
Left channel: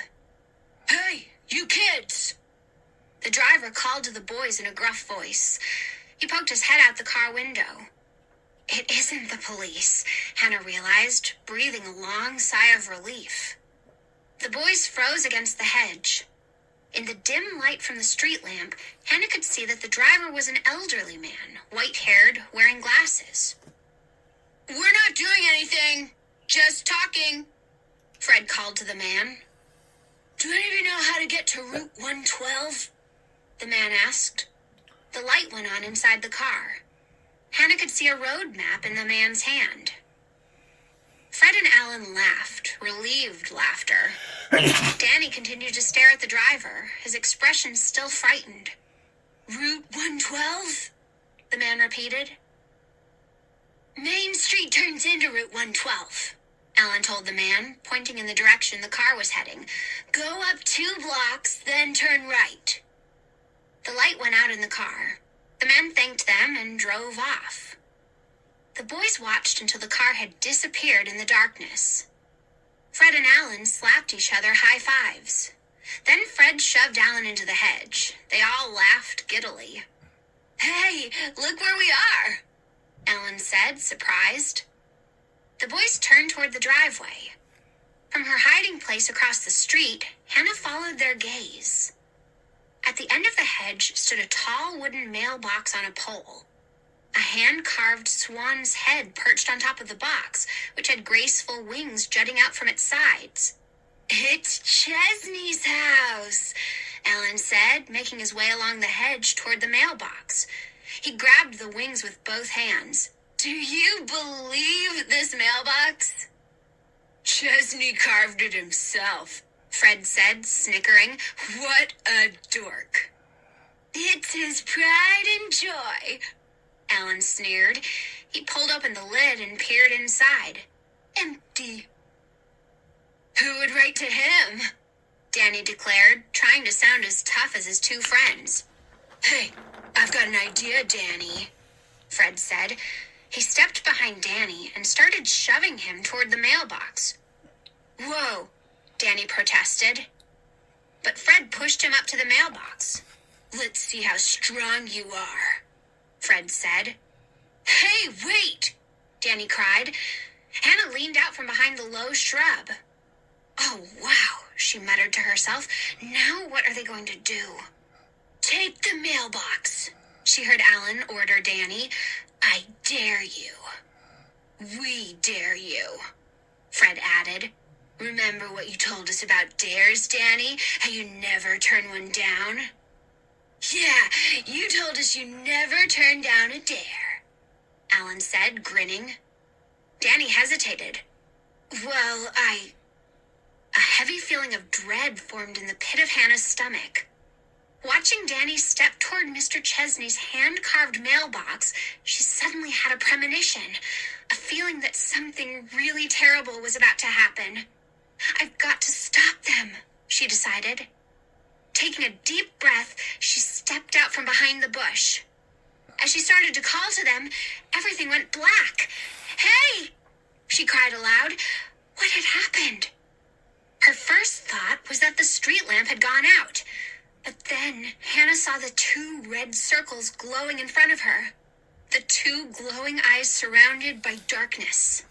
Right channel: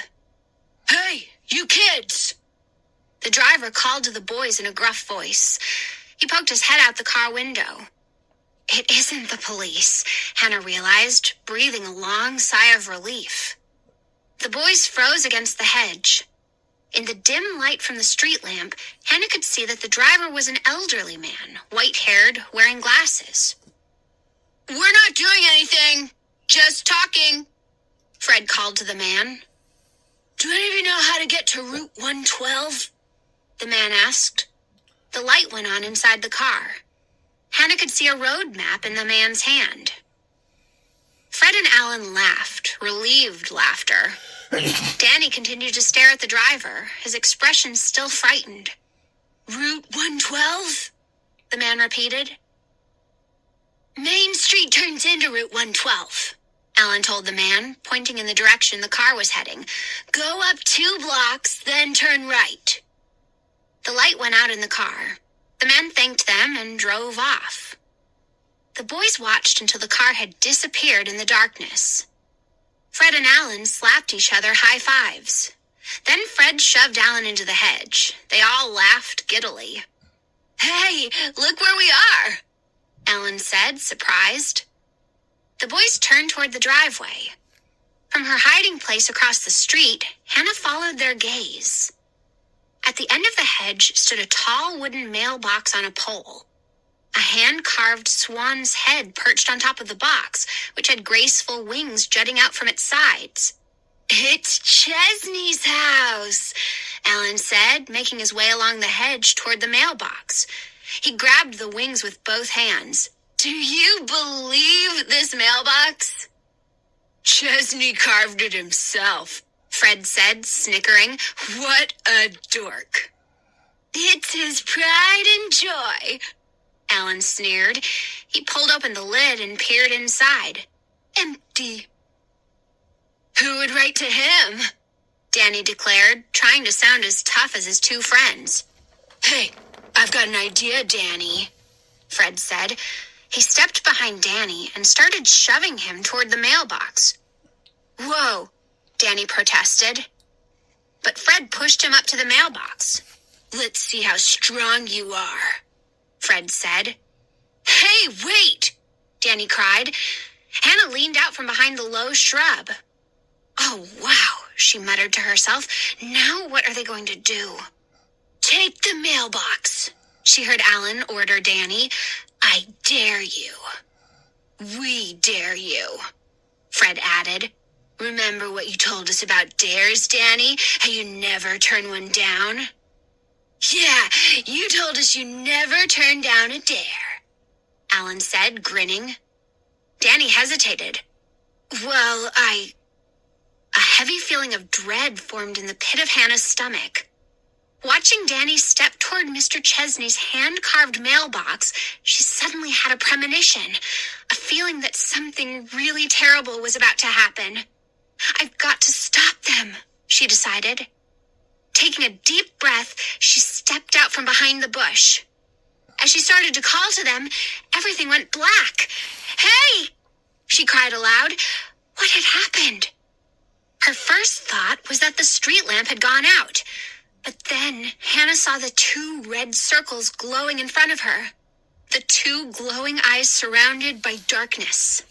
Hey, you kids! The driver called to the boys in a gruff voice. He poked his head out the car window. It isn't the police, Hannah realized, breathing a long sigh of relief. The boys froze against the hedge. In the dim light from the street lamp, Hannah could see that the driver was an elderly man, white-haired, wearing glasses. We're not doing anything, just talking, Fred called to the man. Do any of you know how to get to Route 112? The man asked. The light went on inside the car. Hannah could see a road map in the man's hand. Fred and Alan laughed, relieved laughter. Danny continued to stare at the driver, his expression still frightened. Route 112? The man repeated. Main Street turns into Route 112, Alan told the man, pointing in the direction the car was heading. Go up 2 blocks, then turn right. The light went out in the car. The men thanked them and drove off. The boys watched until the car had disappeared in the darkness. Fred and Alan slapped each other high fives. Then Fred shoved Alan into the hedge. They all laughed giddily. Hey, look where we are, Alan said, surprised. The boys turned toward the driveway. From her hiding place across the street, Hannah followed their gaze. At the end of the hedge stood a tall wooden mailbox on a pole. A hand-carved swan's head perched on top of the box, which had graceful wings jutting out from its sides. It's Chesney's house, Alan said, making his way along the hedge toward the mailbox. He grabbed the wings with both hands. Do you believe this mailbox? Chesney carved it himself, Fred said, snickering. What a dork. It's his pride and joy, Alan sneered. He pulled open the lid and peered inside. Empty. Who would write to him? Danny declared, trying to sound as tough as his 2 friends. Hey, I've got an idea, Danny, Fred said. He stepped behind Danny and started shoving him toward the mailbox. Whoa, Danny protested. But Fred pushed him up to the mailbox. Let's see how strong you are, Fred said. Hey, wait, Danny cried. Hannah leaned out from behind the low shrub. Oh, wow, she muttered to herself. Now what are they going to do? Take the mailbox, she heard Alan order Danny. I dare you. We dare you, Fred added. Remember what you told us about dares, Danny? How you never turn one down? Yeah, you told us you never turn down a dare, Alan said, grinning. Danny hesitated. Well, A heavy feeling of dread formed in the pit of Hannah's stomach. Watching Danny step toward Mr. Chesney's hand-carved mailbox, she suddenly had a premonition, a feeling that something really terrible was about to happen. I've got to stop them, she decided. Taking a deep breath, she stepped out from behind the bush. As she started to call to them, everything went black. Hey! She cried aloud. What had happened? Her first thought was that the street lamp had gone out. But then Hannah saw the 2 red circles glowing in front of her. The 2 glowing eyes surrounded by darkness.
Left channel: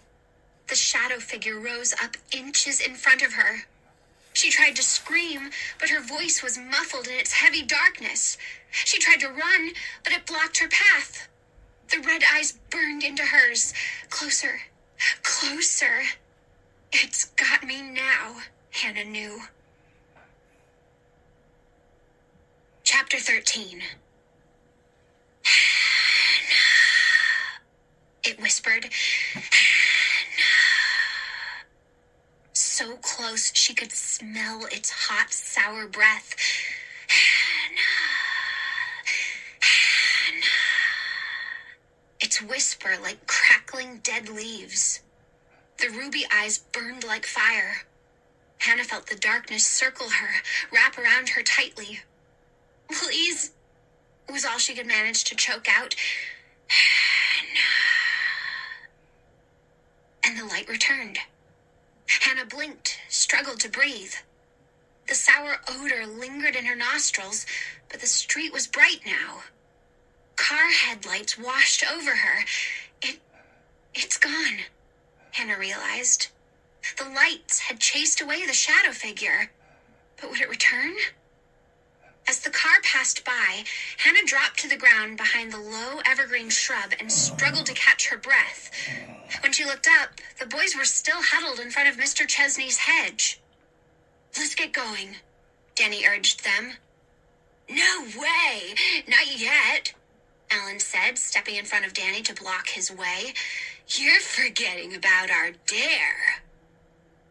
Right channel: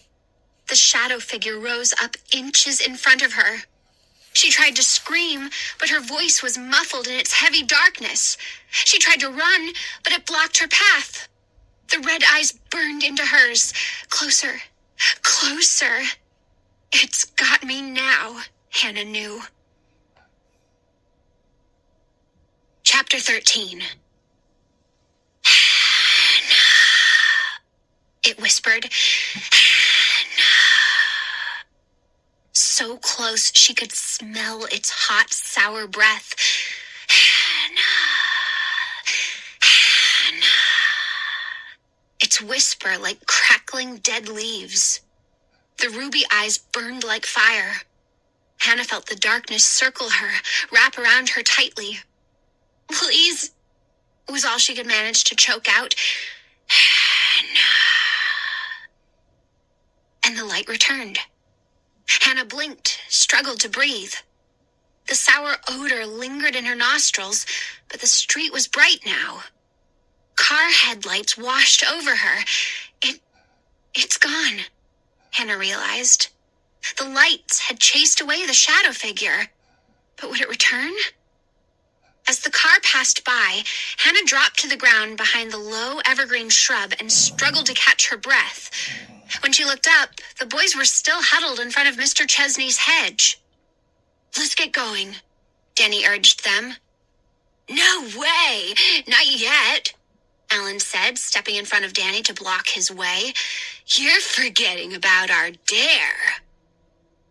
The shadow figure rose up inches in front of her. She tried to scream, but her voice was muffled in its heavy darkness. She tried to run, but it blocked her path. The red eyes burned into hers. Closer, closer. It's got me now, Hannah knew. Chapter 13. Hannah, it whispered. Hannah. So close she could smell its hot, sour breath. Hannah. Hannah. Its whisper like crackling dead leaves. The ruby eyes burned like fire. Hannah felt the darkness circle her, wrap around her tightly. Please, was all she could manage to choke out. Hannah. And the light returned. Hannah blinked, struggled to breathe. The sour odor lingered in her nostrils, but the street was bright now. Car headlights washed over her. It's gone, Hannah realized. The lights had chased away the shadow figure. But would it return? As the car passed by, Hannah dropped to the ground behind the low evergreen shrub and struggled to catch her breath. When she looked up, the boys were still huddled in front of Mr. Chesney's hedge. Let's get going, Danny urged them. No way, not yet, Alan said, stepping in front of Danny to block his way. You're forgetting about our dare.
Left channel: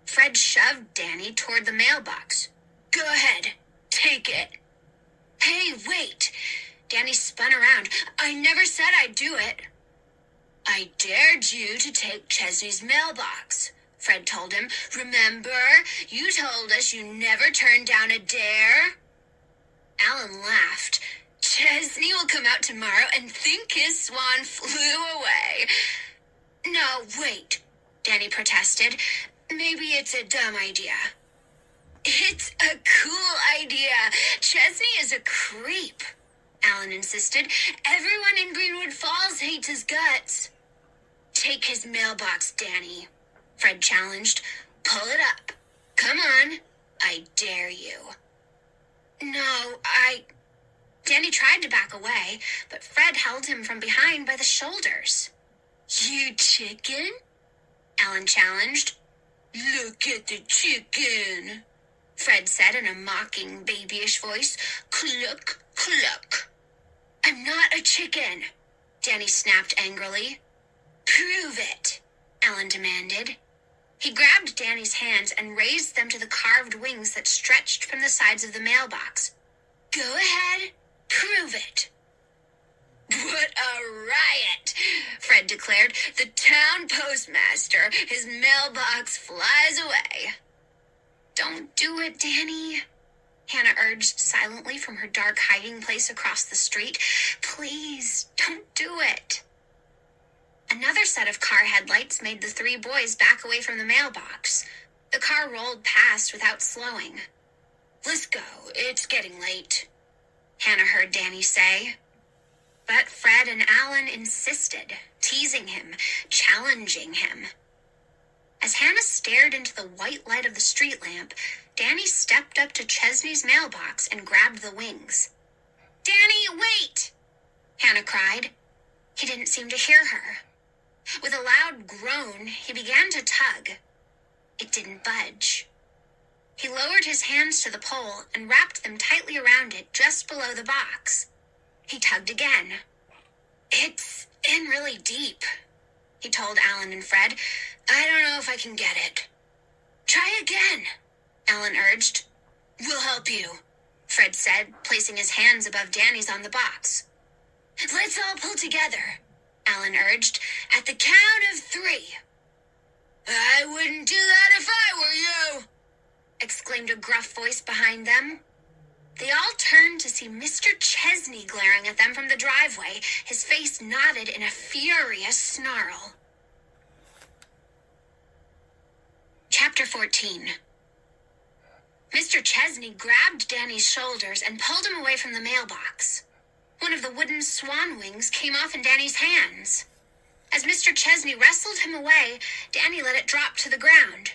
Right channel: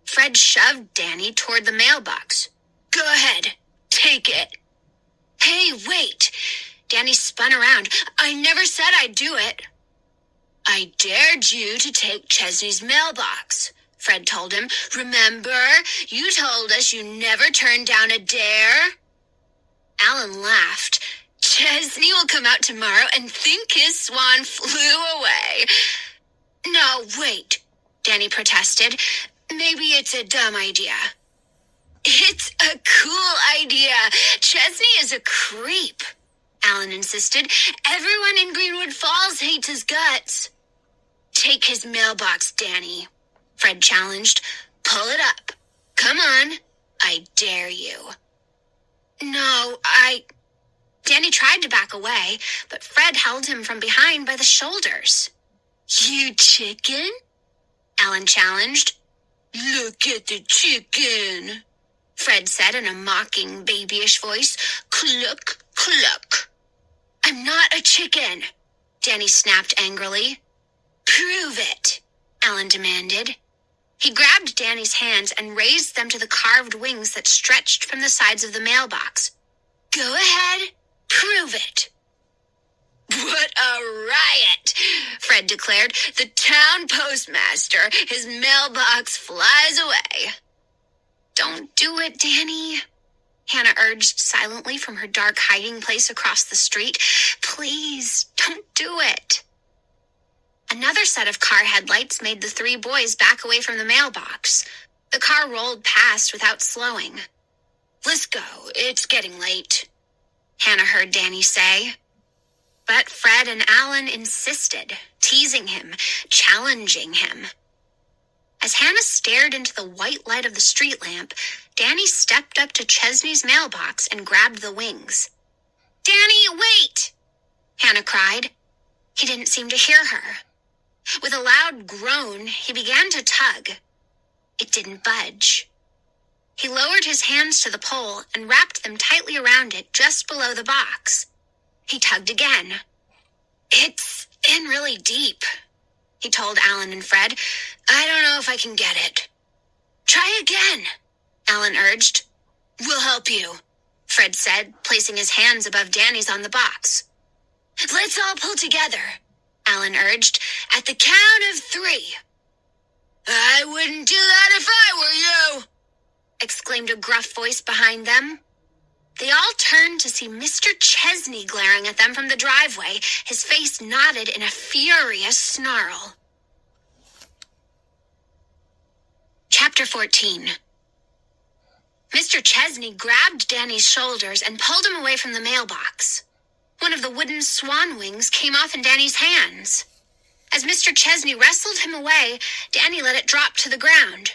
Fred shoved Danny toward the mailbox. Go ahead, take it. Hey, wait! Danny spun around. I never said I'd do it. I dared you to take Chesney's mailbox, Fred told him. Remember, you told us you never turned down a dare? Alan laughed. Chesney will come out tomorrow and think his swan flew away. No, wait, Danny protested. Maybe it's a dumb idea. It's a cool idea. Chesney is a creep, Alan insisted. Everyone in Greenwood Falls hates his guts. Take his mailbox, Danny, Fred challenged. Pull it up. Come on. I dare you. No, Danny tried to back away, but Fred held him from behind by the shoulders. You chicken? Alan challenged. Look at the chicken, Fred said in a mocking, babyish voice. Cluck, cluck. I'm not a chicken, Danny snapped angrily. Prove it, Alan demanded. He grabbed Danny's hands and raised them to the carved wings that stretched from the sides of the mailbox. Go ahead, prove it. What a riot, Fred declared. The town postmaster, his mailbox flies away. Don't do it, Danny, Hannah urged silently from her dark hiding place across the street. Please, don't do it. Another set of car headlights made the 3 boys back away from the mailbox. The car rolled past without slowing. Let's go, it's getting late, Hannah heard Danny say. But Fred and Alan insisted, teasing him, challenging him. As Hannah stared into the white light of the street lamp, Danny stepped up to Chesney's mailbox and grabbed the wings. Danny, wait! Hannah cried. He didn't seem to hear her. With a loud groan, he began to tug. It didn't budge. He lowered his hands to the pole and wrapped them tightly around it just below the box. He tugged again. "It's in really deep," he told Alan and Fred. "I don't know if I can get it." "Try again," Alan urged. "We'll help you," Fred said, placing his hands above Danny's on the box. "Let's all pull together," Alan urged, "at the count of 3. "I wouldn't do that if I were you," exclaimed a gruff voice behind them. They all turned to see Mr. Chesney glaring at them from the driveway, his face knotted in a furious snarl. Chapter 14. Mr. Chesney grabbed Danny's shoulders and pulled him away from the mailbox. One of the wooden swan wings came off in Danny's hands. As Mr. Chesney wrestled him away, Danny let it drop to the ground.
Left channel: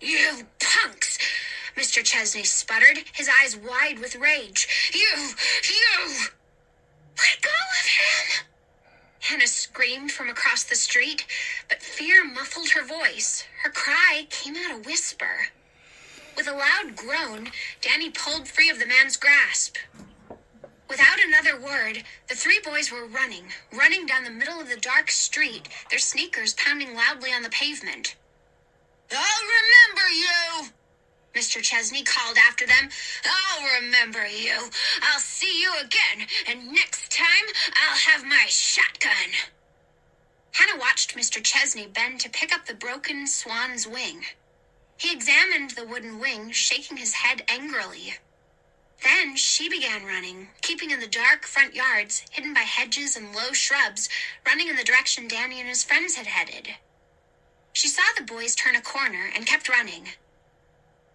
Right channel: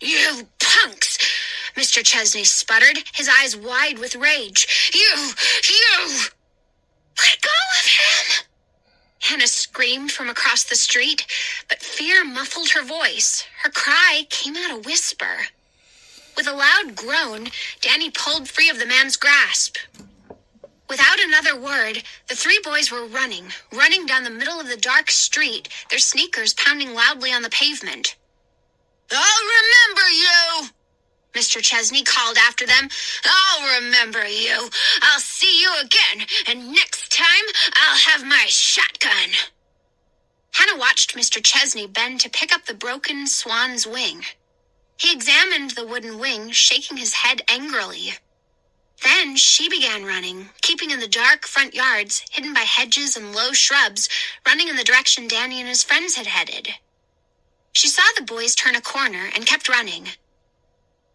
"You punks!" Mr. Chesney sputtered, his eyes wide with rage. You! Let go of him!" Hannah screamed from across the street, but fear muffled her voice. Her cry came out a whisper. With a loud groan, Danny pulled free of the man's grasp. Without another word, the 3 boys were running down the middle of the dark street, their sneakers pounding loudly on the pavement. "I'll remember you!" Mr. Chesney called after them. "I'll remember you. I'll see you again, and next time I'll have my shotgun." Hannah watched Mr. Chesney bend to pick up the broken swan's wing. He examined the wooden wing, shaking his head angrily. Then she began running, keeping in the dark front yards, hidden by hedges and low shrubs, running in the direction Danny and his friends had headed. She saw the boys turn a corner and kept running.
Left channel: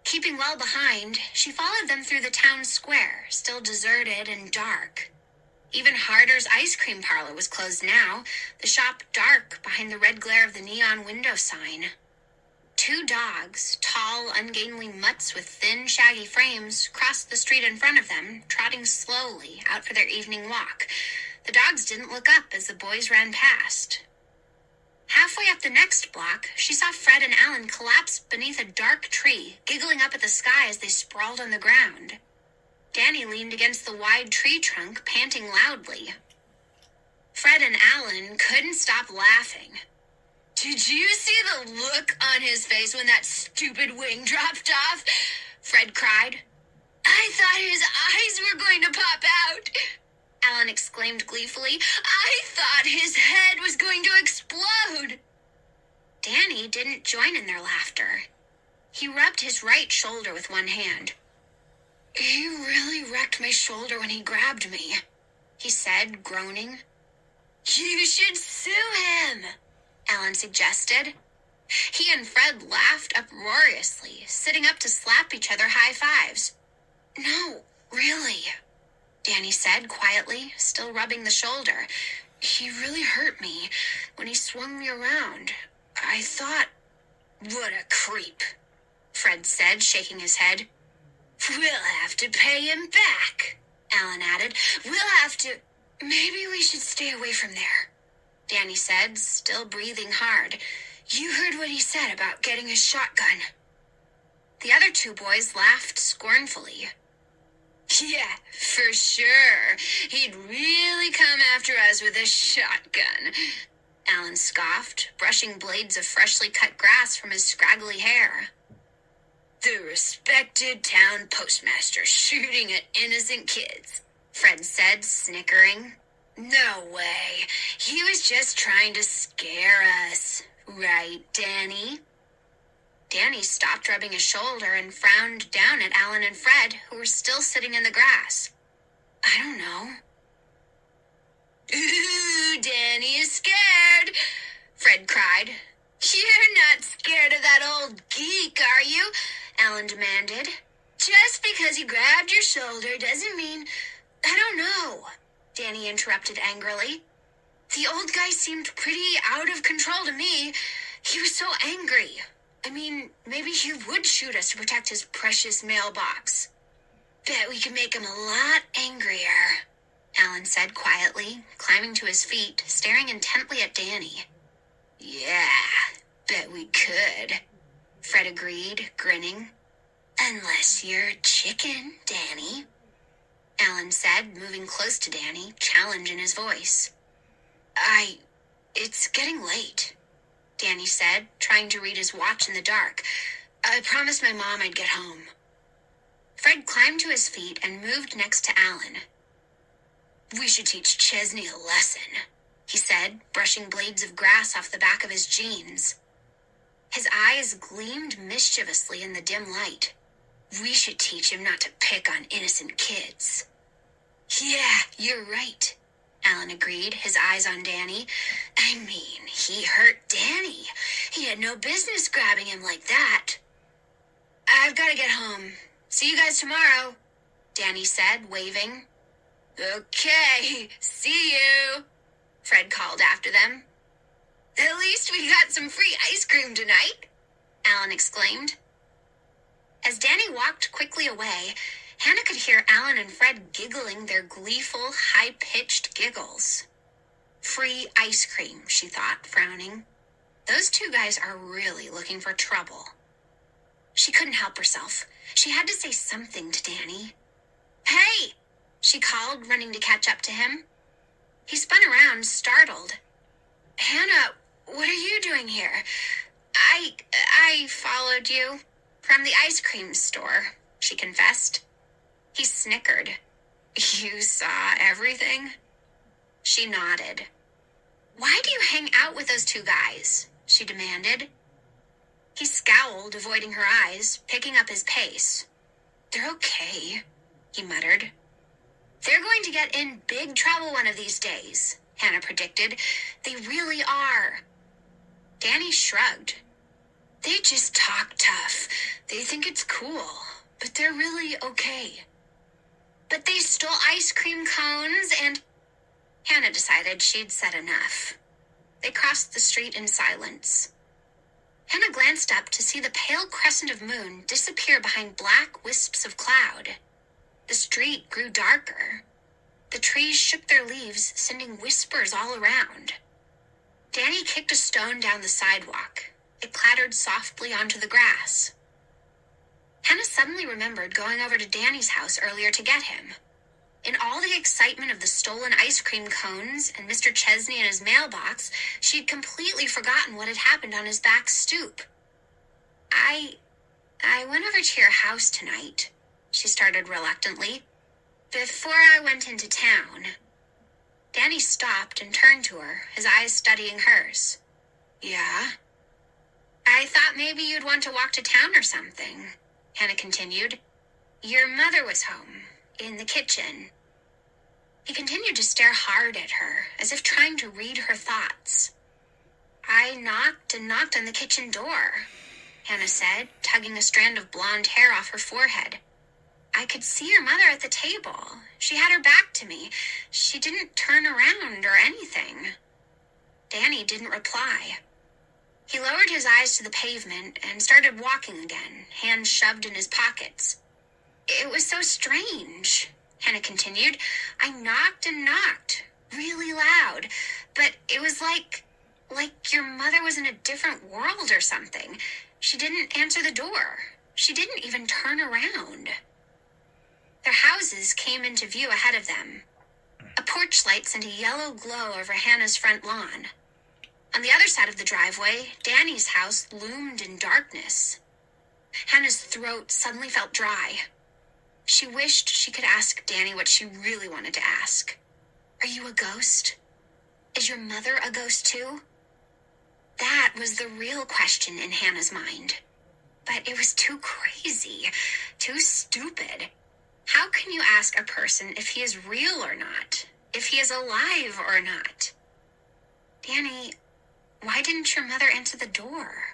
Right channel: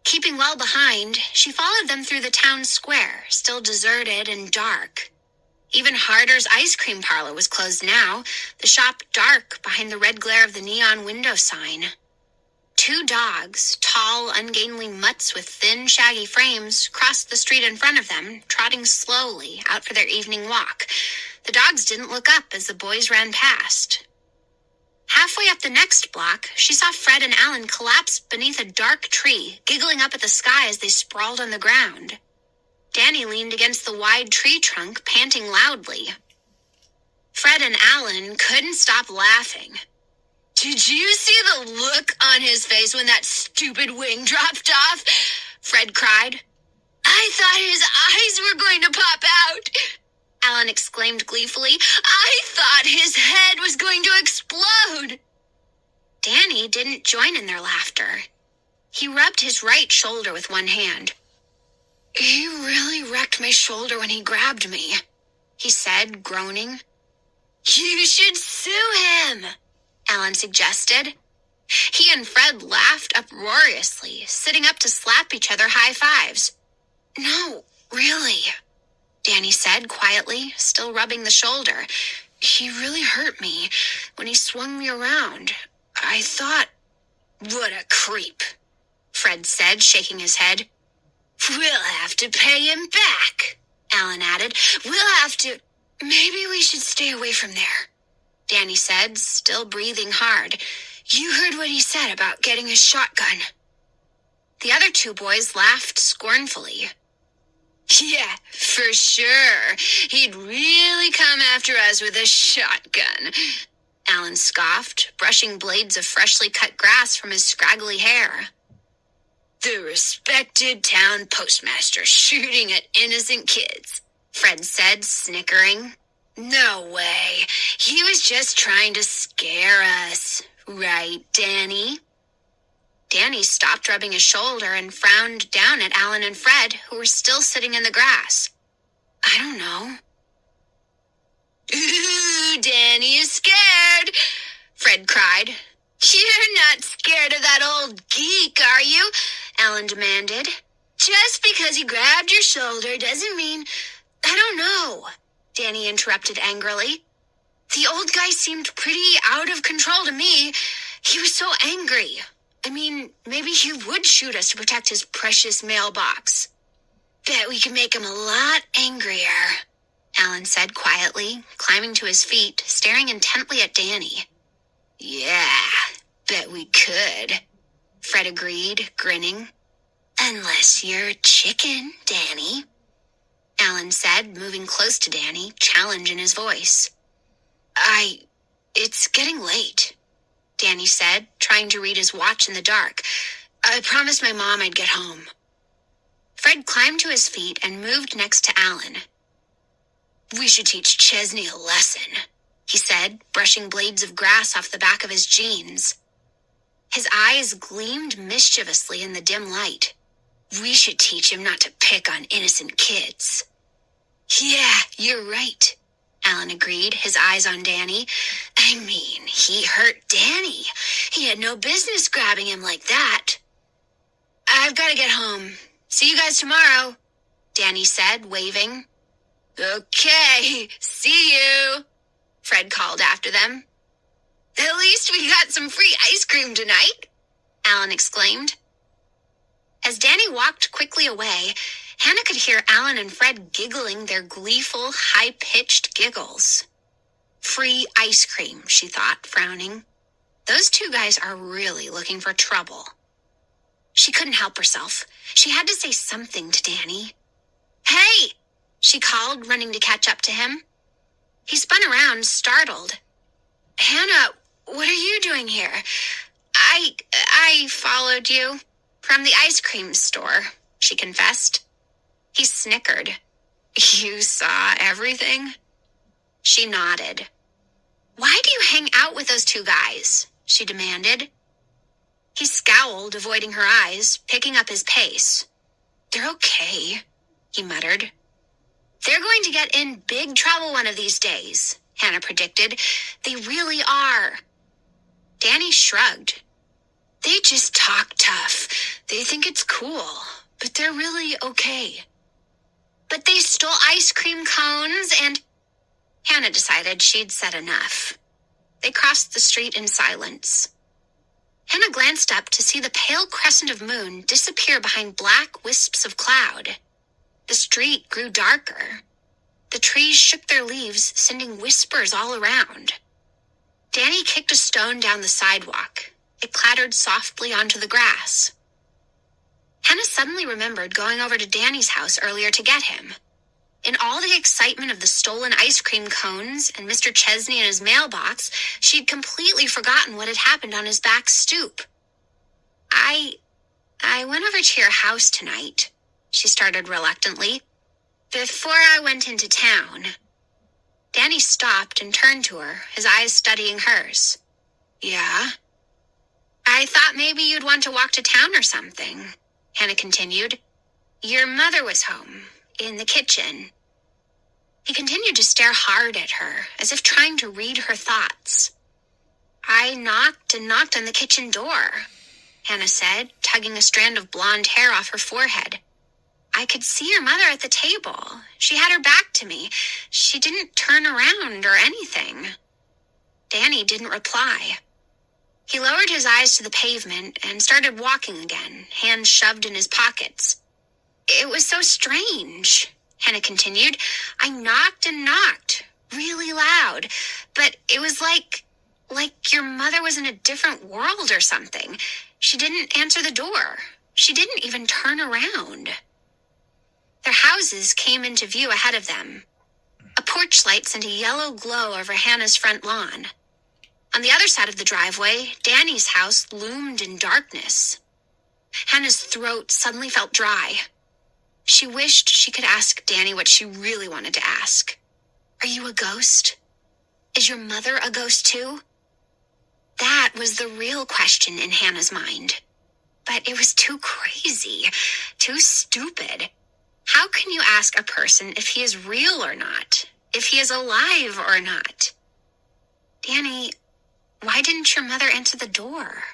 Keeping well behind, she followed them through the town square, still deserted and dark. Even Harder's ice cream parlor was closed now, the shop dark behind the red glare of the neon window sign. 2 dogs, tall, ungainly mutts with thin, shaggy frames, crossed the street in front of them, trotting slowly out for their evening walk. The dogs didn't look up as the boys ran past. Halfway up the next block, she saw Fred and Alan collapse beneath a dark tree, giggling up at the sky as they sprawled on the ground. Danny leaned against the wide tree trunk, panting loudly. Fred and Alan couldn't stop laughing. "Did you see the look on his face when that stupid wing dropped off?" Fred cried. "I thought his eyes were going to pop out," Alan exclaimed gleefully. "I thought his head was going to explode." Danny didn't join in their laughter. He rubbed his right shoulder with one hand. "He really wrecked my shoulder when he grabbed me," he said, groaning. "You should sue him," Alan suggested. He and Fred laughed uproariously, sitting up to slap each other high fives. "No, really," Danny said quietly, still rubbing the shoulder. "He really hurt me when he swung me around. I thought..." "What a creep," Fred said, shaking his head. "We'll have to pay him back," Alan added. "We'll have to..." "Maybe we should stay away from there," Danny said, still breathing hard. "You heard what he said about getting a shotgun." The other 2 boys laughed scornfully. "Yeah, for sure. He'd really come after us with a shotgun," Alan scoffed, brushing blades of freshly cut grass from his scraggly hair. "The respected town postmaster shooting at innocent kids," Fred said, snickering. "No way. He was just trying to scare us. Right, Danny?" Danny stopped rubbing his shoulder and frowned down at Alan and Fred, who were still sitting in the grass. "I don't know." "Ooh, Danny is scared," Fred cried. "You're not scared of that old geek, are you?" Alan demanded. "Just because he grabbed your shoulder doesn't mean..." "I don't know," Danny interrupted angrily. "The old guy seemed pretty out of control to me. He was so angry. I mean, maybe he would shoot us to protect his precious mailbox." "Bet we can make him a lot angrier," Alan said quietly, climbing to his feet, staring intently at Danny. Yeah, bet we could, Fred agreed, grinning. Unless you're chicken, Danny, Alan said, moving close to Danny, challenge in his voice. It's getting late, Danny said, trying to read his watch in the dark. I promised my mom I'd get home. Fred climbed to his feet and moved next to Alan. We should teach Chesney a lesson, he said, brushing blades of grass off the back of his jeans. His eyes gleamed mischievously in the dim light. We should teach him not to pick on innocent kids. Yeah, you're right, Alan agreed, his eyes on Danny. I mean, he hurt Danny. He had no business grabbing him like that. I've got to get home. See you guys tomorrow, Danny said, waving. Okay, see you, Fred called after them. At least we got some free ice cream tonight, Alan exclaimed. As Danny walked quickly away, Hannah could hear Alan and Fred giggling their gleeful, high-pitched giggles. Free ice cream, she thought, frowning. Those two guys are really looking for trouble. She couldn't help herself. She had to say something to Danny. Hey, she called, running to catch up to him. He spun around, startled. Hannah, what are you doing here? I followed you. From the ice cream store, she confessed. He snickered. You saw everything? She nodded. Why do you hang out with those two guys? She demanded. He scowled, avoiding her eyes, picking up his pace. They're okay, he muttered. They're going to get in big trouble one of these days, Hannah predicted. They really are. Danny shrugged. They just talk tough. They think it's cool, but they're really okay. But they stole ice cream cones and... Hannah decided she'd said enough. They crossed the street in silence. Hannah glanced up to see the pale crescent of moon disappear behind black wisps of cloud. The street grew darker. The trees shook their leaves, sending whispers all around. Danny kicked a stone down the sidewalk. It clattered softly onto the grass. Hannah suddenly remembered going over to Danny's house earlier to get him. In all the excitement of the stolen ice cream cones and Mr. Chesney and his mailbox, she'd completely forgotten what had happened on his back stoop. I went over to your house tonight, she started reluctantly, before I went into town. Danny stopped and turned to her, his eyes studying hers. Yeah? I thought maybe you'd want to walk to town or something, Hannah continued. Your mother was home, in the kitchen. He continued to stare hard at her, as if trying to read her thoughts. I knocked and knocked on the kitchen door, Hannah said, tugging a strand of blonde hair off her forehead. I could see your mother at the table. She had her back to me. She didn't turn around or anything. Danny didn't reply. He lowered his eyes to the pavement and started walking again, hands shoved in his pockets. It was so strange, Hannah continued. I knocked and knocked, really loud, but it was like your mother was in a different world or something. She didn't answer the door. She didn't even turn around. Their houses came into view ahead of them. A porch light sent a yellow glow over Hannah's front lawn. On the other side of the driveway, Danny's house loomed in darkness. Hannah's throat suddenly felt dry. She wished she could ask Danny what she really wanted to ask. Are you a ghost? Is your mother a ghost too? That was the real question in Hannah's mind. But it was too crazy, too stupid. How can you ask a person if he is real or not? If he is alive or not? Danny, why didn't your mother answer the door?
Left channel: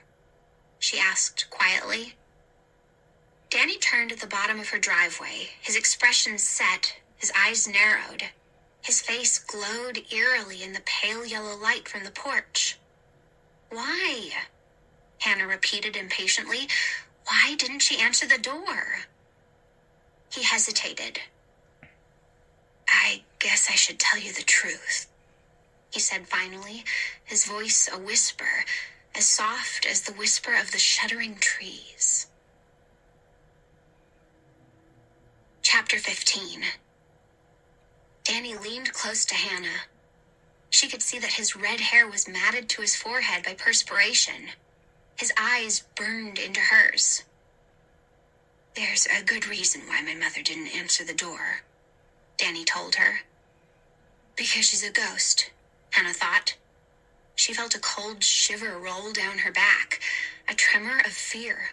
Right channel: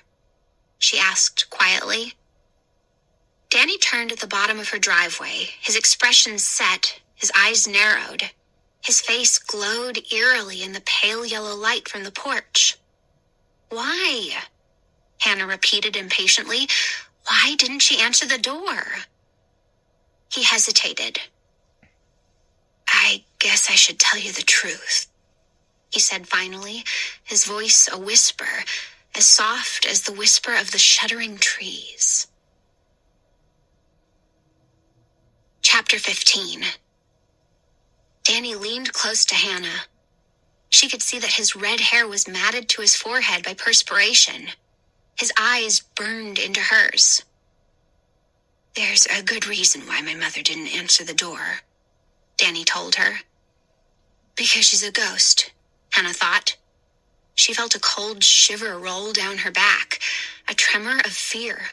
She asked quietly. Danny turned at the bottom of her driveway, his expression set, his eyes narrowed. His face glowed eerily in the pale yellow light from the porch. Why? Hannah repeated impatiently. Why didn't she answer the door? He hesitated. I guess I should tell you the truth. he said finally, his voice a whisper, as soft as the whisper of the shuddering trees. Chapter 15. Danny leaned close to Hannah. She could see that his red hair was matted to his forehead by perspiration. His eyes burned into hers. "There's a good reason why my mother didn't answer the door," Danny told her. "Because she's a ghost," Hannah thought. She felt a cold shiver roll down her back, a tremor of fear.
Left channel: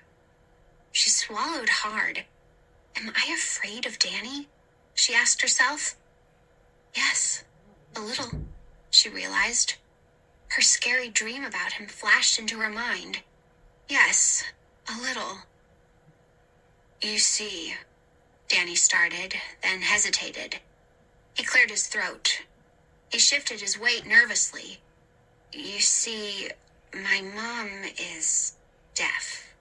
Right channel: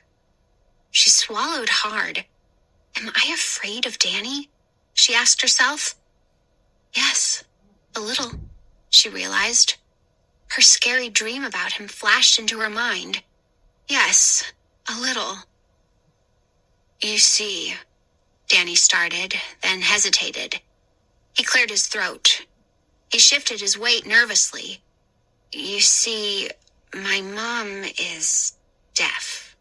She swallowed hard. "Am I afraid of Danny?" she asked herself. Yes, a little, she realized. Her scary dream about him flashed into her mind. Yes, a little. "You see," Danny started, then hesitated. He cleared his throat. He shifted his weight nervously. "You see, my mom is deaf."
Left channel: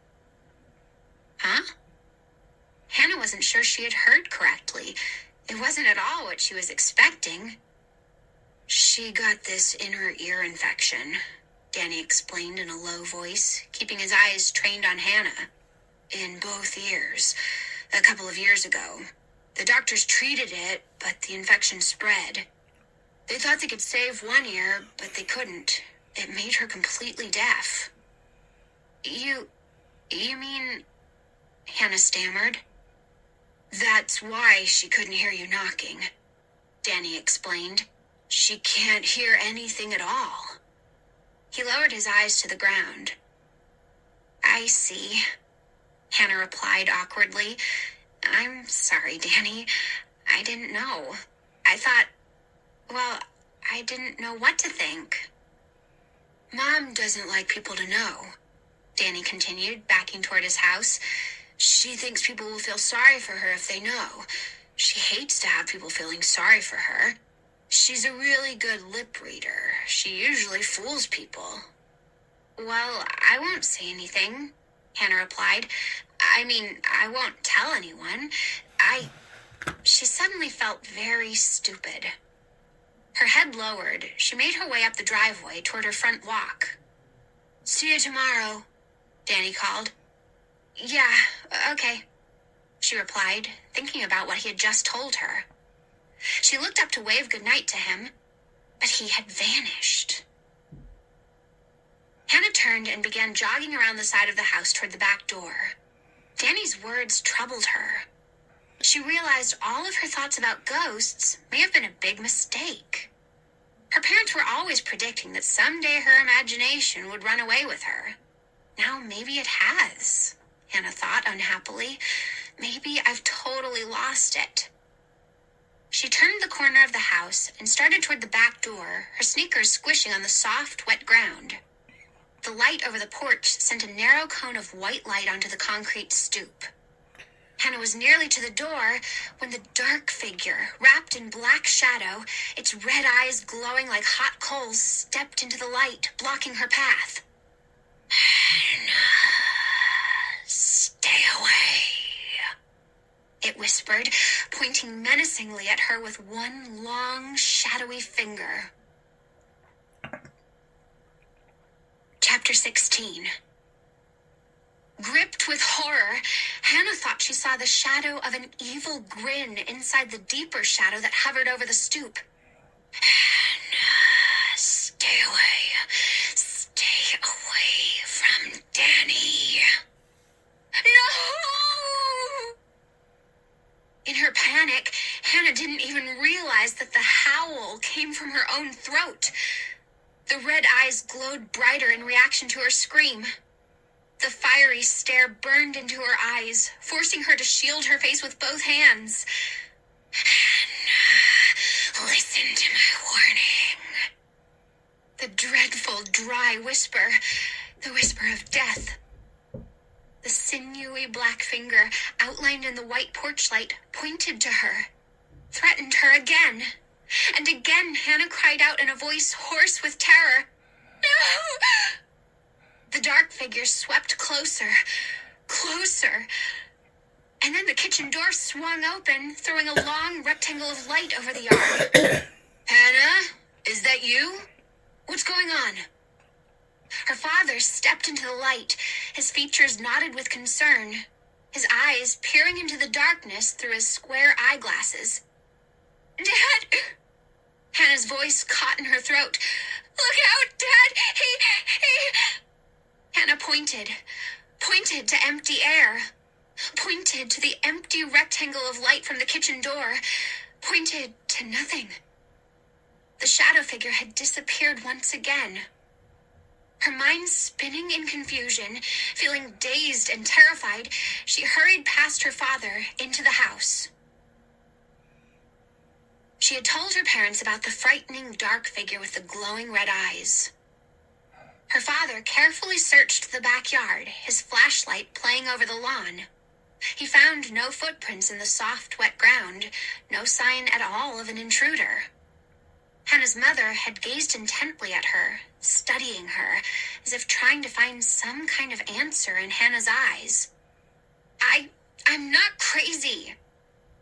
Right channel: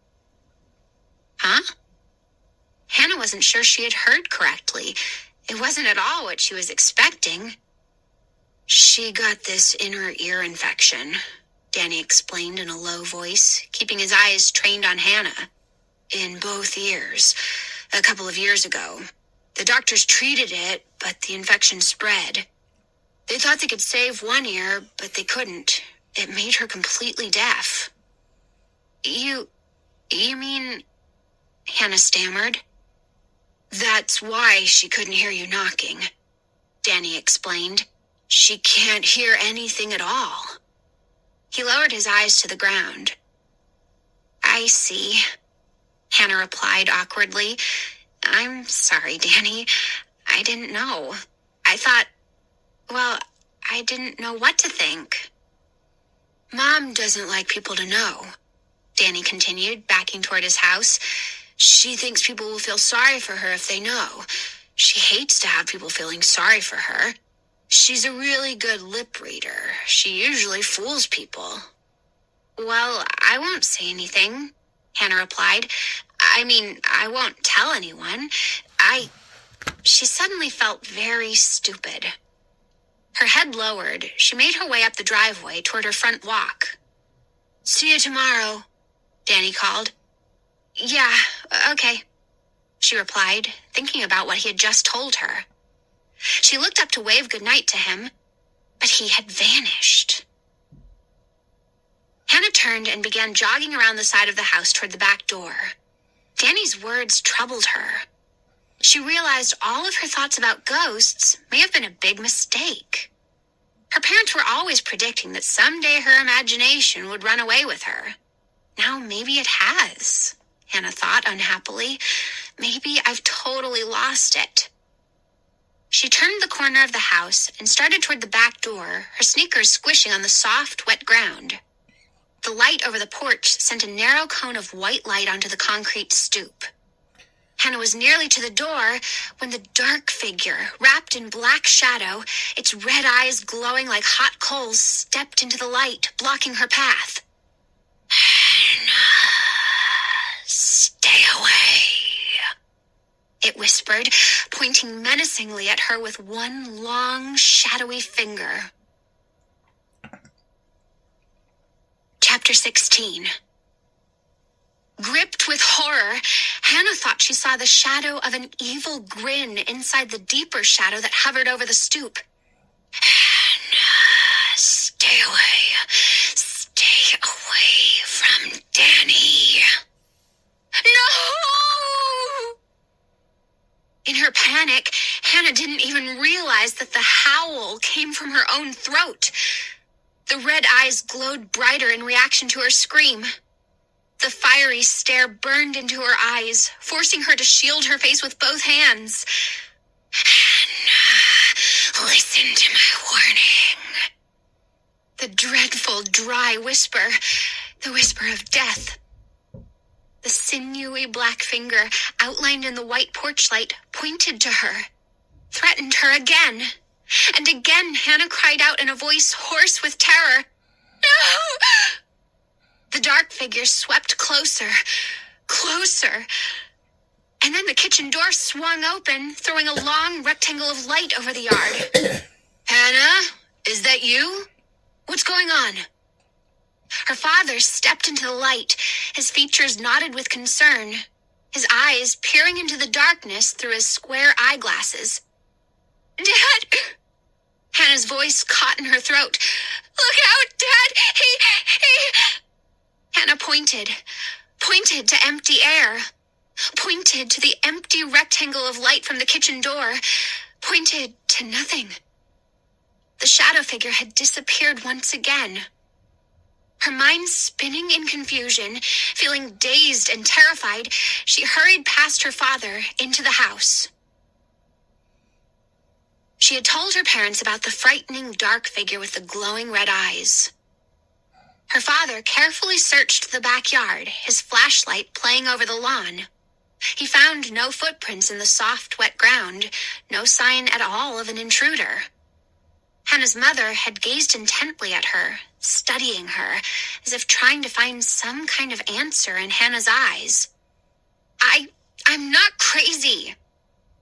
Huh? Hannah wasn't sure she had heard correctly. It wasn't at all what she was expecting. "She got this inner ear infection," Danny explained in a low voice, keeping his eyes trained on Hannah. "In both ears, a couple of years ago. The doctors treated it, but the infection spread. They thought they could save one ear, but they couldn't. It made her completely deaf." You mean," Hannah stammered. "That's why she couldn't hear you knocking," Danny explained. "She can't hear anything at all." He lowered his eyes to the ground. "I see," Hannah replied awkwardly. "I'm sorry, Danny. I didn't know. I thought, well, I didn't know what to think." "Mom doesn't like people to know," Danny continued, backing toward his house. "She thinks people will feel sorry for her if they know. She hates to have people feeling sorry for her. She's a really good lip reader. She usually fools people." "Well, I won't say anything," Hannah replied. I won't tell anyone. She suddenly felt very stupid. Her head lowered, she made her way up the driveway toward her front walk. "See you tomorrow," Danny called. "Yeah, okay," she replied, thinking about what he had just told her. She looked up to wave goodnight to him, but he had vanished. Hannah turned and began jogging around the side of the house toward the back door. Danny's words troubled her. She realized all of her thoughts about ghosts may have been a big mistake. Her parents were always predicting that someday her imagination would run away with her. Now maybe it has, Hannah thought unhappily. Maybe I've totally lost it. She turned the corner of the house and started toward the back door, her sneakers squishing on the soft, wet ground. The light over the porch sent a narrow cone of white light onto the concrete stoop. Hannah was nearly to the door when the dark figure, wrapped in black shadow, its red eyes glowing like hot coals, stepped into the light, blocking her path. "Hannah, stay away," it whispered, pointing menacingly at her with one long, shadowy finger. Chapter 16. Gripped with horror, Hannah thought she saw the shadow of an evil grin inside the deeper shadow that hovered over the stoop. "Hannah, stay away. Stay away from Danny." "No!" In her panic, Hannah didn't even realize that the howl came from her own throat. The red eyes glowed brighter in reaction to her scream. The fiery stare burned into her eyes, forcing her to shield her face with both hands. "Hannah, listen to my warning." The dreadful, dry whisper, the whisper of death. The sinewy black finger, outlined in the white porch light, pointed to her, threatened her again. And again Hannah cried out in a voice hoarse with terror, "No!" The dark figure swept closer, closer. And then the kitchen door swung open, throwing a long rectangle of light over the yard. "Hannah, Is that you? What's going on? Her father stepped into the light, his features knotted with concern, his eyes peering into the darkness through his square eyeglasses. Dad! Hannah's voice caught in her throat. Look out, Dad! He... Hannah pointed to empty air, pointed to the empty rectangle of light from the kitchen door, pointed to nothing. The shadow figure had disappeared once again. Her mind spinning in confusion, feeling dazed and terrified, she hurried past her father into the house. She had told her parents about the frightening dark figure with the glowing red eyes. Her father carefully searched the backyard, his flashlight playing over the lawn. He found no footprints in the soft, wet ground, no sign at all of an intruder. Hannah's mother had gazed intently at her, studying her, as if trying to find some kind of answer in Hannah's eyes. I'm not crazy,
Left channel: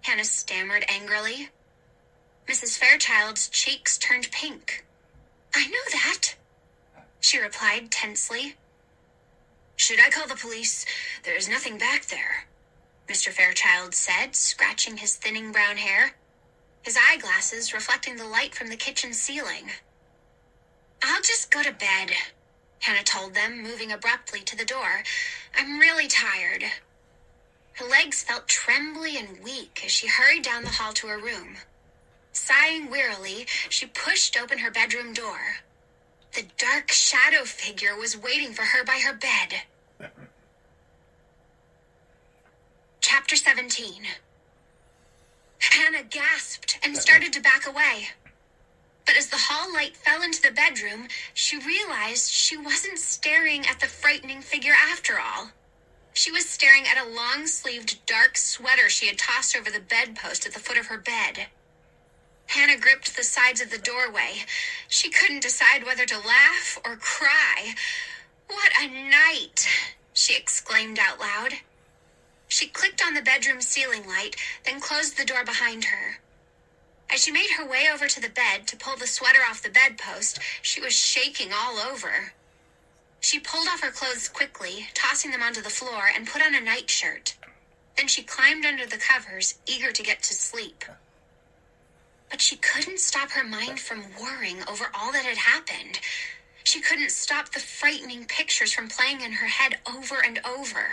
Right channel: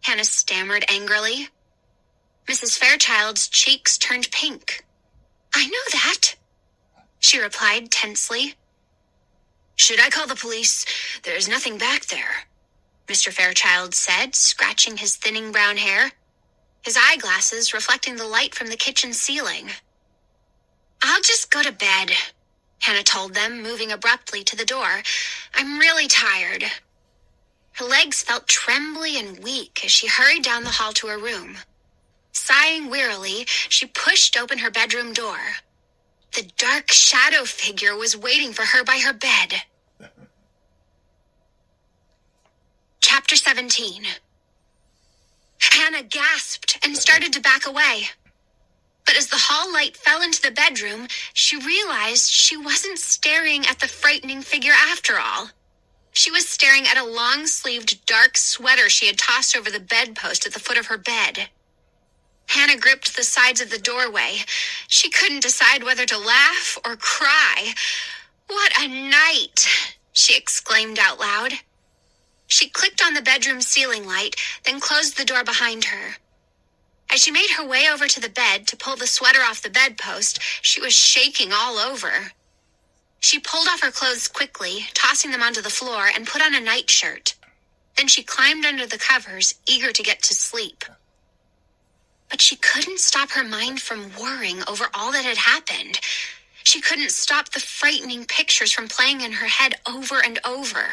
Hannah stammered angrily. Mrs. Fairchild's cheeks turned pink. I know that, she replied tensely. Should I call the police? There is nothing back there, Mr. Fairchild said, scratching his thinning brown hair, his eyeglasses reflecting the light from the kitchen ceiling. I'll just go to bed, Hannah told them, moving abruptly to the door. I'm really tired. Her legs felt trembly and weak as she hurried down the hall to her room. Sighing wearily, she pushed open her bedroom door. The dark shadow figure was waiting for her by her bed. Chapter 17. Hannah gasped and started to back away. But as the hall light fell into the bedroom, she realized she wasn't staring at the frightening figure after all. She was staring at a long-sleeved dark sweater she had tossed over the bedpost at the foot of her bed. Hannah gripped the sides of the doorway. She couldn't decide whether to laugh or cry. What a night, she exclaimed out loud. She clicked on the bedroom ceiling light, then closed the door behind her. As she made her way over to the bed to pull the sweater off the bedpost, she was shaking all over. She pulled off her clothes quickly, tossing them onto the floor, and put on a nightshirt. Then she climbed under the covers, eager to get to sleep. But she couldn't stop her mind from worrying over all that had happened. She couldn't stop the frightening pictures from playing in her head over and over.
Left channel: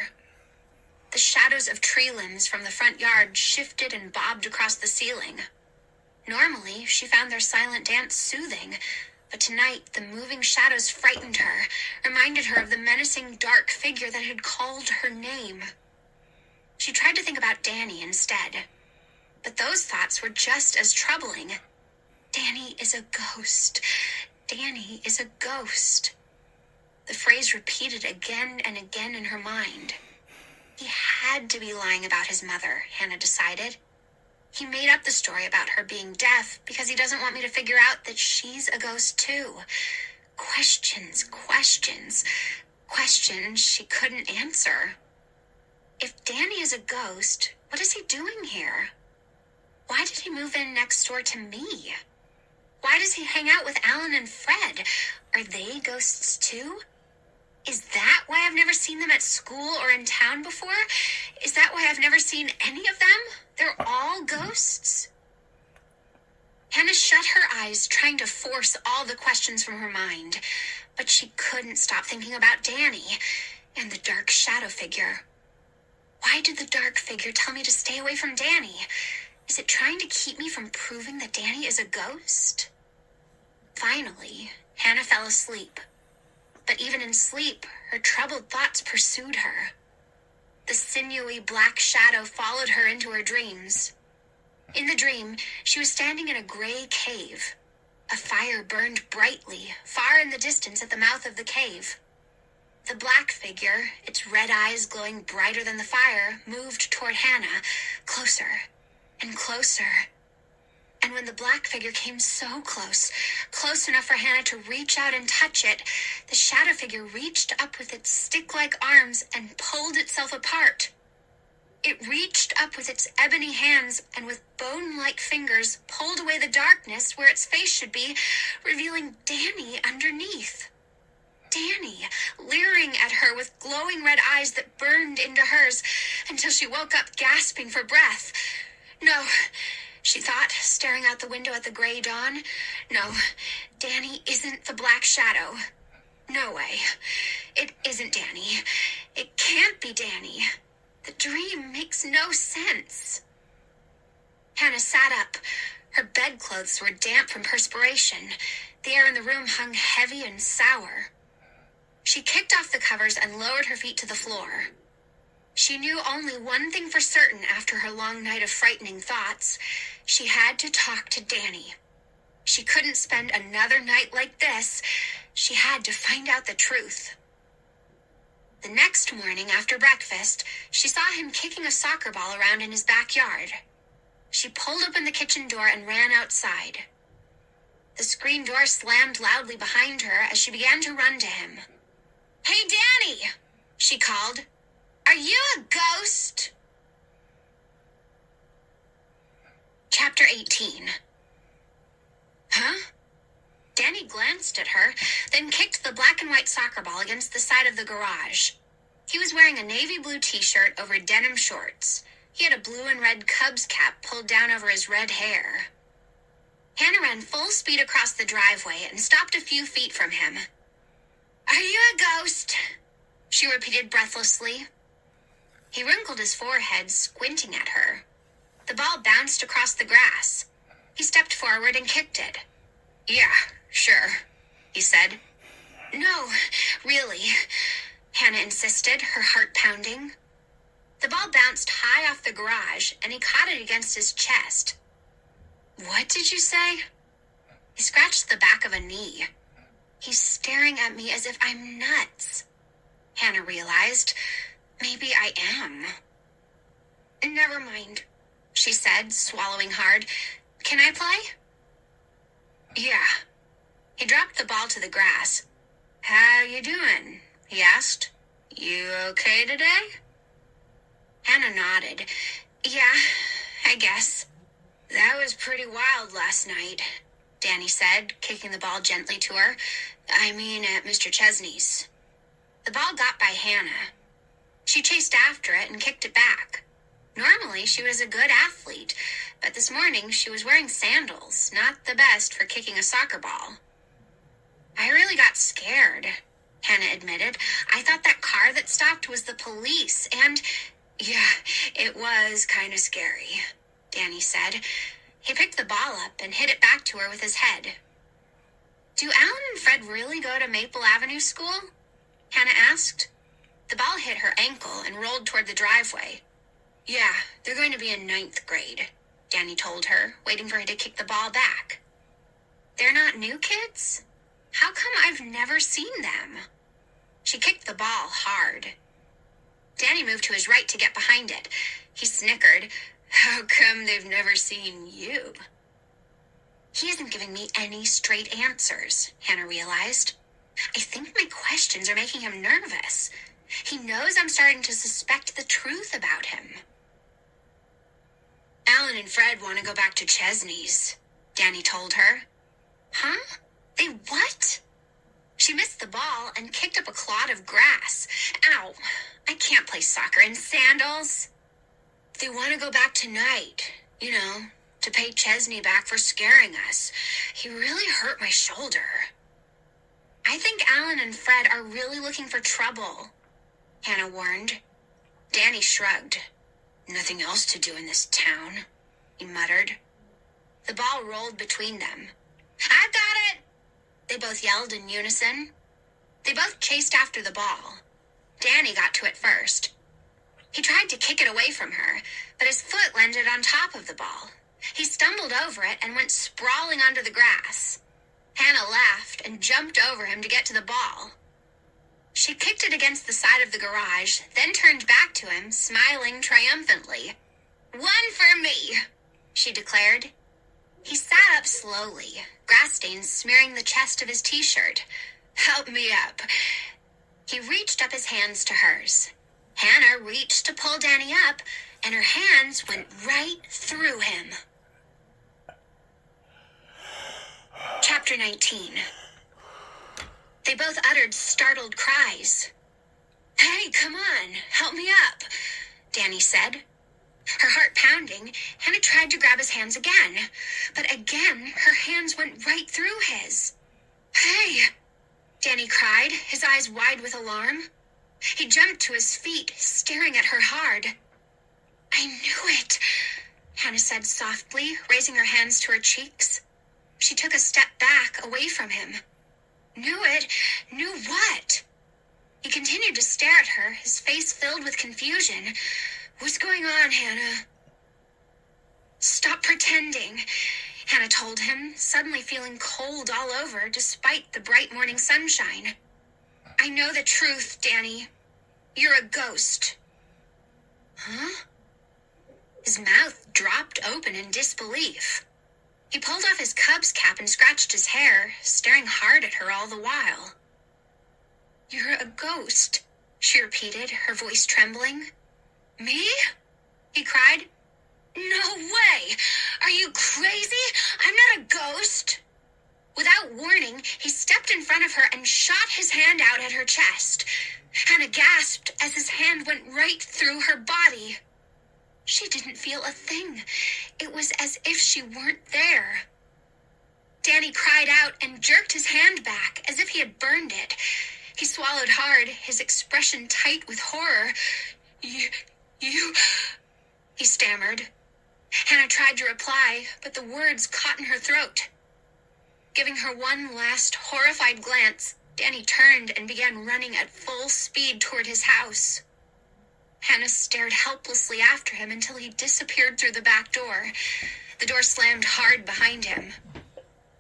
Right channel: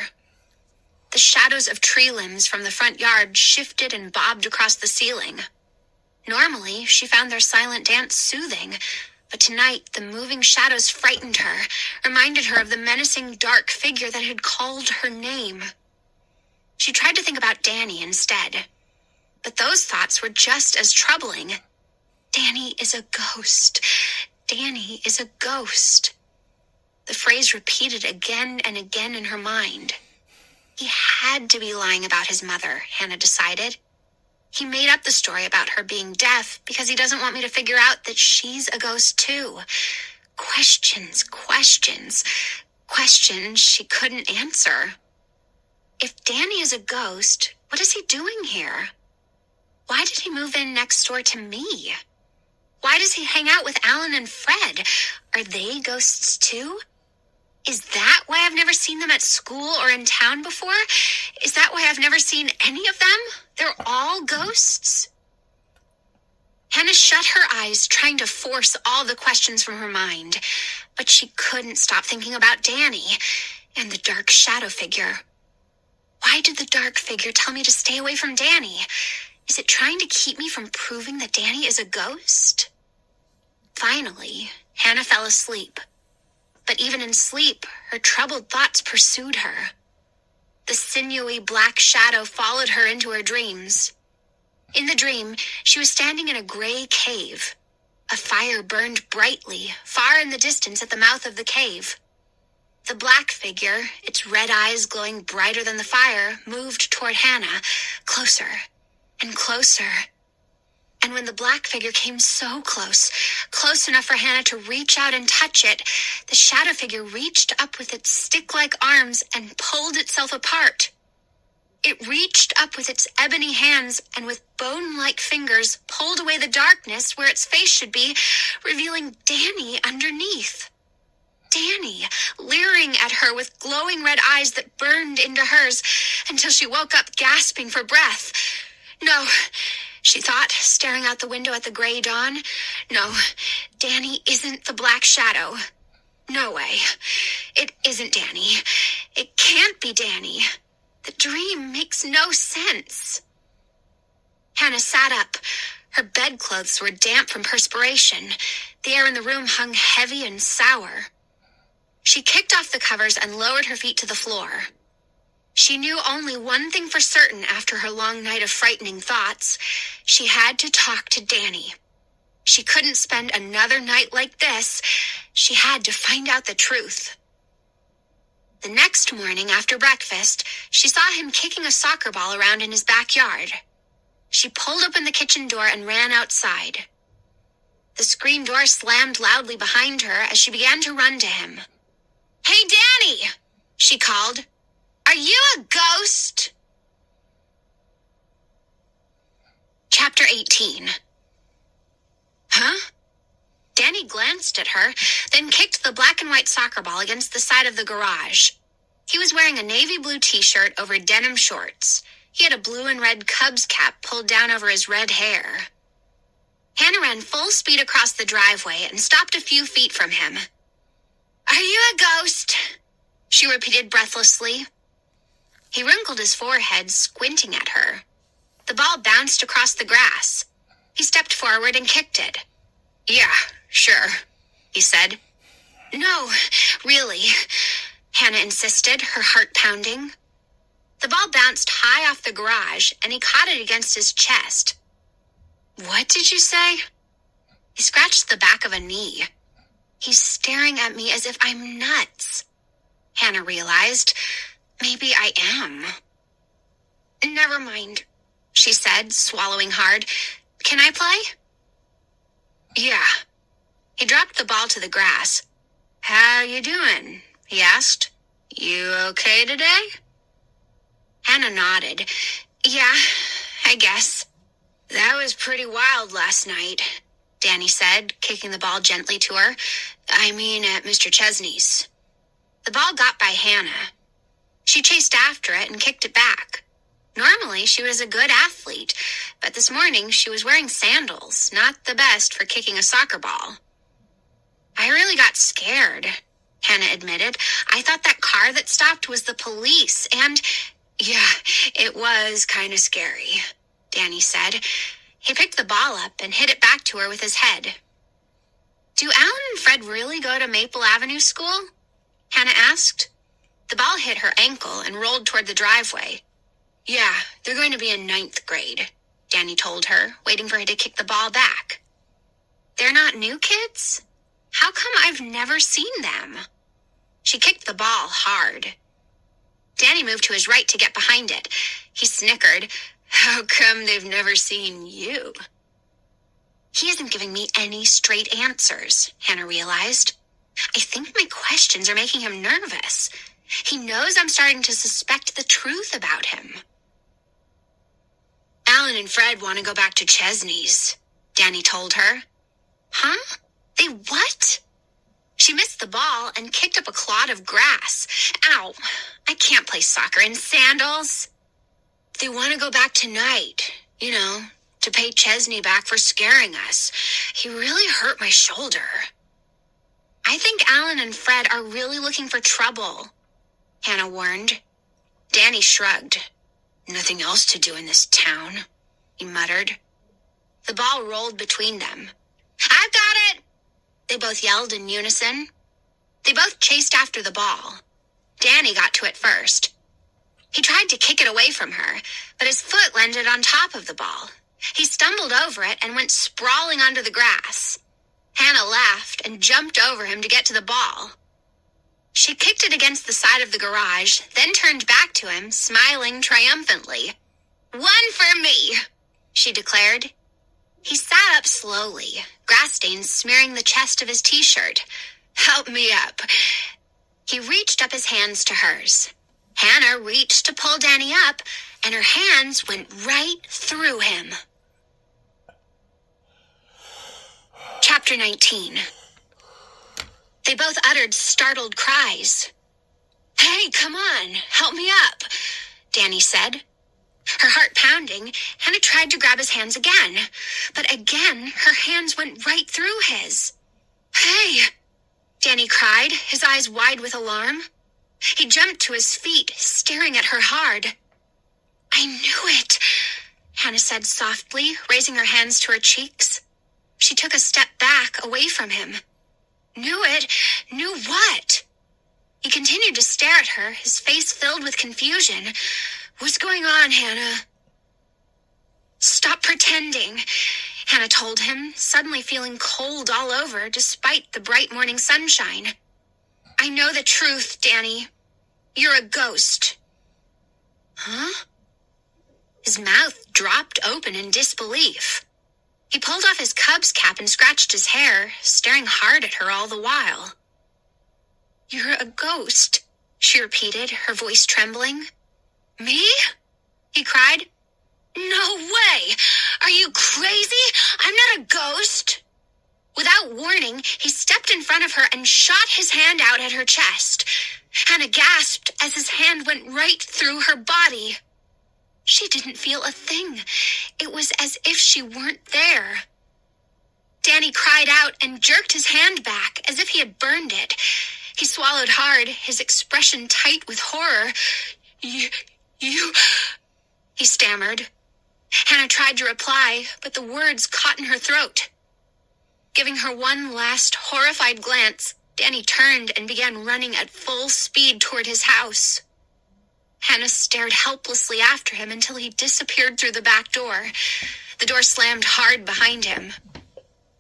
The shadows of tree limbs from the front yard shifted and bobbed across the ceiling. Normally, she found their silent dance soothing, but tonight the moving shadows frightened her, reminded her of the menacing dark figure that had called her name. She tried to think about Danny instead, but those thoughts were just as troubling. Danny is a ghost. Danny is a ghost. The phrase repeated again and again in her mind. He had to be lying about his mother, Hannah decided. He made up the story about her being deaf because he doesn't want me to figure out that she's a ghost too. Questions she couldn't answer. If Danny is a ghost, what is he doing here? Why did he move in next door to me? Why does he hang out with Alan and Fred? Are they ghosts too? Is that why I've never seen them at school or in town before? Is that why I've never seen any of them? They're all ghosts? Hannah shut her eyes, trying to force all the questions from her mind. But she couldn't stop thinking about Danny and the dark shadow figure. Why did the dark figure tell me to stay away from Danny? Is it trying to keep me from proving that Danny is a ghost? Finally, Hannah fell asleep. But even in sleep, her troubled thoughts pursued her. The sinewy black shadow followed her into her dreams. In the dream, she was standing in a gray cave. A fire burned brightly, far in the distance at the mouth of the cave. The black figure, its red eyes glowing brighter than the fire, moved toward Hannah, closer and closer. And when the black figure came so close, close enough for Hannah to reach out and touch it, the shadow figure reached up with its stick-like arms and pulled itself apart. It reached up with its ebony hands and with bone-like fingers pulled away the darkness where its face should be, revealing Danny underneath. Danny, leering at her with glowing red eyes that burned into hers until she woke up gasping for breath. No, she thought, staring out the window at the gray dawn. No, Danny isn't the Black Shadow. No way. It isn't Danny. It can't be Danny. The dream makes no sense. Hannah sat up. Her bedclothes were damp from perspiration. The air in the room hung heavy and sour. She kicked off the covers and lowered her feet to the floor. She knew only one thing for certain after her long night of frightening thoughts. She had to talk to Danny. She couldn't spend another night like this. She had to find out the truth. The next morning after breakfast, she saw him kicking a soccer ball around in his backyard. She pulled open the kitchen door and ran outside. The screen door slammed loudly behind her as she began to run to him. "Hey, Danny!" she called. "Are you a ghost?" Chapter 18. Huh? Danny glanced at her, then kicked the black and white soccer ball against the side of the garage. He was wearing a navy blue t-shirt over denim shorts. He had a blue and red Cubs cap pulled down over his red hair. Hannah ran full speed across the driveway and stopped a few feet from him. "Are you a ghost?" she repeated breathlessly. He wrinkled his forehead, squinting at her. The ball bounced across the grass. He stepped forward and kicked it. "Yeah, sure," he said. "No, really," Hannah insisted, her heart pounding. The ball bounced high off the garage, and he caught it against his chest. "What did you say?" He scratched the back of a knee. "He's staring at me as if I'm nuts." Hannah realized. Maybe I am. "Never mind," she said, swallowing hard. "Can I play?" "Yeah." He dropped the ball to the grass. "How you doing?" he asked. "You okay today?" Hannah nodded. "Yeah, I guess." "That was pretty wild last night," Danny said, kicking the ball gently to her. "I mean, at Mr. Chesney's." The ball got by Hannah. She chased after it and kicked it back. Normally, she was a good athlete, but this morning she was wearing sandals, not the best for kicking a soccer ball. "I really got scared," Hannah admitted. "I thought that car that stopped was the police, and..." "Yeah, it was kind of scary," Danny said. He picked the ball up and hit it back to her with his head. "Do Alan and Fred really go to Maple Avenue School?" Hannah asked. The ball hit her ankle and rolled toward the driveway. "Yeah, they're going to be in 9th grade, Danny told her, waiting for her to kick the ball back. "They're not new kids? How come I've never seen them?" She kicked the ball hard. Danny moved to his right to get behind it. He snickered. "How come they've never seen you?" He isn't giving me any straight answers, Hannah realized. I think my questions are making him nervous. He knows I'm starting to suspect the truth about him. "Alan and Fred want to go back to Chesney's," Danny told her. "Huh? They what?" She missed the ball and kicked up a clod of grass. "Ow, I can't play soccer in sandals." "They want to go back tonight, to pay Chesney back for scaring us. He really hurt my shoulder." "I think Alan and Fred are really looking for trouble," Hannah warned. Danny shrugged. "Nothing else to do in this town," he muttered. The ball rolled between them. "I've got it!" They both yelled in unison. They both chased after the ball. Danny got to it first. He tried to kick it away from her, but his foot landed on top of the ball. He stumbled over it and went sprawling onto the grass. Hannah laughed and jumped over him to get to the ball. She kicked it against the side of the garage, then turned back to him, smiling triumphantly. "One for me," she declared. He sat up slowly, grass stains smearing the chest of his t-shirt. "Help me up." He reached up his hands to hers. Hannah reached to pull Danny up, and her hands went right through him. Chapter 19. They both uttered startled cries. "Hey, come on, help me up," Danny said. Her heart pounding, Hannah tried to grab his hands again, but again her hands went right through his. "Hey," Danny cried, his eyes wide with alarm. He jumped to his feet, staring at her hard. "I knew it," Hannah said softly, raising her hands to her cheeks. She took a step back, away from him. "Knew it? Knew what?" He continued to stare at her, his face filled with confusion. "What's going on, Hannah?" "Stop pretending," Hannah told him, suddenly feeling cold all over despite the bright morning sunshine. "I know the truth, Danny. You're a ghost." "Huh?" His mouth dropped open in disbelief. He pulled off his Cubs cap and scratched his hair, staring hard at her all the while. "You're a ghost," she repeated, her voice trembling. "Me?" he cried. "No way! Are you crazy? I'm not a ghost!" Without warning, he stepped in front of her and shot his hand out at her chest. Hannah gasped as his hand went right through her body. She didn't feel a thing. It was as if she weren't there. Danny cried out and jerked his hand back as if he had burned it. He swallowed hard, his expression tight with horror. You, he stammered. Hannah tried to reply, but the words caught in her throat. Giving her one last horrified glance, Danny turned and began running at full speed toward his house. Hannah stared helplessly after him until he disappeared through the back door. The door slammed hard behind him.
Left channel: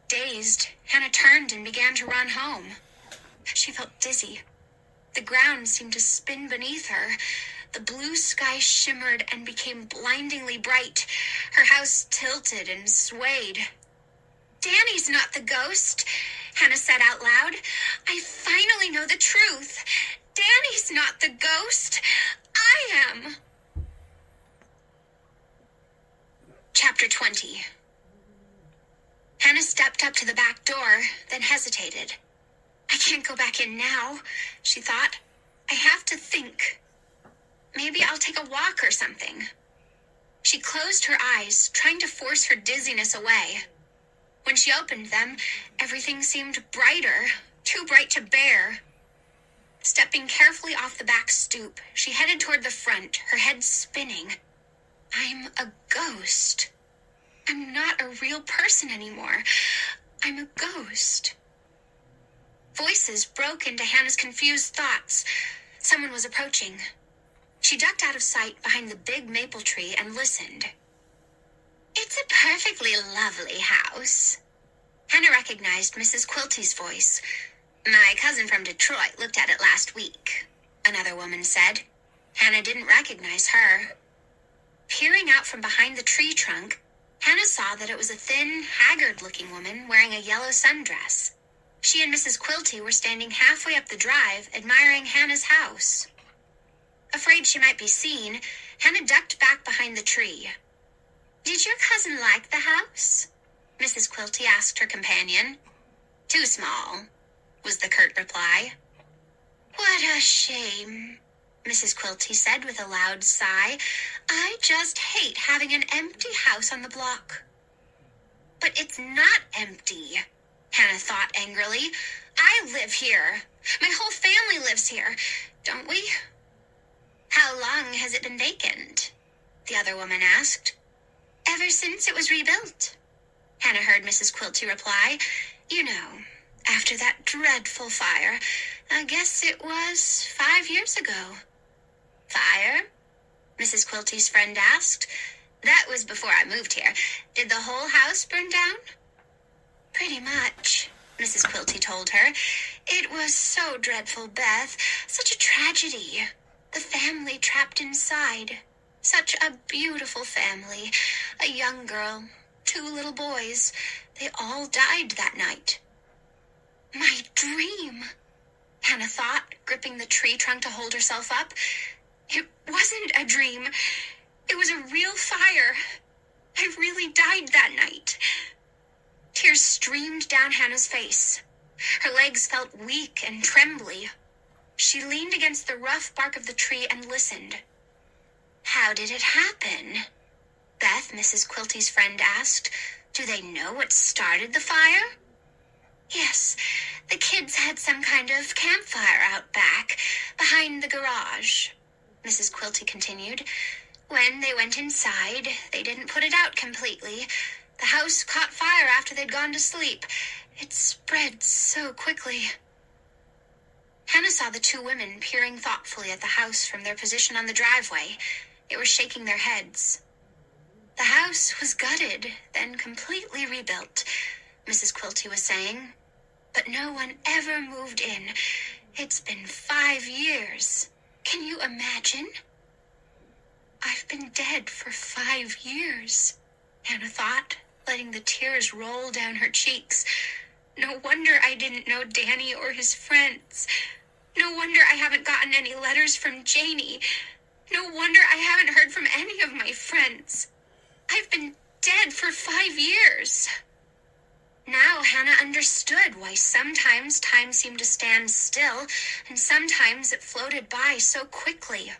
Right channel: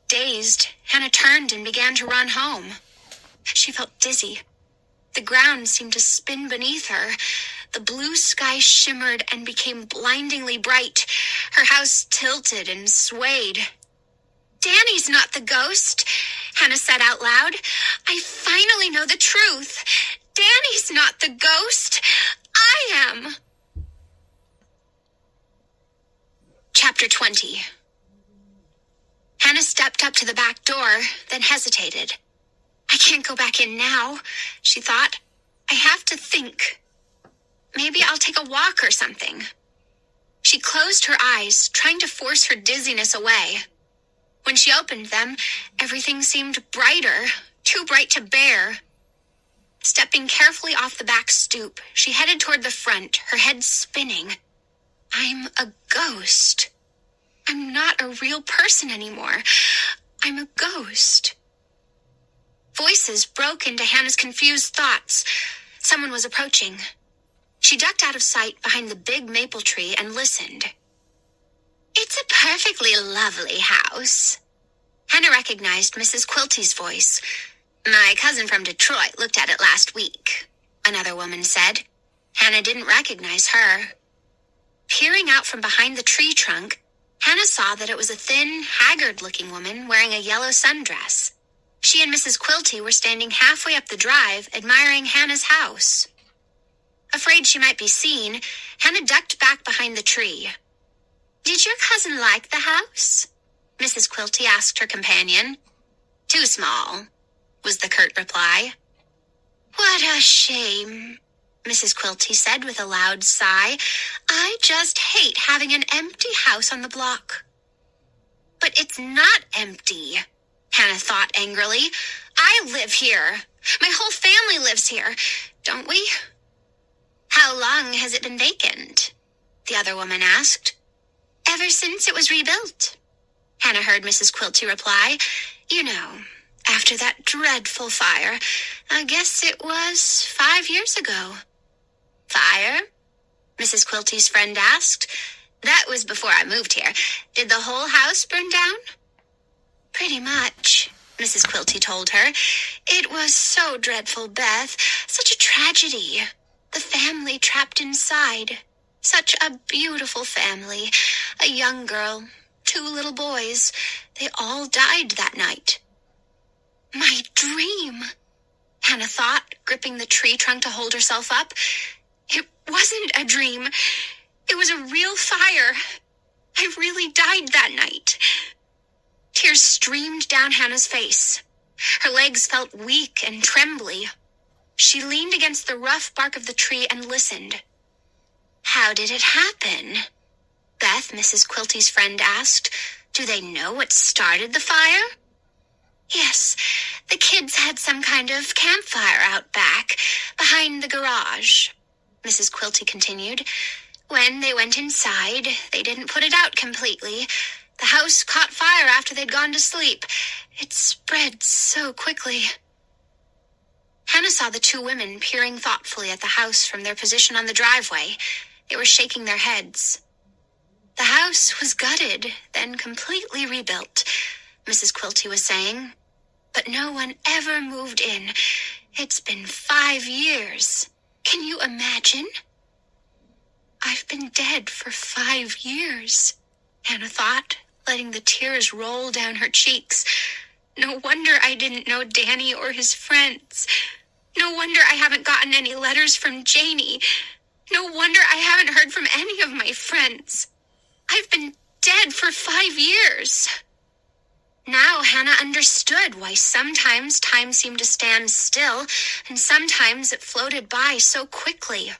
Dazed, Hannah turned and began to run home. She felt dizzy. The ground seemed to spin beneath her. The blue sky shimmered and became blindingly bright. Her house tilted and swayed. "Danny's not the ghost," Hannah said out loud. "I finally know the truth. Danny's not the ghost. I am." Chapter 20. Hannah stepped up to the back door, then hesitated. "I can't go back in now," she thought. "I have to think. Maybe I'll take a walk or something." She closed her eyes, trying to force her dizziness away. When she opened them, everything seemed brighter, too bright to bear. Stepping carefully off the back stoop, she headed toward the front, her head spinning. "I'm a ghost. I'm not a real person anymore. I'm a ghost." Voices broke into Hannah's confused thoughts. Someone was approaching. She ducked out of sight behind the big maple tree and listened. "It's a perfectly lovely house." Hannah recognized Mrs. Quilty's voice. "My cousin from Detroit looked at it last week," another woman said. Hannah didn't recognize her. Peering out from behind the tree trunk, Hannah saw that it was a thin, haggard-looking woman wearing a yellow sundress. She and Mrs. Quilty were standing halfway up the drive, admiring Hannah's house. Afraid she might be seen, Hannah ducked back behind the tree. "Did your cousin like the house?" Mrs. Quilty asked her companion. "Too small," was the curt reply. "What a shame," Mrs. Quilty said with a loud sigh. "I just hate having an empty house on the block." "But it's not empty," Hannah thought angrily. "I live here. My whole family lives here, don't we?" "How long has it been vacant?" the other woman asked. "Ever since it was rebuilt," Hannah heard Mrs. Quilty reply. "You know, after that dreadful fire. I guess it was 5 years ago." "Fire?" Mrs. Quilty's friend asked. "That was before I moved here. Did the whole house burn down?" "Pretty much," Mrs. Quilty told her. "It was so dreadful, Beth. Such a tragedy. The family trapped inside. Such a beautiful family. A young girl, 2 little boys. They all died that night." "My dream," Hannah thought, gripping the tree trunk to hold herself up. "It wasn't a dream. It was a real fire. I really died that night. Tears streamed down Hannah's face. Her legs felt weak and trembly. She leaned against the rough bark of the tree and listened. How did it happen? Beth, Mrs. Quilty's friend, asked. Do they know what started the fire? Yes, the kids had some kind of campfire out back, behind the garage, Mrs. Quilty continued. When they went inside, they didn't put it out completely. The house caught fire after they'd gone to sleep. It spread so quickly. Hannah saw the two women peering thoughtfully at the house from their position on the driveway. They were shaking their heads. The house was gutted, then completely rebuilt, Mrs. Quilty was saying. But no one ever moved in. It's been 5 years. Can you imagine? I've been dead for 5 years, Hannah thought, letting the tears roll down her cheeks. No wonder I didn't know Danny or his friends. No wonder I haven't gotten any letters from Janie. No wonder I haven't heard from any of my friends. I've been dead for 5 years. Now Hannah understood why sometimes time seemed to stand still, and sometimes it floated by so quickly.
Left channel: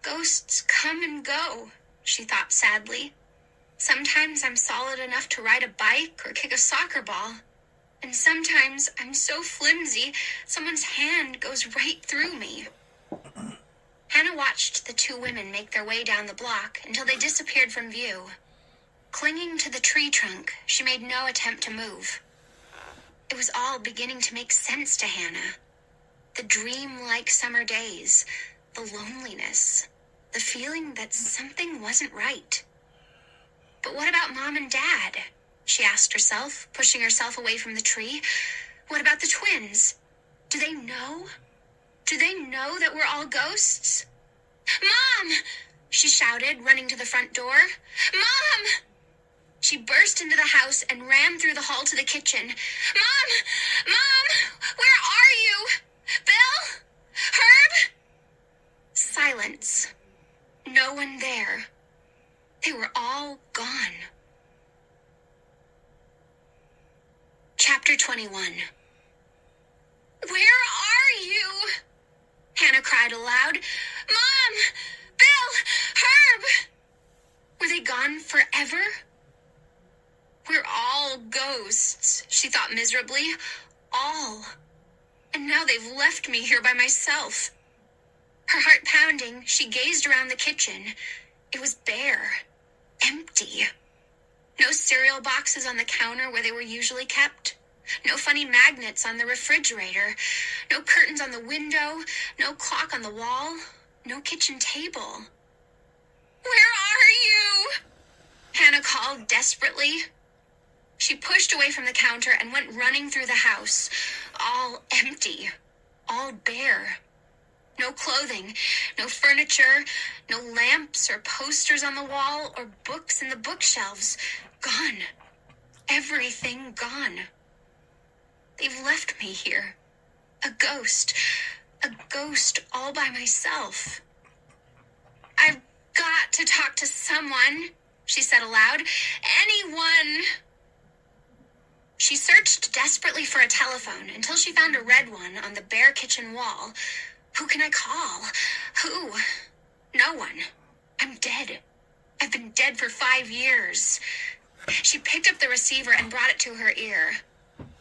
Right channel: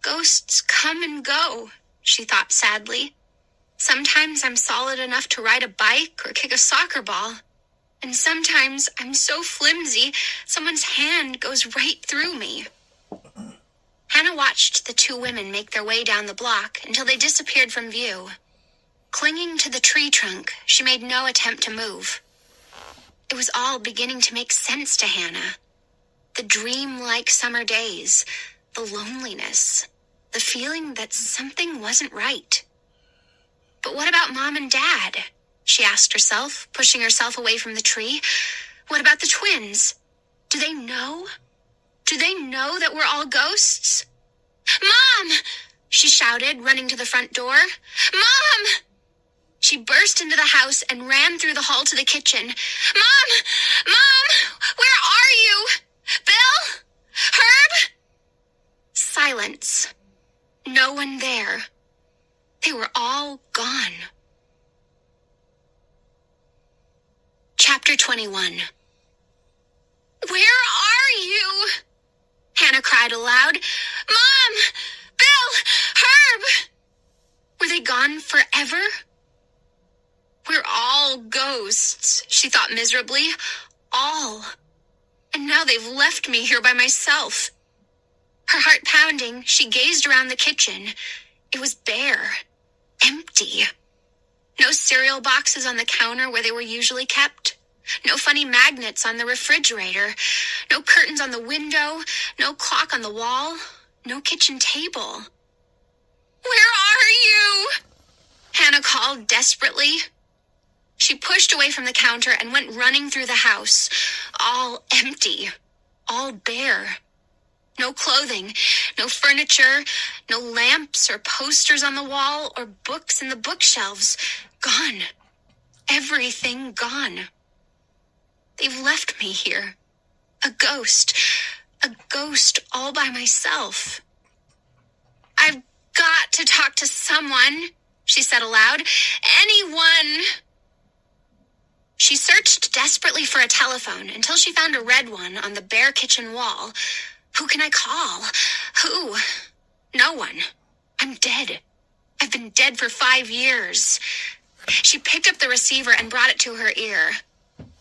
Ghosts come and go, she thought sadly. Sometimes I'm solid enough to ride a bike or kick a soccer ball. And sometimes I'm so flimsy, someone's hand goes right through me. Hannah watched the two women make their way down the block until they disappeared from view. Clinging to the tree trunk, she made no attempt to move. It was all beginning to make sense to Hannah. The dream-like summer days, the loneliness, the feeling that something wasn't right. But what about Mom and Dad? She asked herself, pushing herself away from the tree. What about the twins? Do they know? Do they know that we're all ghosts? Mom! She shouted, running to the front door. Mom! She burst into the house and ran through the hall to the kitchen. Mom! Mom! Where are you? Bill? Herb? Silence. No one there. They were all gone. Chapter 21. Where are you? Hannah cried aloud. Mom! Bill! Herb! Were they gone forever? We're all ghosts, she thought miserably. All. And now they've left me here by myself. Her heart pounding, she gazed around the kitchen. It was bare. Empty. No cereal boxes on the counter where they were usually kept. No funny magnets on the refrigerator. No curtains on the window. No clock on the wall. No kitchen table. Where are you? Hannah called desperately. She pushed away from the counter and went running through the house. All empty. All bare. No clothing, no furniture, no lamps or posters on the wall or books in the bookshelves. Gone. Everything gone. They've left me here. A ghost all by myself. I've got to talk to someone, she said aloud. Anyone. She searched desperately for a telephone until she found a red one on the bare kitchen wall. Who can I call? Who? No one. I'm dead. I've been dead for 5 years. She picked up the receiver and brought it to her ear.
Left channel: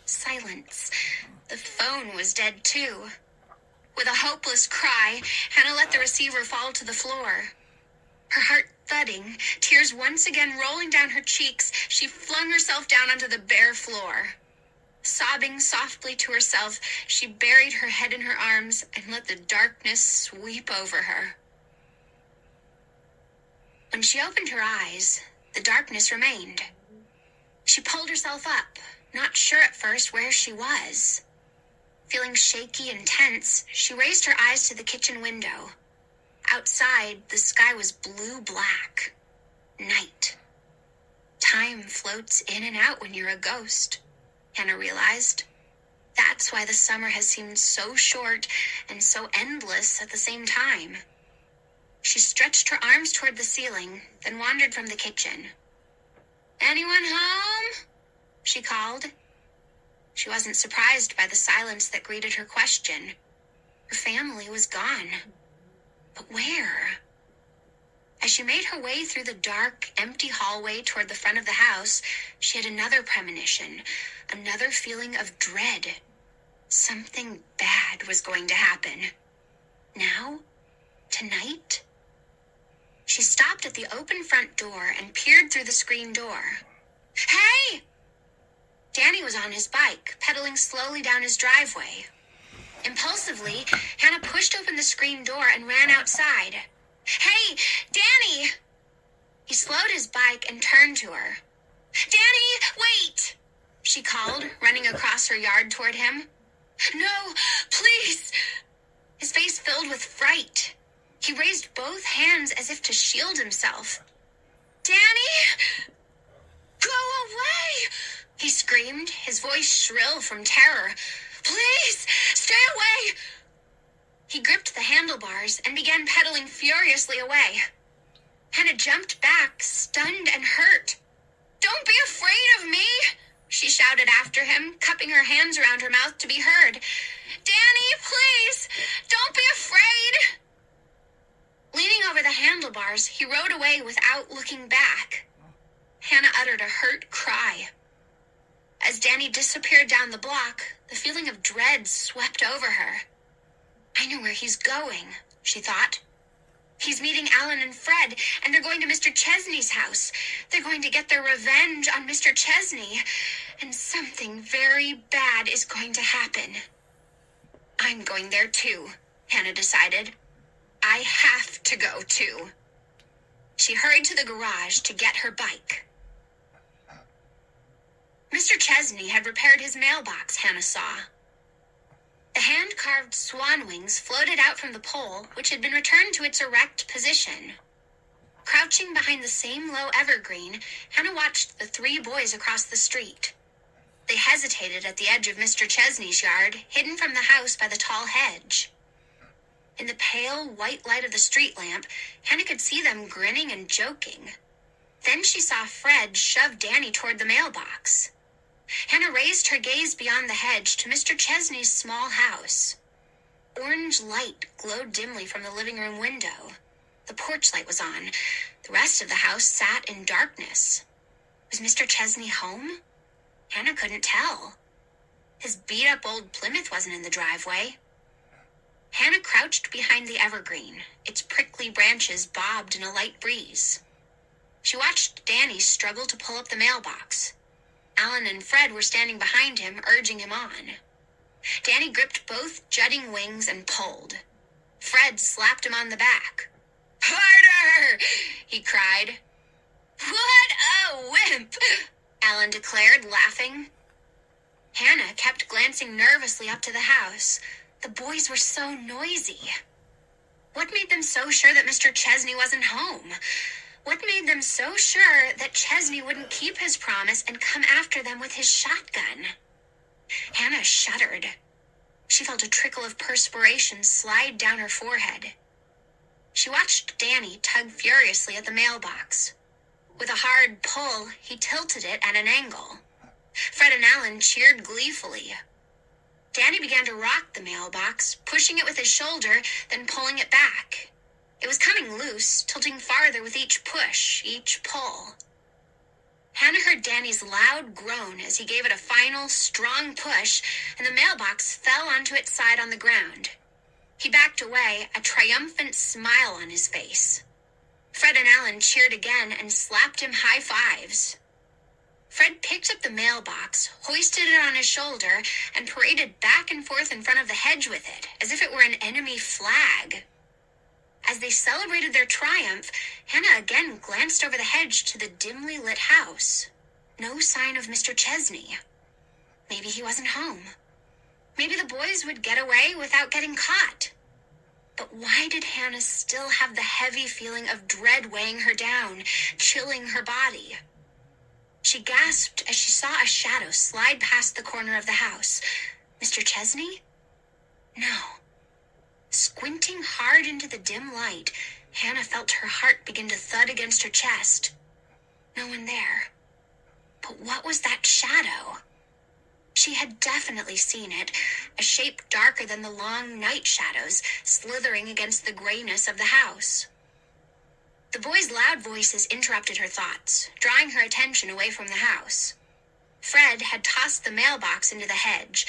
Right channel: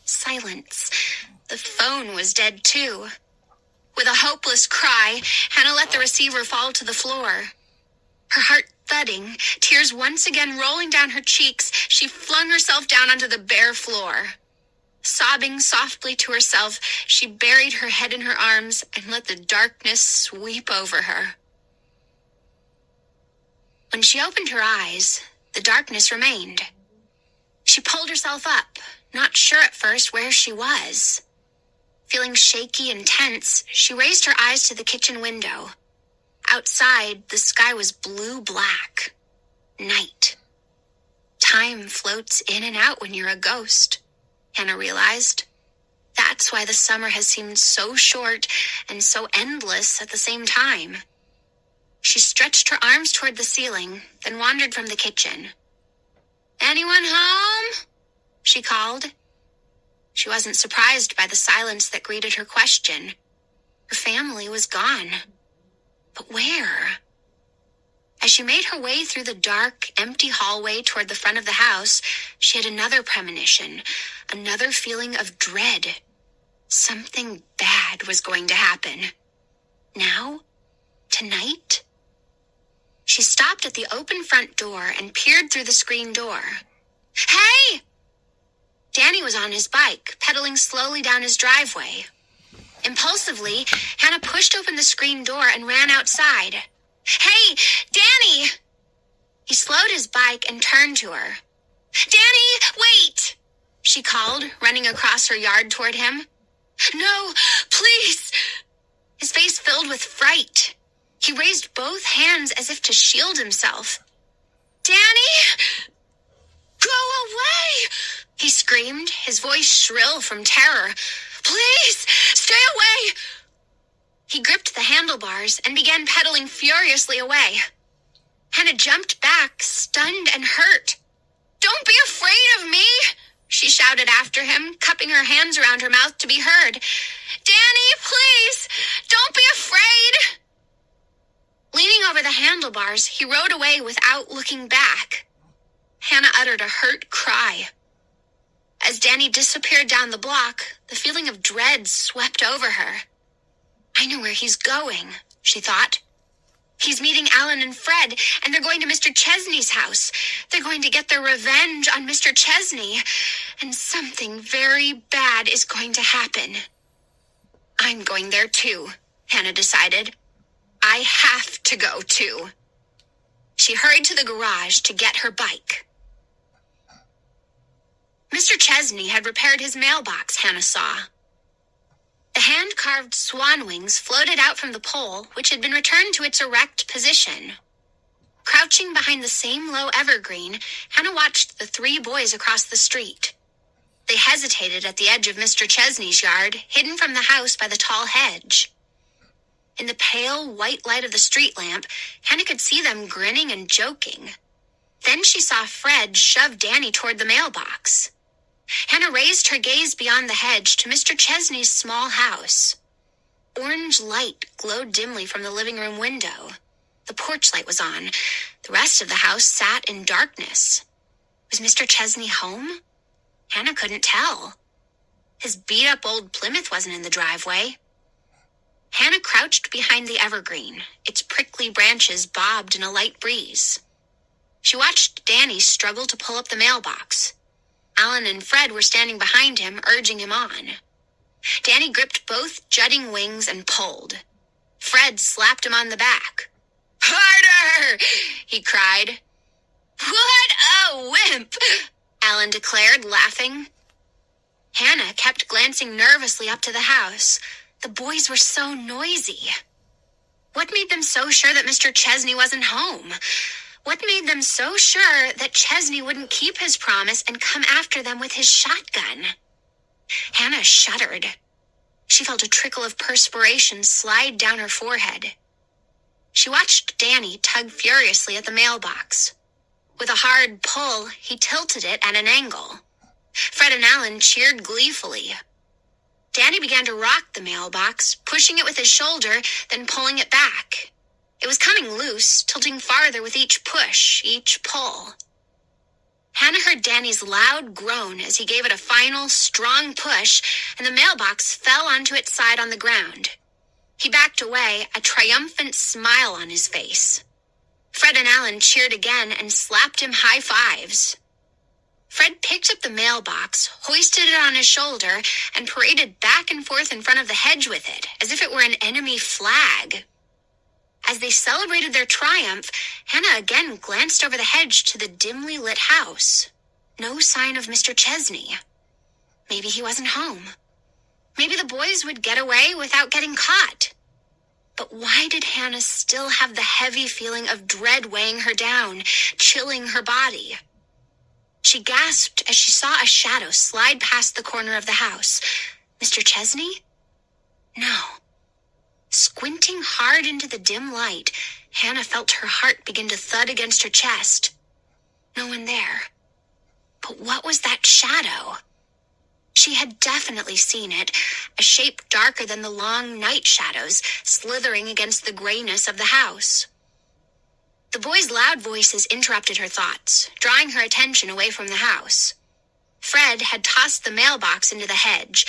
Silence. The phone was dead too. With a hopeless cry, Hannah let the receiver fall to the floor. Her heart thudding, tears once again rolling down her cheeks, she flung herself down onto the bare floor. Sobbing softly to herself, she buried her head in her arms and let the darkness sweep over her. When she opened her eyes, the darkness remained. She pulled herself up, not sure at first where she was. Feeling shaky and tense, she raised her eyes to the kitchen window. Outside, the sky was blue-black. Night. Time floats in and out when you're a ghost, Hannah realized. That's why the summer has seemed so short and so endless at the same time. She stretched her arms toward the ceiling, then wandered from the kitchen. "Anyone home?" she called. She wasn't surprised by the silence that greeted her question. Her family was gone. But where? As she made her way through the dark, empty hallway toward the front of the house, she had another premonition, another feeling of dread. Something bad was going to happen. Now? Tonight? She stopped at the open front door and peered through the screen door. "Hey!" Danny was on his bike, pedaling slowly down his driveway. Impulsively, Hannah pushed open the screen door and ran outside. "Hey, Danny!" He slowed his bike and turned to her. "Danny, wait!" she called, running across her yard toward him. "No, please!" His face filled with fright. He raised both hands as if to shield himself. "Danny! Go away!" he screamed, his voice shrill from terror. "Please, stay away!" He gripped the handlebars and began pedaling furiously away. Hannah jumped back, stunned and hurt. "Don't be afraid of me!" she shouted after him, cupping her hands around her mouth to be heard. "Danny, please, don't be afraid!" Leaning over the handlebars, he rode away without looking back. Hannah uttered a hurt cry. As Danny disappeared down the block, the feeling of dread swept over her. "I know where he's going," she thought. "He's meeting Alan and Fred, and they're going to Mr. Chesney's house. They're going to get their revenge on Mr. Chesney, and something very bad is going to happen." "I'm going there too," Hannah decided. "I have to go too." She hurried to the garage to get her bike. Mr. Chesney had repaired his mailbox, Hannah saw. The hand-carved swan wings floated out from the pole, which had been returned to its erect position. Crouching behind the same low evergreen, Hannah watched the three boys across the street. They hesitated at the edge of Mr. Chesney's yard, hidden from the house by the tall hedge. In the pale, white light of the street lamp, Hannah could see them grinning and joking. Then she saw Fred shove Danny toward the mailbox. Hannah raised her gaze beyond the hedge to Mr. Chesney's small house. Orange light glowed dimly from the living room window. The porch light was on. The rest of the house sat in darkness. Was Mr. Chesney home? Hannah couldn't tell. His beat-up old Plymouth wasn't in the driveway. Hannah crouched behind the evergreen. Its prickly branches bobbed in a light breeze. She watched Danny struggle to pull up the mailbox. Alan and Fred were standing behind him, urging him on. Danny gripped both jutting wings and pulled. Fred slapped him on the back. "Harder!" he cried. "What a wimp!" Alan declared, laughing. Hannah kept glancing nervously up to the house. The boys were so noisy. What made them so sure that Mr. Chesney wasn't home? What made them so sure that Chesney wouldn't keep his promise and come after them with his shotgun? Hannah shuddered. She felt a trickle of perspiration slide down her forehead. She watched Danny tug furiously at the mailbox. With a hard pull, he tilted it at an angle. Fred and Alan cheered gleefully. Danny began to rock the mailbox, pushing it with his shoulder, then pulling it back. It was coming loose, tilting farther with each push, each pull. Hannah heard Danny's loud groan as he gave it a final, strong push, and the mailbox fell onto its side on the ground. He backed away, a triumphant smile on his face. Fred and Alan cheered again and slapped him high fives. Fred picked up the mailbox, hoisted it on his shoulder, and paraded back and forth in front of the hedge with it, as if it were an enemy flag. As they celebrated their triumph, Hannah again glanced over the hedge to the dimly lit house. No sign of Mr. Chesney. Maybe he wasn't home. Maybe the boys would get away without getting caught. But why did Hannah still have the heavy feeling of dread weighing her down, chilling her body? She gasped as she saw a shadow slide past the corner of the house. Mr. Chesney? No. Squinting hard into the dim light, Hannah felt her heart begin to thud against her chest. No one there. But what was that shadow? She had definitely seen it, a shape darker than the long night shadows slithering against the grayness of the house. The boys' loud voices interrupted her thoughts, drawing her attention away from the house. Fred had tossed the mailbox into the hedge.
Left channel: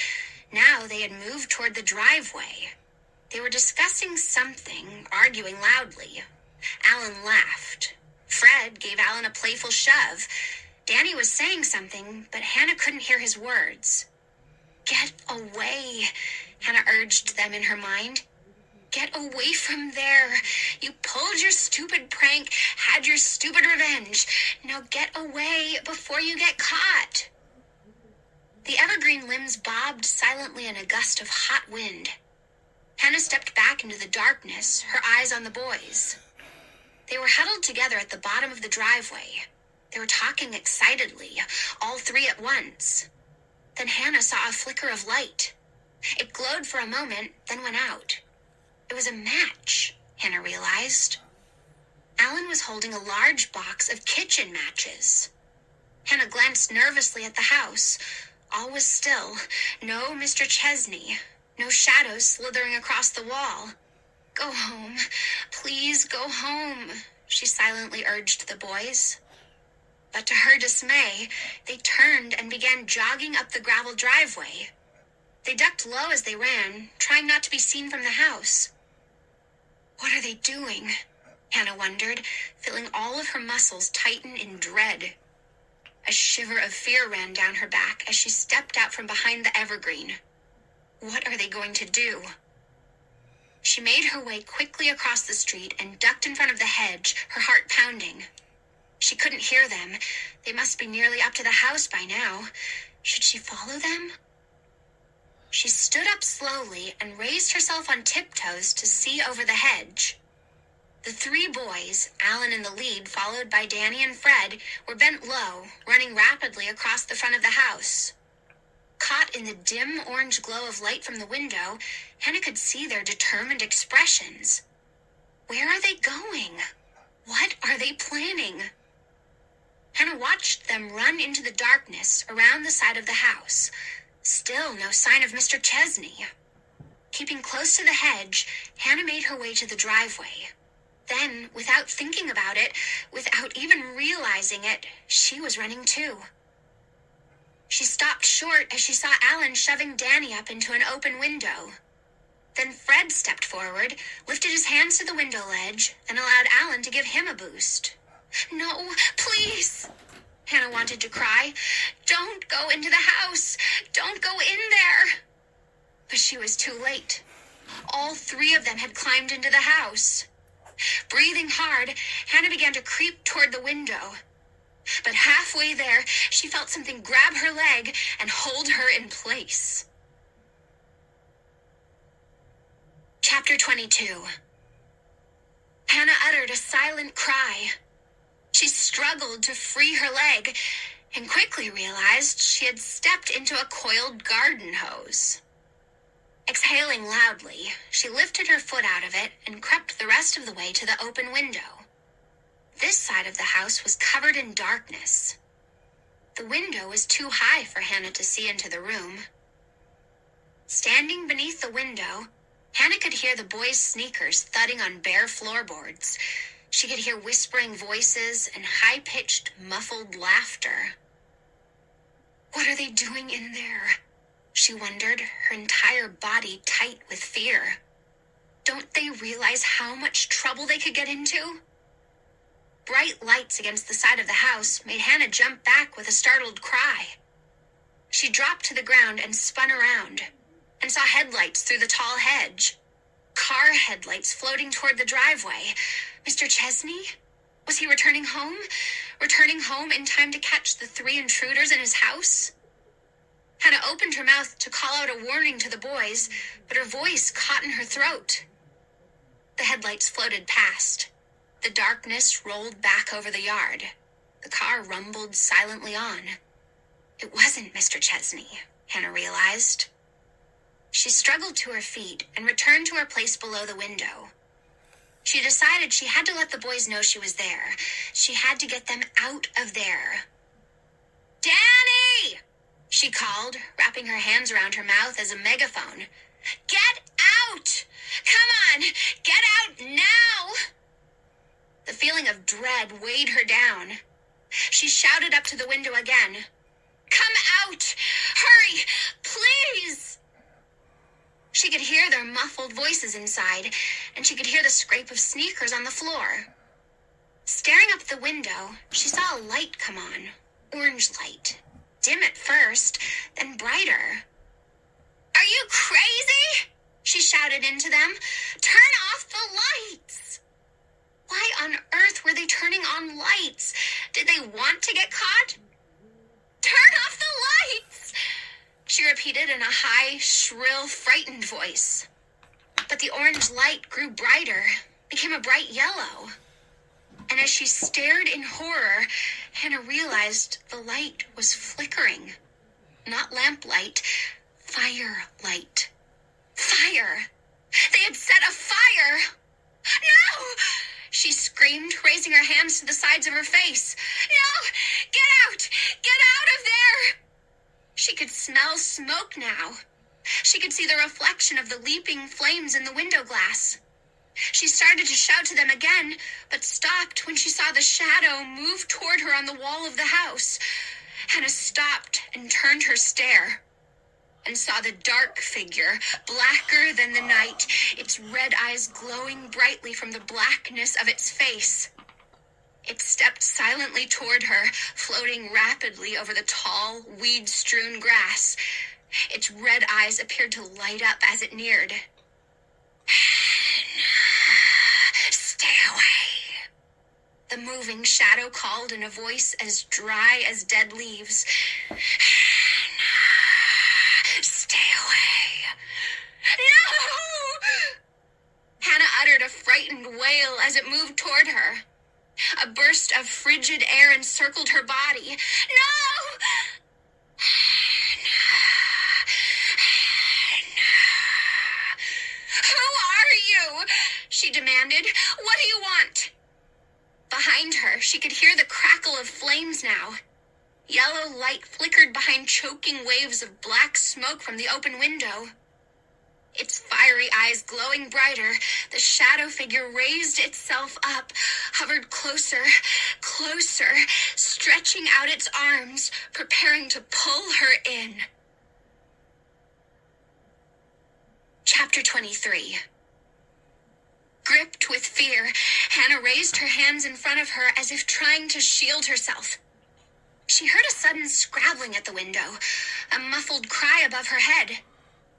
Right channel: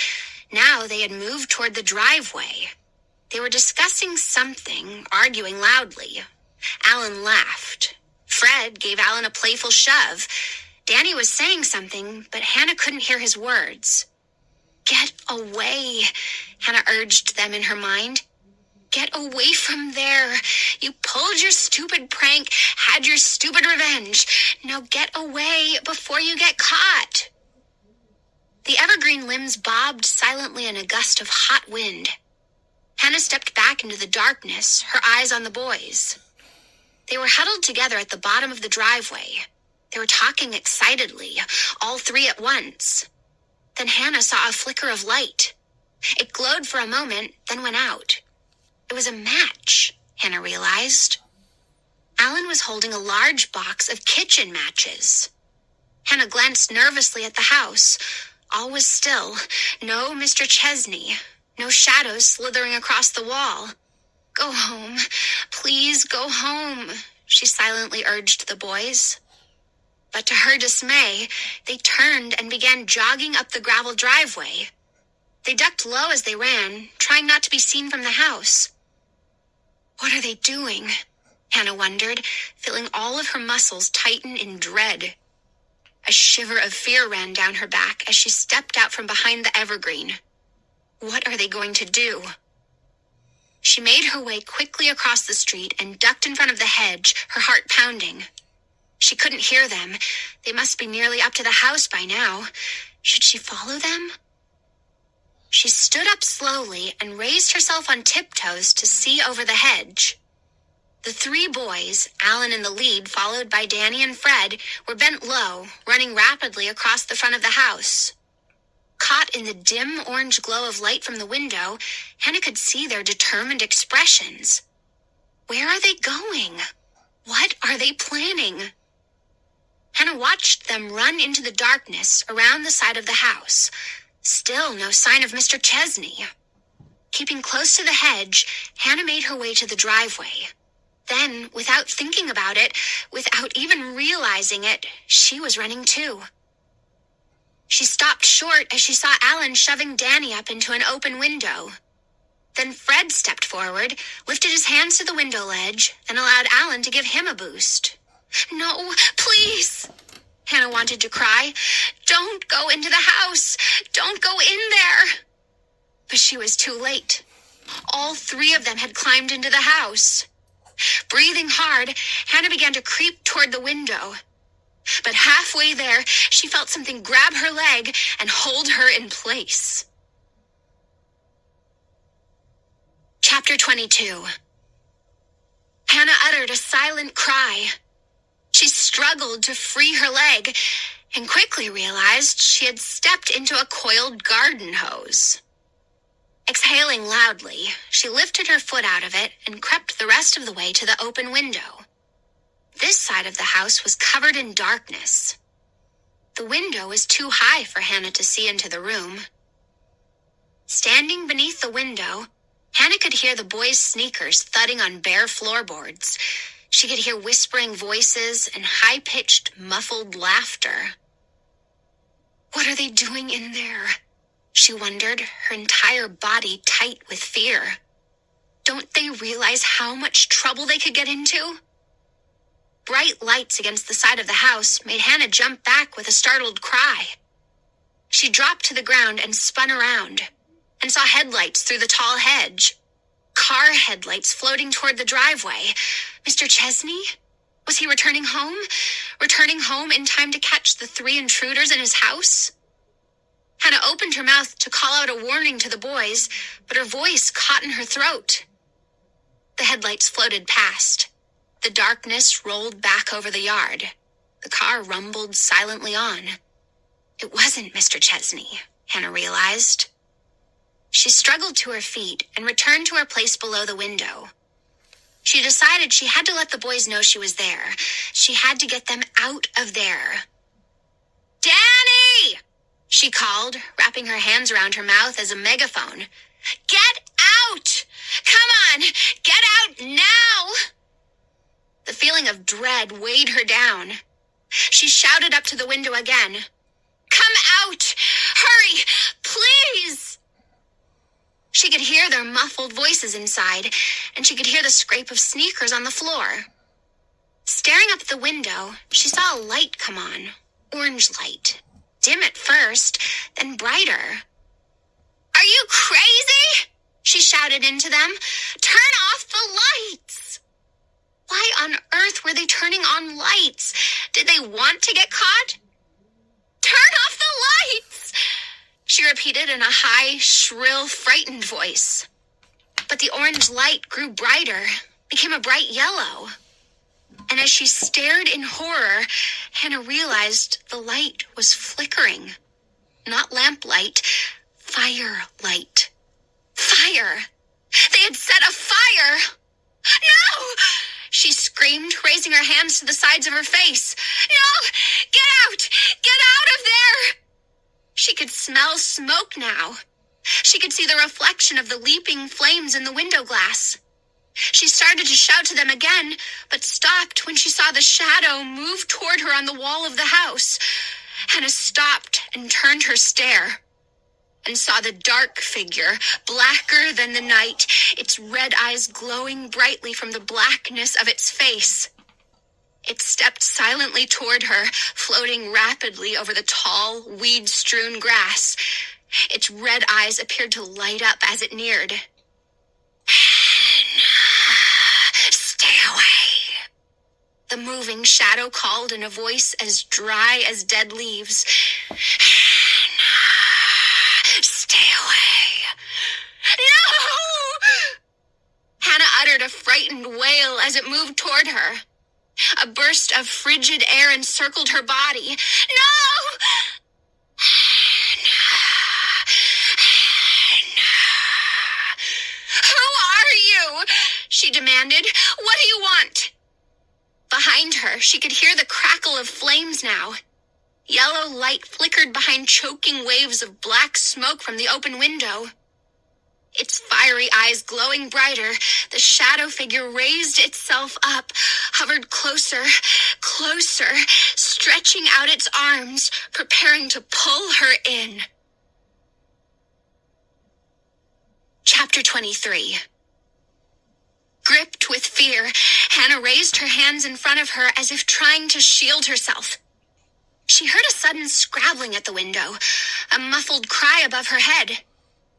Now they had moved toward the driveway. They were discussing something, arguing loudly. Alan laughed. Fred gave Alan a playful shove. Danny was saying something, but Hannah couldn't hear his words. "Get away," Hannah urged them in her mind. "Get away from there. You pulled your stupid prank, had your stupid revenge. Now get away before you get caught." The evergreen limbs bobbed silently in a gust of hot wind. Hannah stepped back into the darkness, her eyes on the boys. They were huddled together at the bottom of the driveway. They were talking excitedly, all three at once. Then Hannah saw a flicker of light. It glowed for a moment, then went out. It was a match, Hannah realized. Alan was holding a large box of kitchen matches. Hannah glanced nervously at the house. All was still. No Mr. Chesney. No shadows slithering across the wall. "Go home. Please go home," she silently urged the boys. But to her dismay, they turned and began jogging up the gravel driveway. They ducked low as they ran, trying not to be seen from the house. What are they doing? Hannah wondered, feeling all of her muscles tighten in dread. A shiver of fear ran down her back as she stepped out from behind the evergreen. What are they going to do? She made her way quickly across the street and ducked in front of the hedge, her heart pounding. She couldn't hear them. They must be nearly up to the house by now. Should she follow them? She stood up slowly and raised herself on tiptoes to see over the hedge. The three boys, Alan in the lead, followed by Danny and Fred, were bent low, running rapidly across the front of the house. Caught in the dim orange glow of light from the window, Hannah could see their determined expressions. Where are they going? What are they planning? Hannah watched them run into the darkness around the side of the house. Still no sign of Mr. Chesney. Keeping close to the hedge, Hannah made her way to the driveway. Then, without thinking about it, without even realizing it, she was running too. She stopped short as she saw Alan shoving Danny up into an open window. Then Fred stepped forward, lifted his hands to the window ledge, and allowed Alan to give him a boost. "No, please," Hannah wanted to cry. "Don't go into the house. Don't go in there." But she was too late. All three of them had climbed into the house. Breathing hard, Hannah began to creep toward the window. But halfway there, she felt something grab her leg and hold her in place. Chapter 22. Hannah uttered a silent cry. She struggled to free her leg and quickly realized she had stepped into a coiled garden hose. Exhaling loudly, she lifted her foot out of it and crept the rest of the way to the open window. This side of the house was covered in darkness. The window was too high for Hannah to see into the room. Standing beneath the window, Hannah could hear the boys' sneakers thudding on bare floorboards. She could hear whispering voices and high-pitched, muffled laughter. What are they doing in there? She wondered, her entire body tight with fear. Don't they realize how much trouble they could get into? Bright lights against the side of the house made Hannah jump back with a startled cry. She dropped to the ground and spun around, and saw headlights through the tall hedge. Car headlights floating toward the driveway. Mr. Chesney? Was he returning home? Returning home in time to catch the three intruders in his house? Hannah opened her mouth to call out a warning to the boys, but her voice caught in her throat. The headlights floated past. The darkness rolled back over the yard. The car rumbled silently on. It wasn't Mr. Chesney, Hannah realized. She struggled to her feet and returned to her place below the window. She decided she had to let the boys know she was there. She had to get them out of there. "Danny!" she called, wrapping her hands around her mouth as a megaphone. "Get out! Come on, get out now!" The feeling of dread weighed her down. She shouted up to the window again. "Come out! Hurry, please!" She could hear their muffled voices inside, and she could hear the scrape of sneakers on the floor. Staring up at the window, she saw a light come on. Orange light. Dim at first, then brighter. "Are you crazy?" she shouted into them. "Turn off the lights!" Why on earth were they turning on lights? Did they want to get caught? "Turn off the lights!" she repeated in a high, shrill, frightened voice. But the orange light grew brighter, became a bright yellow. And as she stared in horror, Hannah realized the light was flickering. Not lamplight, firelight. Fire! They had set a fire! "No!" she screamed, raising her hands to the sides of her face. "No! Get out! Get out of there!" She could smell smoke now. She could see the reflection of the leaping flames in the window glass. She started to shout to them again, but stopped when she saw the shadow move toward her on the wall of the house. Hannah stopped and turned her stare, and saw the dark figure, blacker than the night, its red eyes glowing brightly from the blackness of its face. It stepped silently toward her, floating rapidly over the tall, weed-strewn grass. Its red eyes appeared to light up as it neared. "Hannah, stay away," the moving shadow called in a voice as dry as dead leaves. "Hannah, stay away." "No!" Hannah uttered a frightened wail as it moved toward her. A burst of frigid air encircled her body. "No! Hannah! Hannah! Who are you?" she demanded. "What do you want?" Behind her, she could hear the crackle of flames now. Yellow light flickered behind choking waves of black smoke from the open window. Its fiery eyes glowing brighter, the shadow figure raised itself up, hovered closer, closer, stretching out its arms, preparing to pull her in. Chapter 23. Gripped with fear, Hannah raised her hands in front of her as if trying to shield herself. She heard a sudden scrabbling at the window, a muffled cry above her head.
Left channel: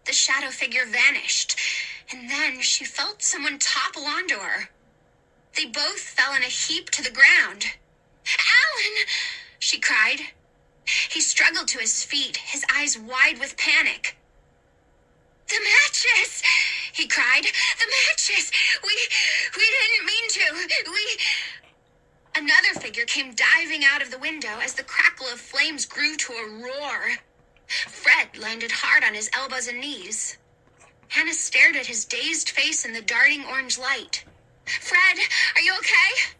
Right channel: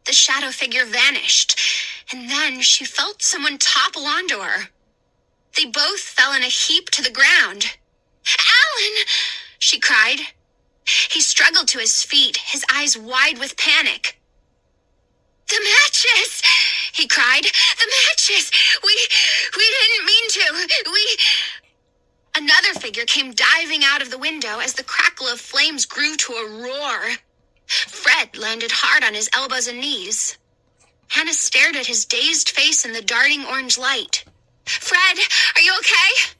The shadow figure vanished, and then she felt someone topple onto her. They both fell in a heap to the ground. "Alan!" she cried. He struggled to his feet, his eyes wide with panic. "The matches!" he cried. "The matches! We didn't mean to. Another figure came diving out of the window as the crackle of flames grew to a roar. Fred landed hard on his elbows and knees. Hannah stared at his dazed face in the darting orange light. "Fred, are you okay?"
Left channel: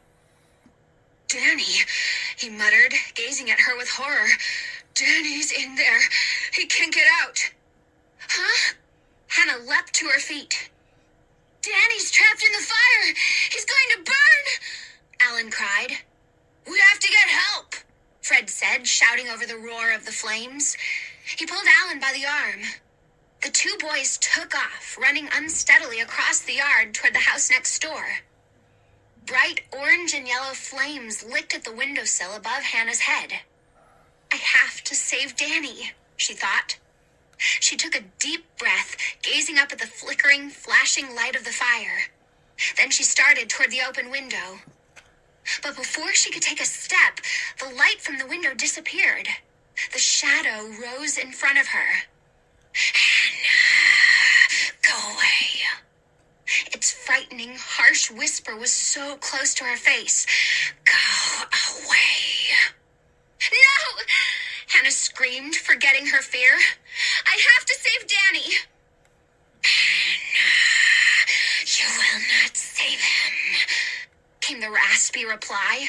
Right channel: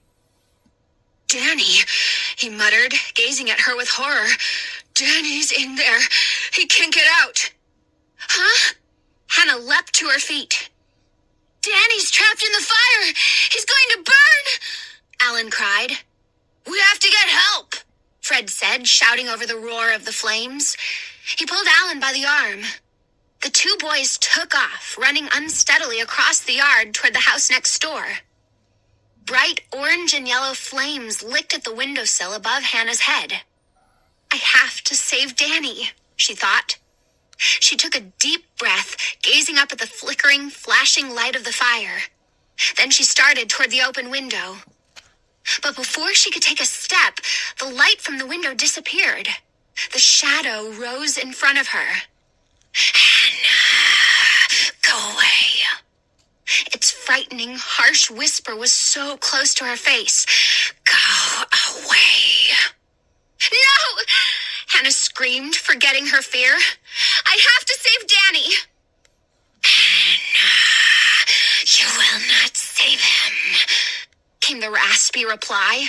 "Danny," he muttered, gazing at her with horror. "Danny's in there. He can't get out." "Huh?" Hannah leapt to her feet. "Danny's trapped in the fire. He's going to burn!" Alan cried. "We have to get help," Fred said, shouting over the roar of the flames. He pulled Alan by the arm. The two boys took off, running unsteadily across the yard toward the house next door. Bright orange and yellow flames licked at the windowsill above Hannah's head. "I have to save Danny," she thought. She took a deep breath, gazing up at the flickering, flashing light of the fire. Then she started toward the open window. But before she could take a step, the light from the window disappeared. The shadow rose in front of her. "Hannah, go away." Its frightening, harsh whisper was so close to her face. "Go away." "No!" Hannah screamed, forgetting her fear. "I have to save Danny." came the raspy reply.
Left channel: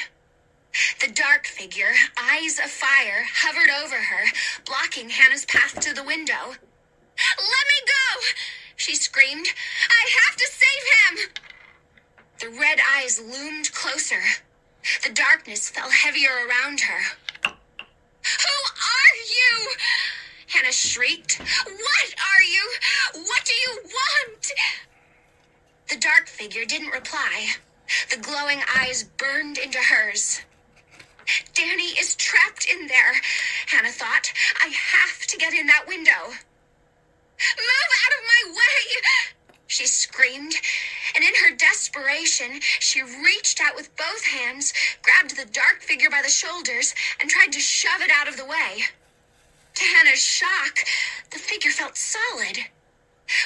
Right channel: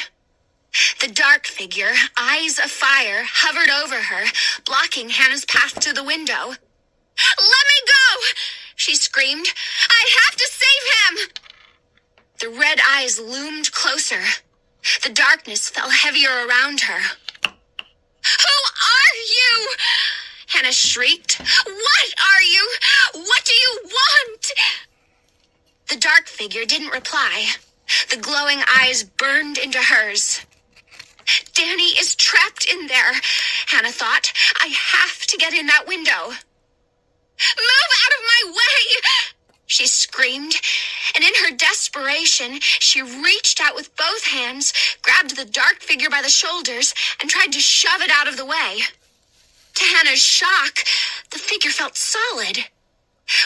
The dark figure, eyes of fire, hovered over her, blocking Hannah's path to the window. "Let me go!" she screamed. "I have to save him!" The red eyes loomed closer. The darkness fell heavier around her. "Who are you?" Hannah shrieked. "What are you? What do you want?" The dark figure didn't reply. The glowing eyes burned into hers. "Danny is trapped in there," Hannah thought. "I have to get in that window." "Move out of my way!" she screamed, and in her desperation, she reached out with both hands, grabbed the dark figure by the shoulders, and tried to shove it out of the way. To Hannah's shock, the figure felt solid.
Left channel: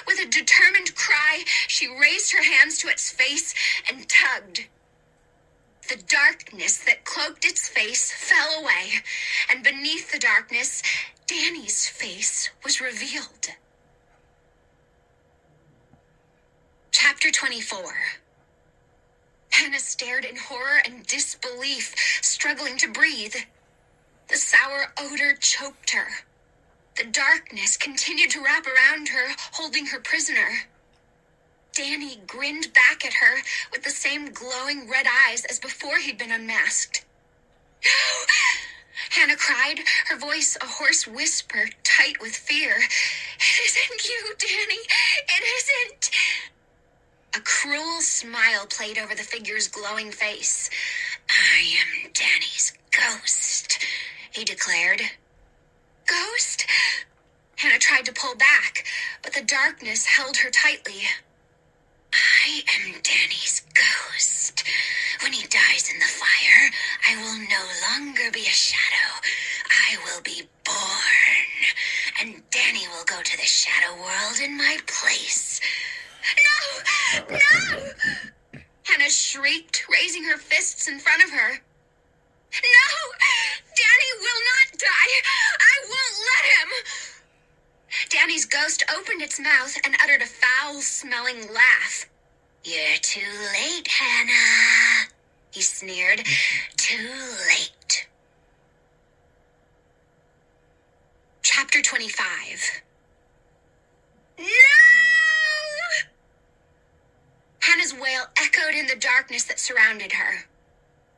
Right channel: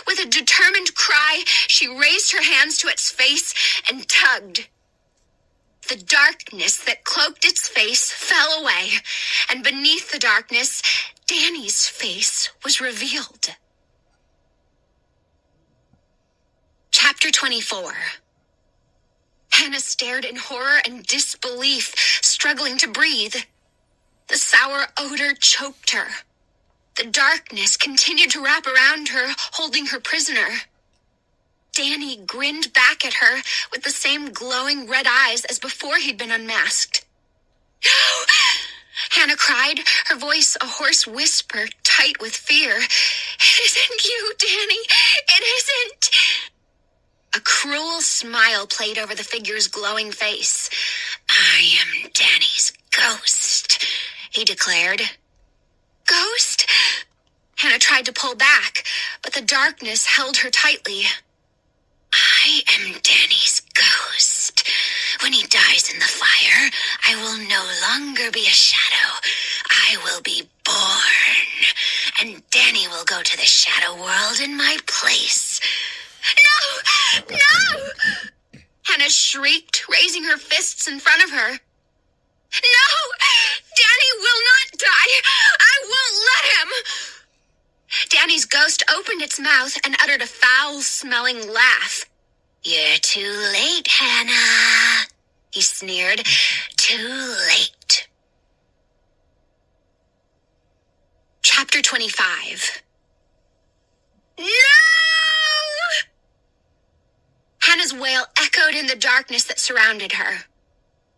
With a determined cry, she raised her hands to its face and tugged. The darkness that cloaked its face fell away, and beneath the darkness, Danny's face was revealed. Chapter 24. Hannah stared in horror and disbelief, struggling to breathe. The sour odor choked her. The darkness continued to wrap around her, holding her prisoner. Danny grinned back at her with the same glowing red eyes as before he'd been unmasked. "No!" Hannah cried, her voice a hoarse whisper, tight with fear. "It isn't you, Danny. It isn't." A cruel smile played over the figure's glowing face. "I am Danny's ghost," he declared. "Ghost?" Hannah tried to pull back, but the darkness held her tightly. "I am Danny's ghost. When he dies in the fire, I will no longer be a shadow. I will be born, and Danny will go to the shadow world in my place." "No! No!" Hannah shrieked, raising her fists in front of her. "No! Danny will not die! I won't let him!" Danny's ghost opened its mouth and uttered a foul-smelling laugh. "You're too late, Hannah," he sneered. "Too late." Chapter 25. "No!" Hannah's wail echoed in the darkness that surrounded her.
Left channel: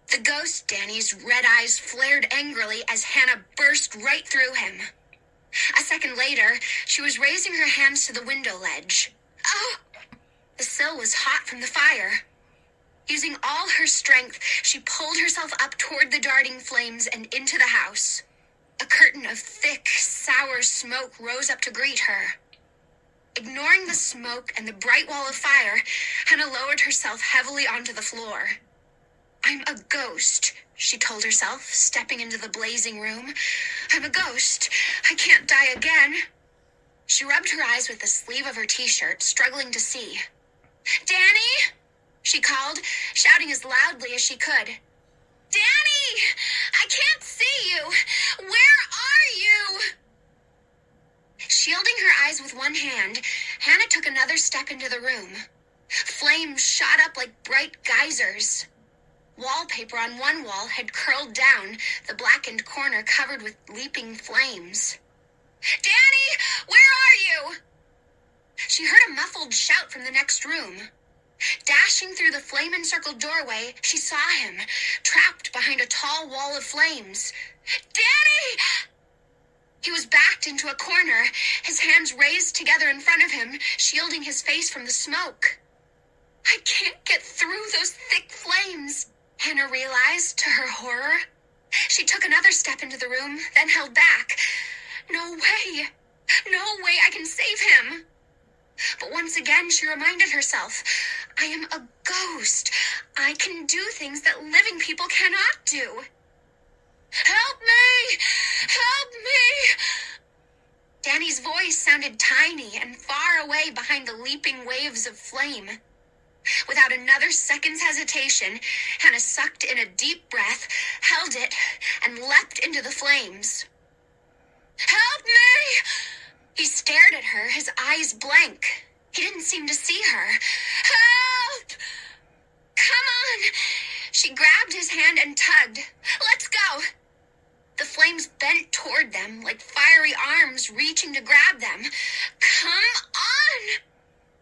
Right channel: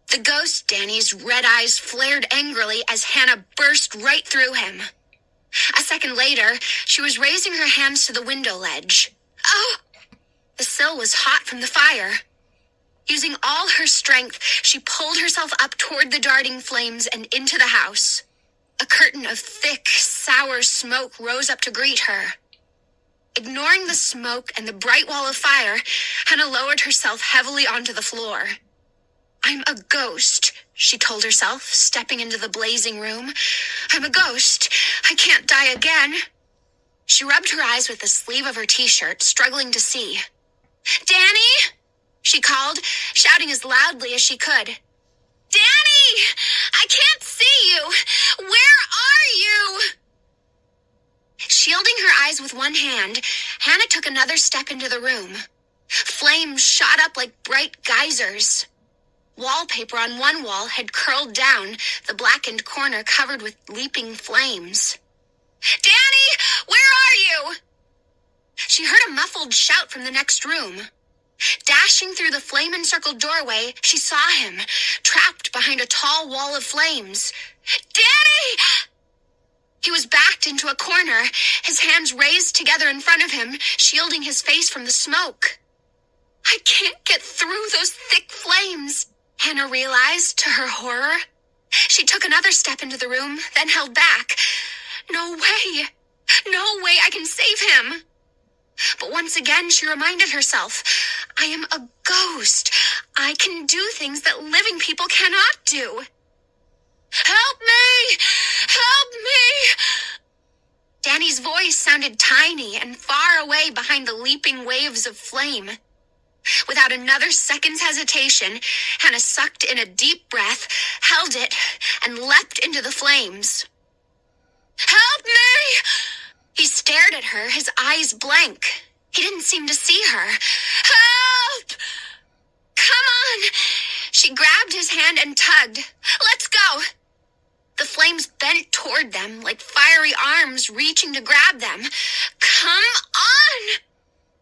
The ghost Danny's red eyes flared angrily as Hannah burst right through him. A second later, she was raising her hands to the window ledge. Oh! The sill was hot from the fire. Using all her strength, she pulled herself up toward the darting flames and into the house. A curtain of thick, sour smoke rose up to greet her. Ignoring the smoke and the bright wall of fire, Hannah lowered herself heavily onto the floor. "I'm a ghost," she told herself, stepping into the blazing room. "I'm a ghost. I can't die again." She rubbed her eyes with the sleeve of her t-shirt, struggling to see. "Danny!" she called, shouting as loudly as she could. "Danny! I can't see you! Where are you?" Shielding her eyes with one hand, Hannah took another step into the room. Flames shot up like bright geysers. Wallpaper on one wall had curled down, the blackened corner covered with leaping flames. "Danny, where are you?" She heard a muffled shout from the next room. Dashing through the flame-encircled doorway, she saw him, trapped behind a tall wall of flames. "Danny!" He was backed into a corner, his hands raised together in front of him, shielding his face from the smoke. "I can't get through those thick flames," Hannah realized to her horror. She took another step into the room, then held back. No way I can save him. But once again, she reminded herself, I am a ghost. I can do things that living people cannot do. "Help me! Help me!" Danny's voice sounded tiny and far away behind the leaping waves of flame. Without another second's hesitation, Hannah sucked in a deep breath, held it, and leapt into the flames. "Help me!" He stared at her, his eyes blank. He didn't seem to see her. "Help! Come on! She grabbed his hand and tugged. "Let's go!" The flames bent toward them like fiery arms reaching to grab them. "Come on!"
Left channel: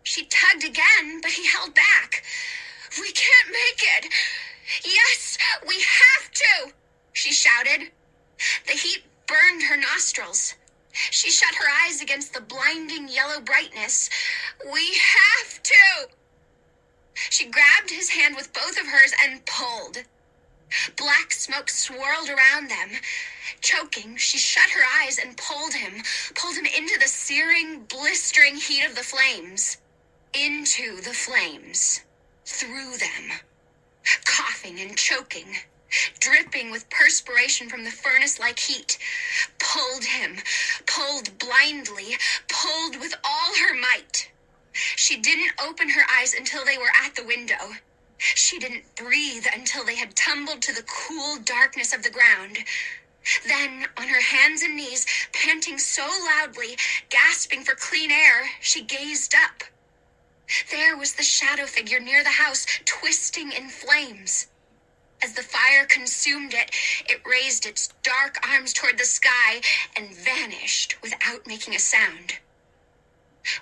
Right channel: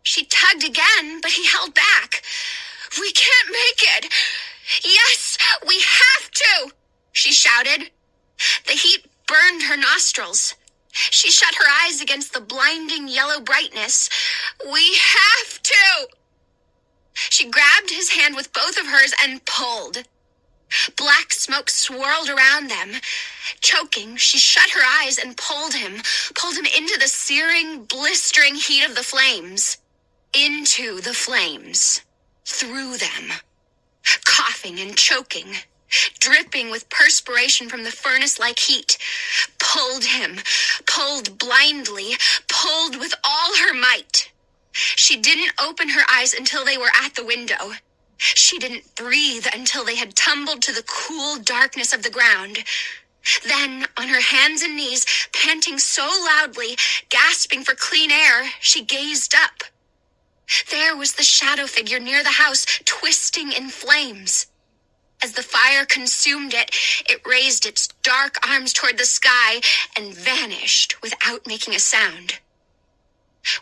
She tugged again, but he held back. "We can't make it." "Yes, we have to," she shouted. The heat burned her nostrils. She shut her eyes against the blinding yellow brightness. "We have to." She grabbed his hand with both of hers and pulled. Black smoke swirled around them. Choking, she shut her eyes and pulled him into the searing, blistering heat of the flames. Into the flames. Through them. Coughing and choking. Dripping with perspiration from the furnace-like heat. Pulled him. Pulled blindly. Pulled with all her might. She didn't open her eyes until they were at the window. She didn't breathe until they had tumbled to the cool darkness of the ground. Then, on her hands and knees, panting so loudly, gasping for clean air, she gazed up. There was the shadow figure near the house, twisting in flames. As the fire consumed it, it raised its dark arms toward the sky and vanished without making a sound.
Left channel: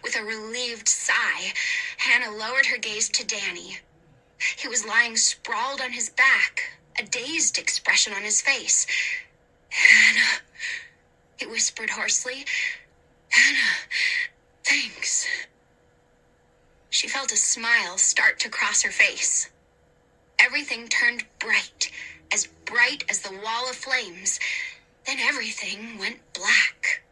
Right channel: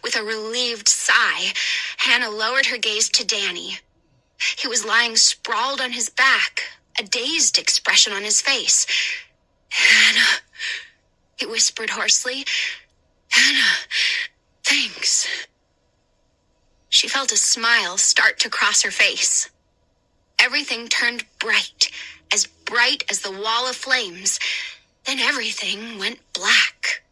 With a relieved sigh, Hannah lowered her gaze to Danny. He was lying sprawled on his back, a dazed expression on his face. "Hannah," he whispered hoarsely. "Hannah, thanks." She felt a smile start to cross her face. Everything turned bright as the wall of flames. Then everything went black.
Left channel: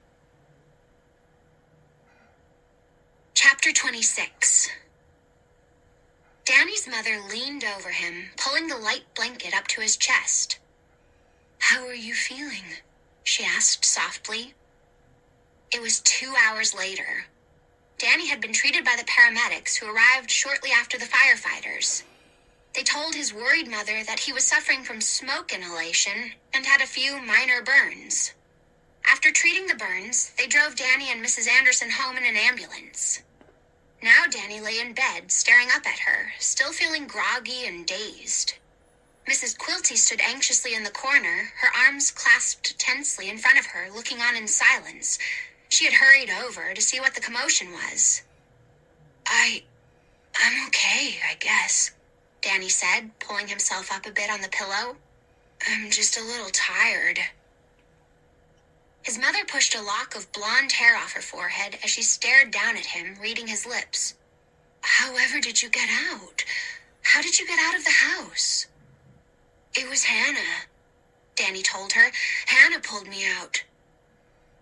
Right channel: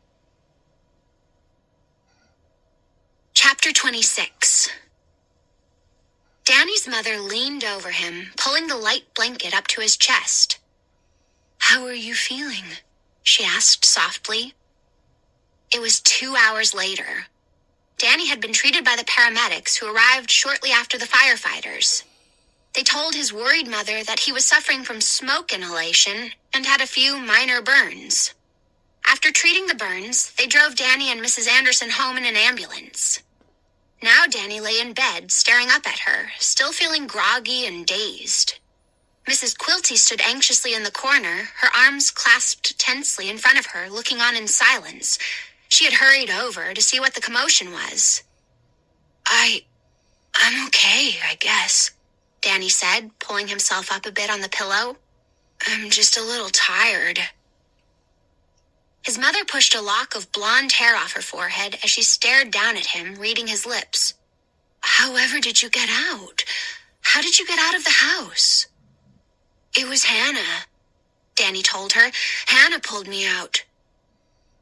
Chapter 26. Danny's mother leaned over him, pulling the light blanket up to his chest. "How are you feeling?" she asked softly. It was 2 hours later. Danny had been treated by the paramedics who arrived shortly after the firefighters. They told his worried mother that he was suffering from smoke inhalation and had a few minor burns. After treating the burns, they drove Danny and Mrs. Anderson home in an ambulance. Now Danny lay in bed, staring up at her, still feeling groggy and dazed. Mrs. Quilty stood anxiously in the corner, her arms clasped tensely in front of her, looking on in silence. She had hurried over to see what the commotion was. I'm okay, I guess," Danny said, pulling himself up a bit on the pillow. "I'm just a little tired." His mother pushed a lock of blonde hair off her forehead as she stared down at him, reading his lips. "However did you get out? How did you get out of the house?" "It was Hannah," Danny told her. "Hannah pulled me out."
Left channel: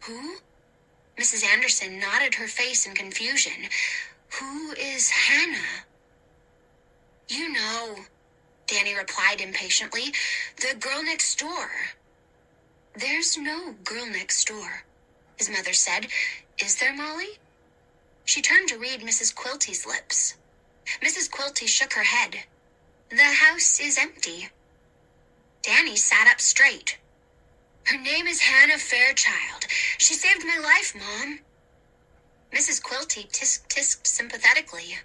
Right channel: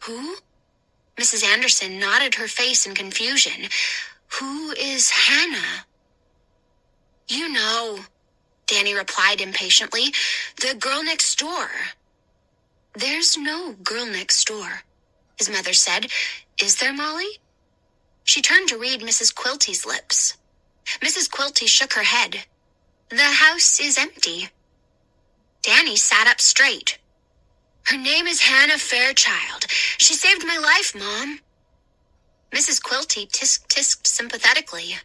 "Who?" Mrs. Anderson nodded her face in confusion. "Who is Hannah?" "You know," Danny replied impatiently. "The girl next door." "There's no girl next door," his mother said. "Is there, Molly?" She turned to read Mrs. Quilty's lips. Mrs. Quilty shook her head. "The house is empty." Danny sat up straight. "Her name is Hannah Fairchild. She saved my life, Mom." Mrs. Quilty tisk-tisked sympathetically.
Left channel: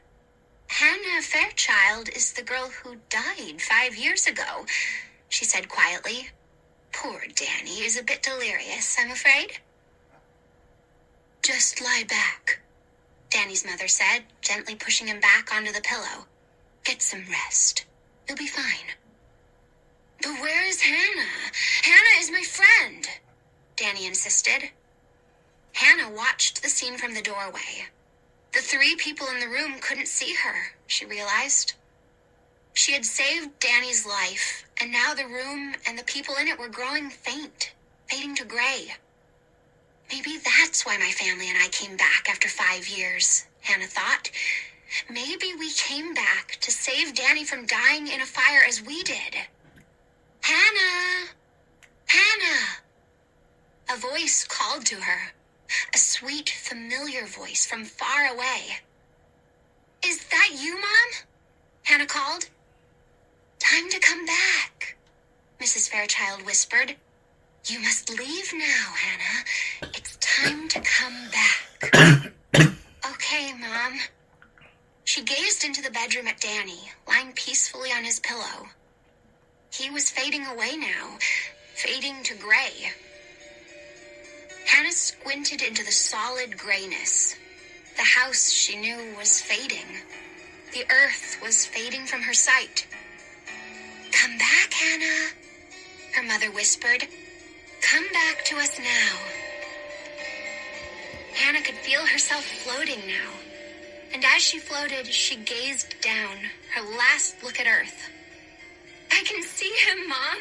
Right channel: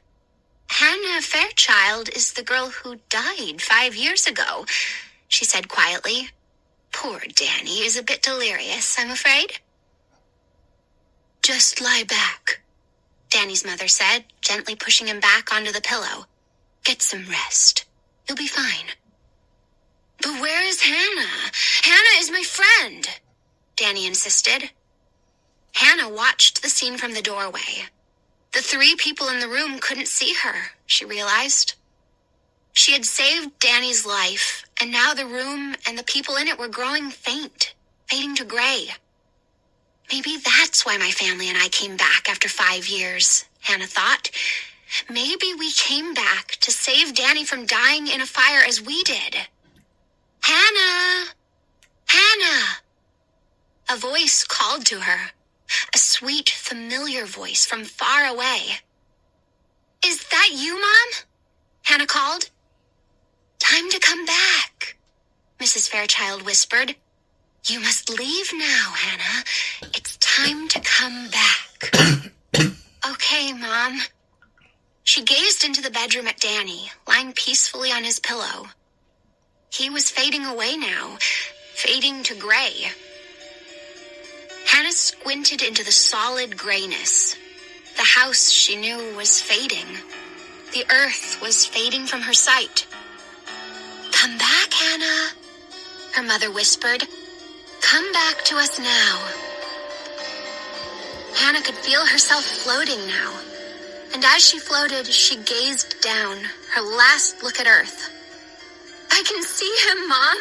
"Hannah Fairchild is the girl who died 5 years ago," she said quietly. "Poor Danny is a bit delirious, I'm afraid." "Just lie back," Danny's mother said, gently pushing him back onto the pillow. "Get some rest. You'll be fine." "But where is Hannah? Hannah is my friend," Danny insisted. Hannah watched the scene from the doorway. The 3 people in the room couldn't see her, she realized. She had saved Danny's life, and now the room and the people in it were growing faint, fading to gray. Maybe that's why my family and I came back after 5 years, Hannah thought. Maybe we came back to save Danny from dying in a fire as we did. "Hannah! Hannah!" A voice called to her, a sweet, familiar voice from far away. "Is that you, Mom?" Hannah called. "Time to come back," Mrs. Fairchild whispered. "You must leave now, Hannah. It's time to come back." "Okay, Mom." She gazed into the bedroom at Danny, lying peacefully on his pillow. He was fading away now, fading to gray. Hannah squinted into the solid grayness. The house, she knew, was fading. The earth was fading from her sight. "Come back, Hannah," her mother whispered. "Come back to us now." Hannah could feel herself floating now, and as she floated, she gazed down, her last look at Earth. "I can see him, Mom,"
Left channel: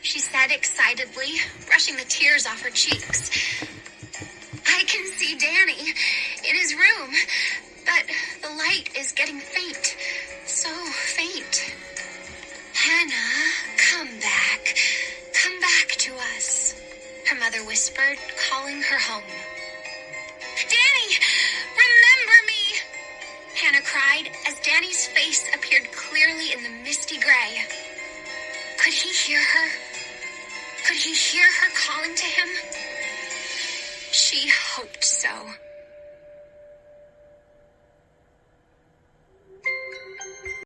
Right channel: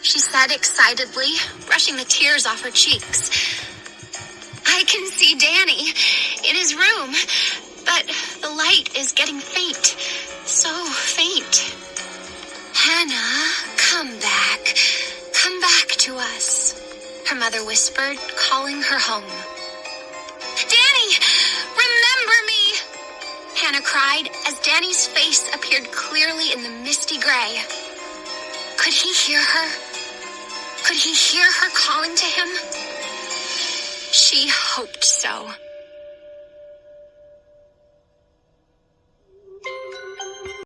she said excitedly, brushing the tears off her cheeks. "I can see Danny in his room, but the light is getting faint, so faint." "Hannah, come back to us," her mother whispered, calling her home. "Danny, remember me!" Hannah cried as Danny's face appeared clearly in the misty gray. Could he hear her? Could he hear her calling to him? She hoped so.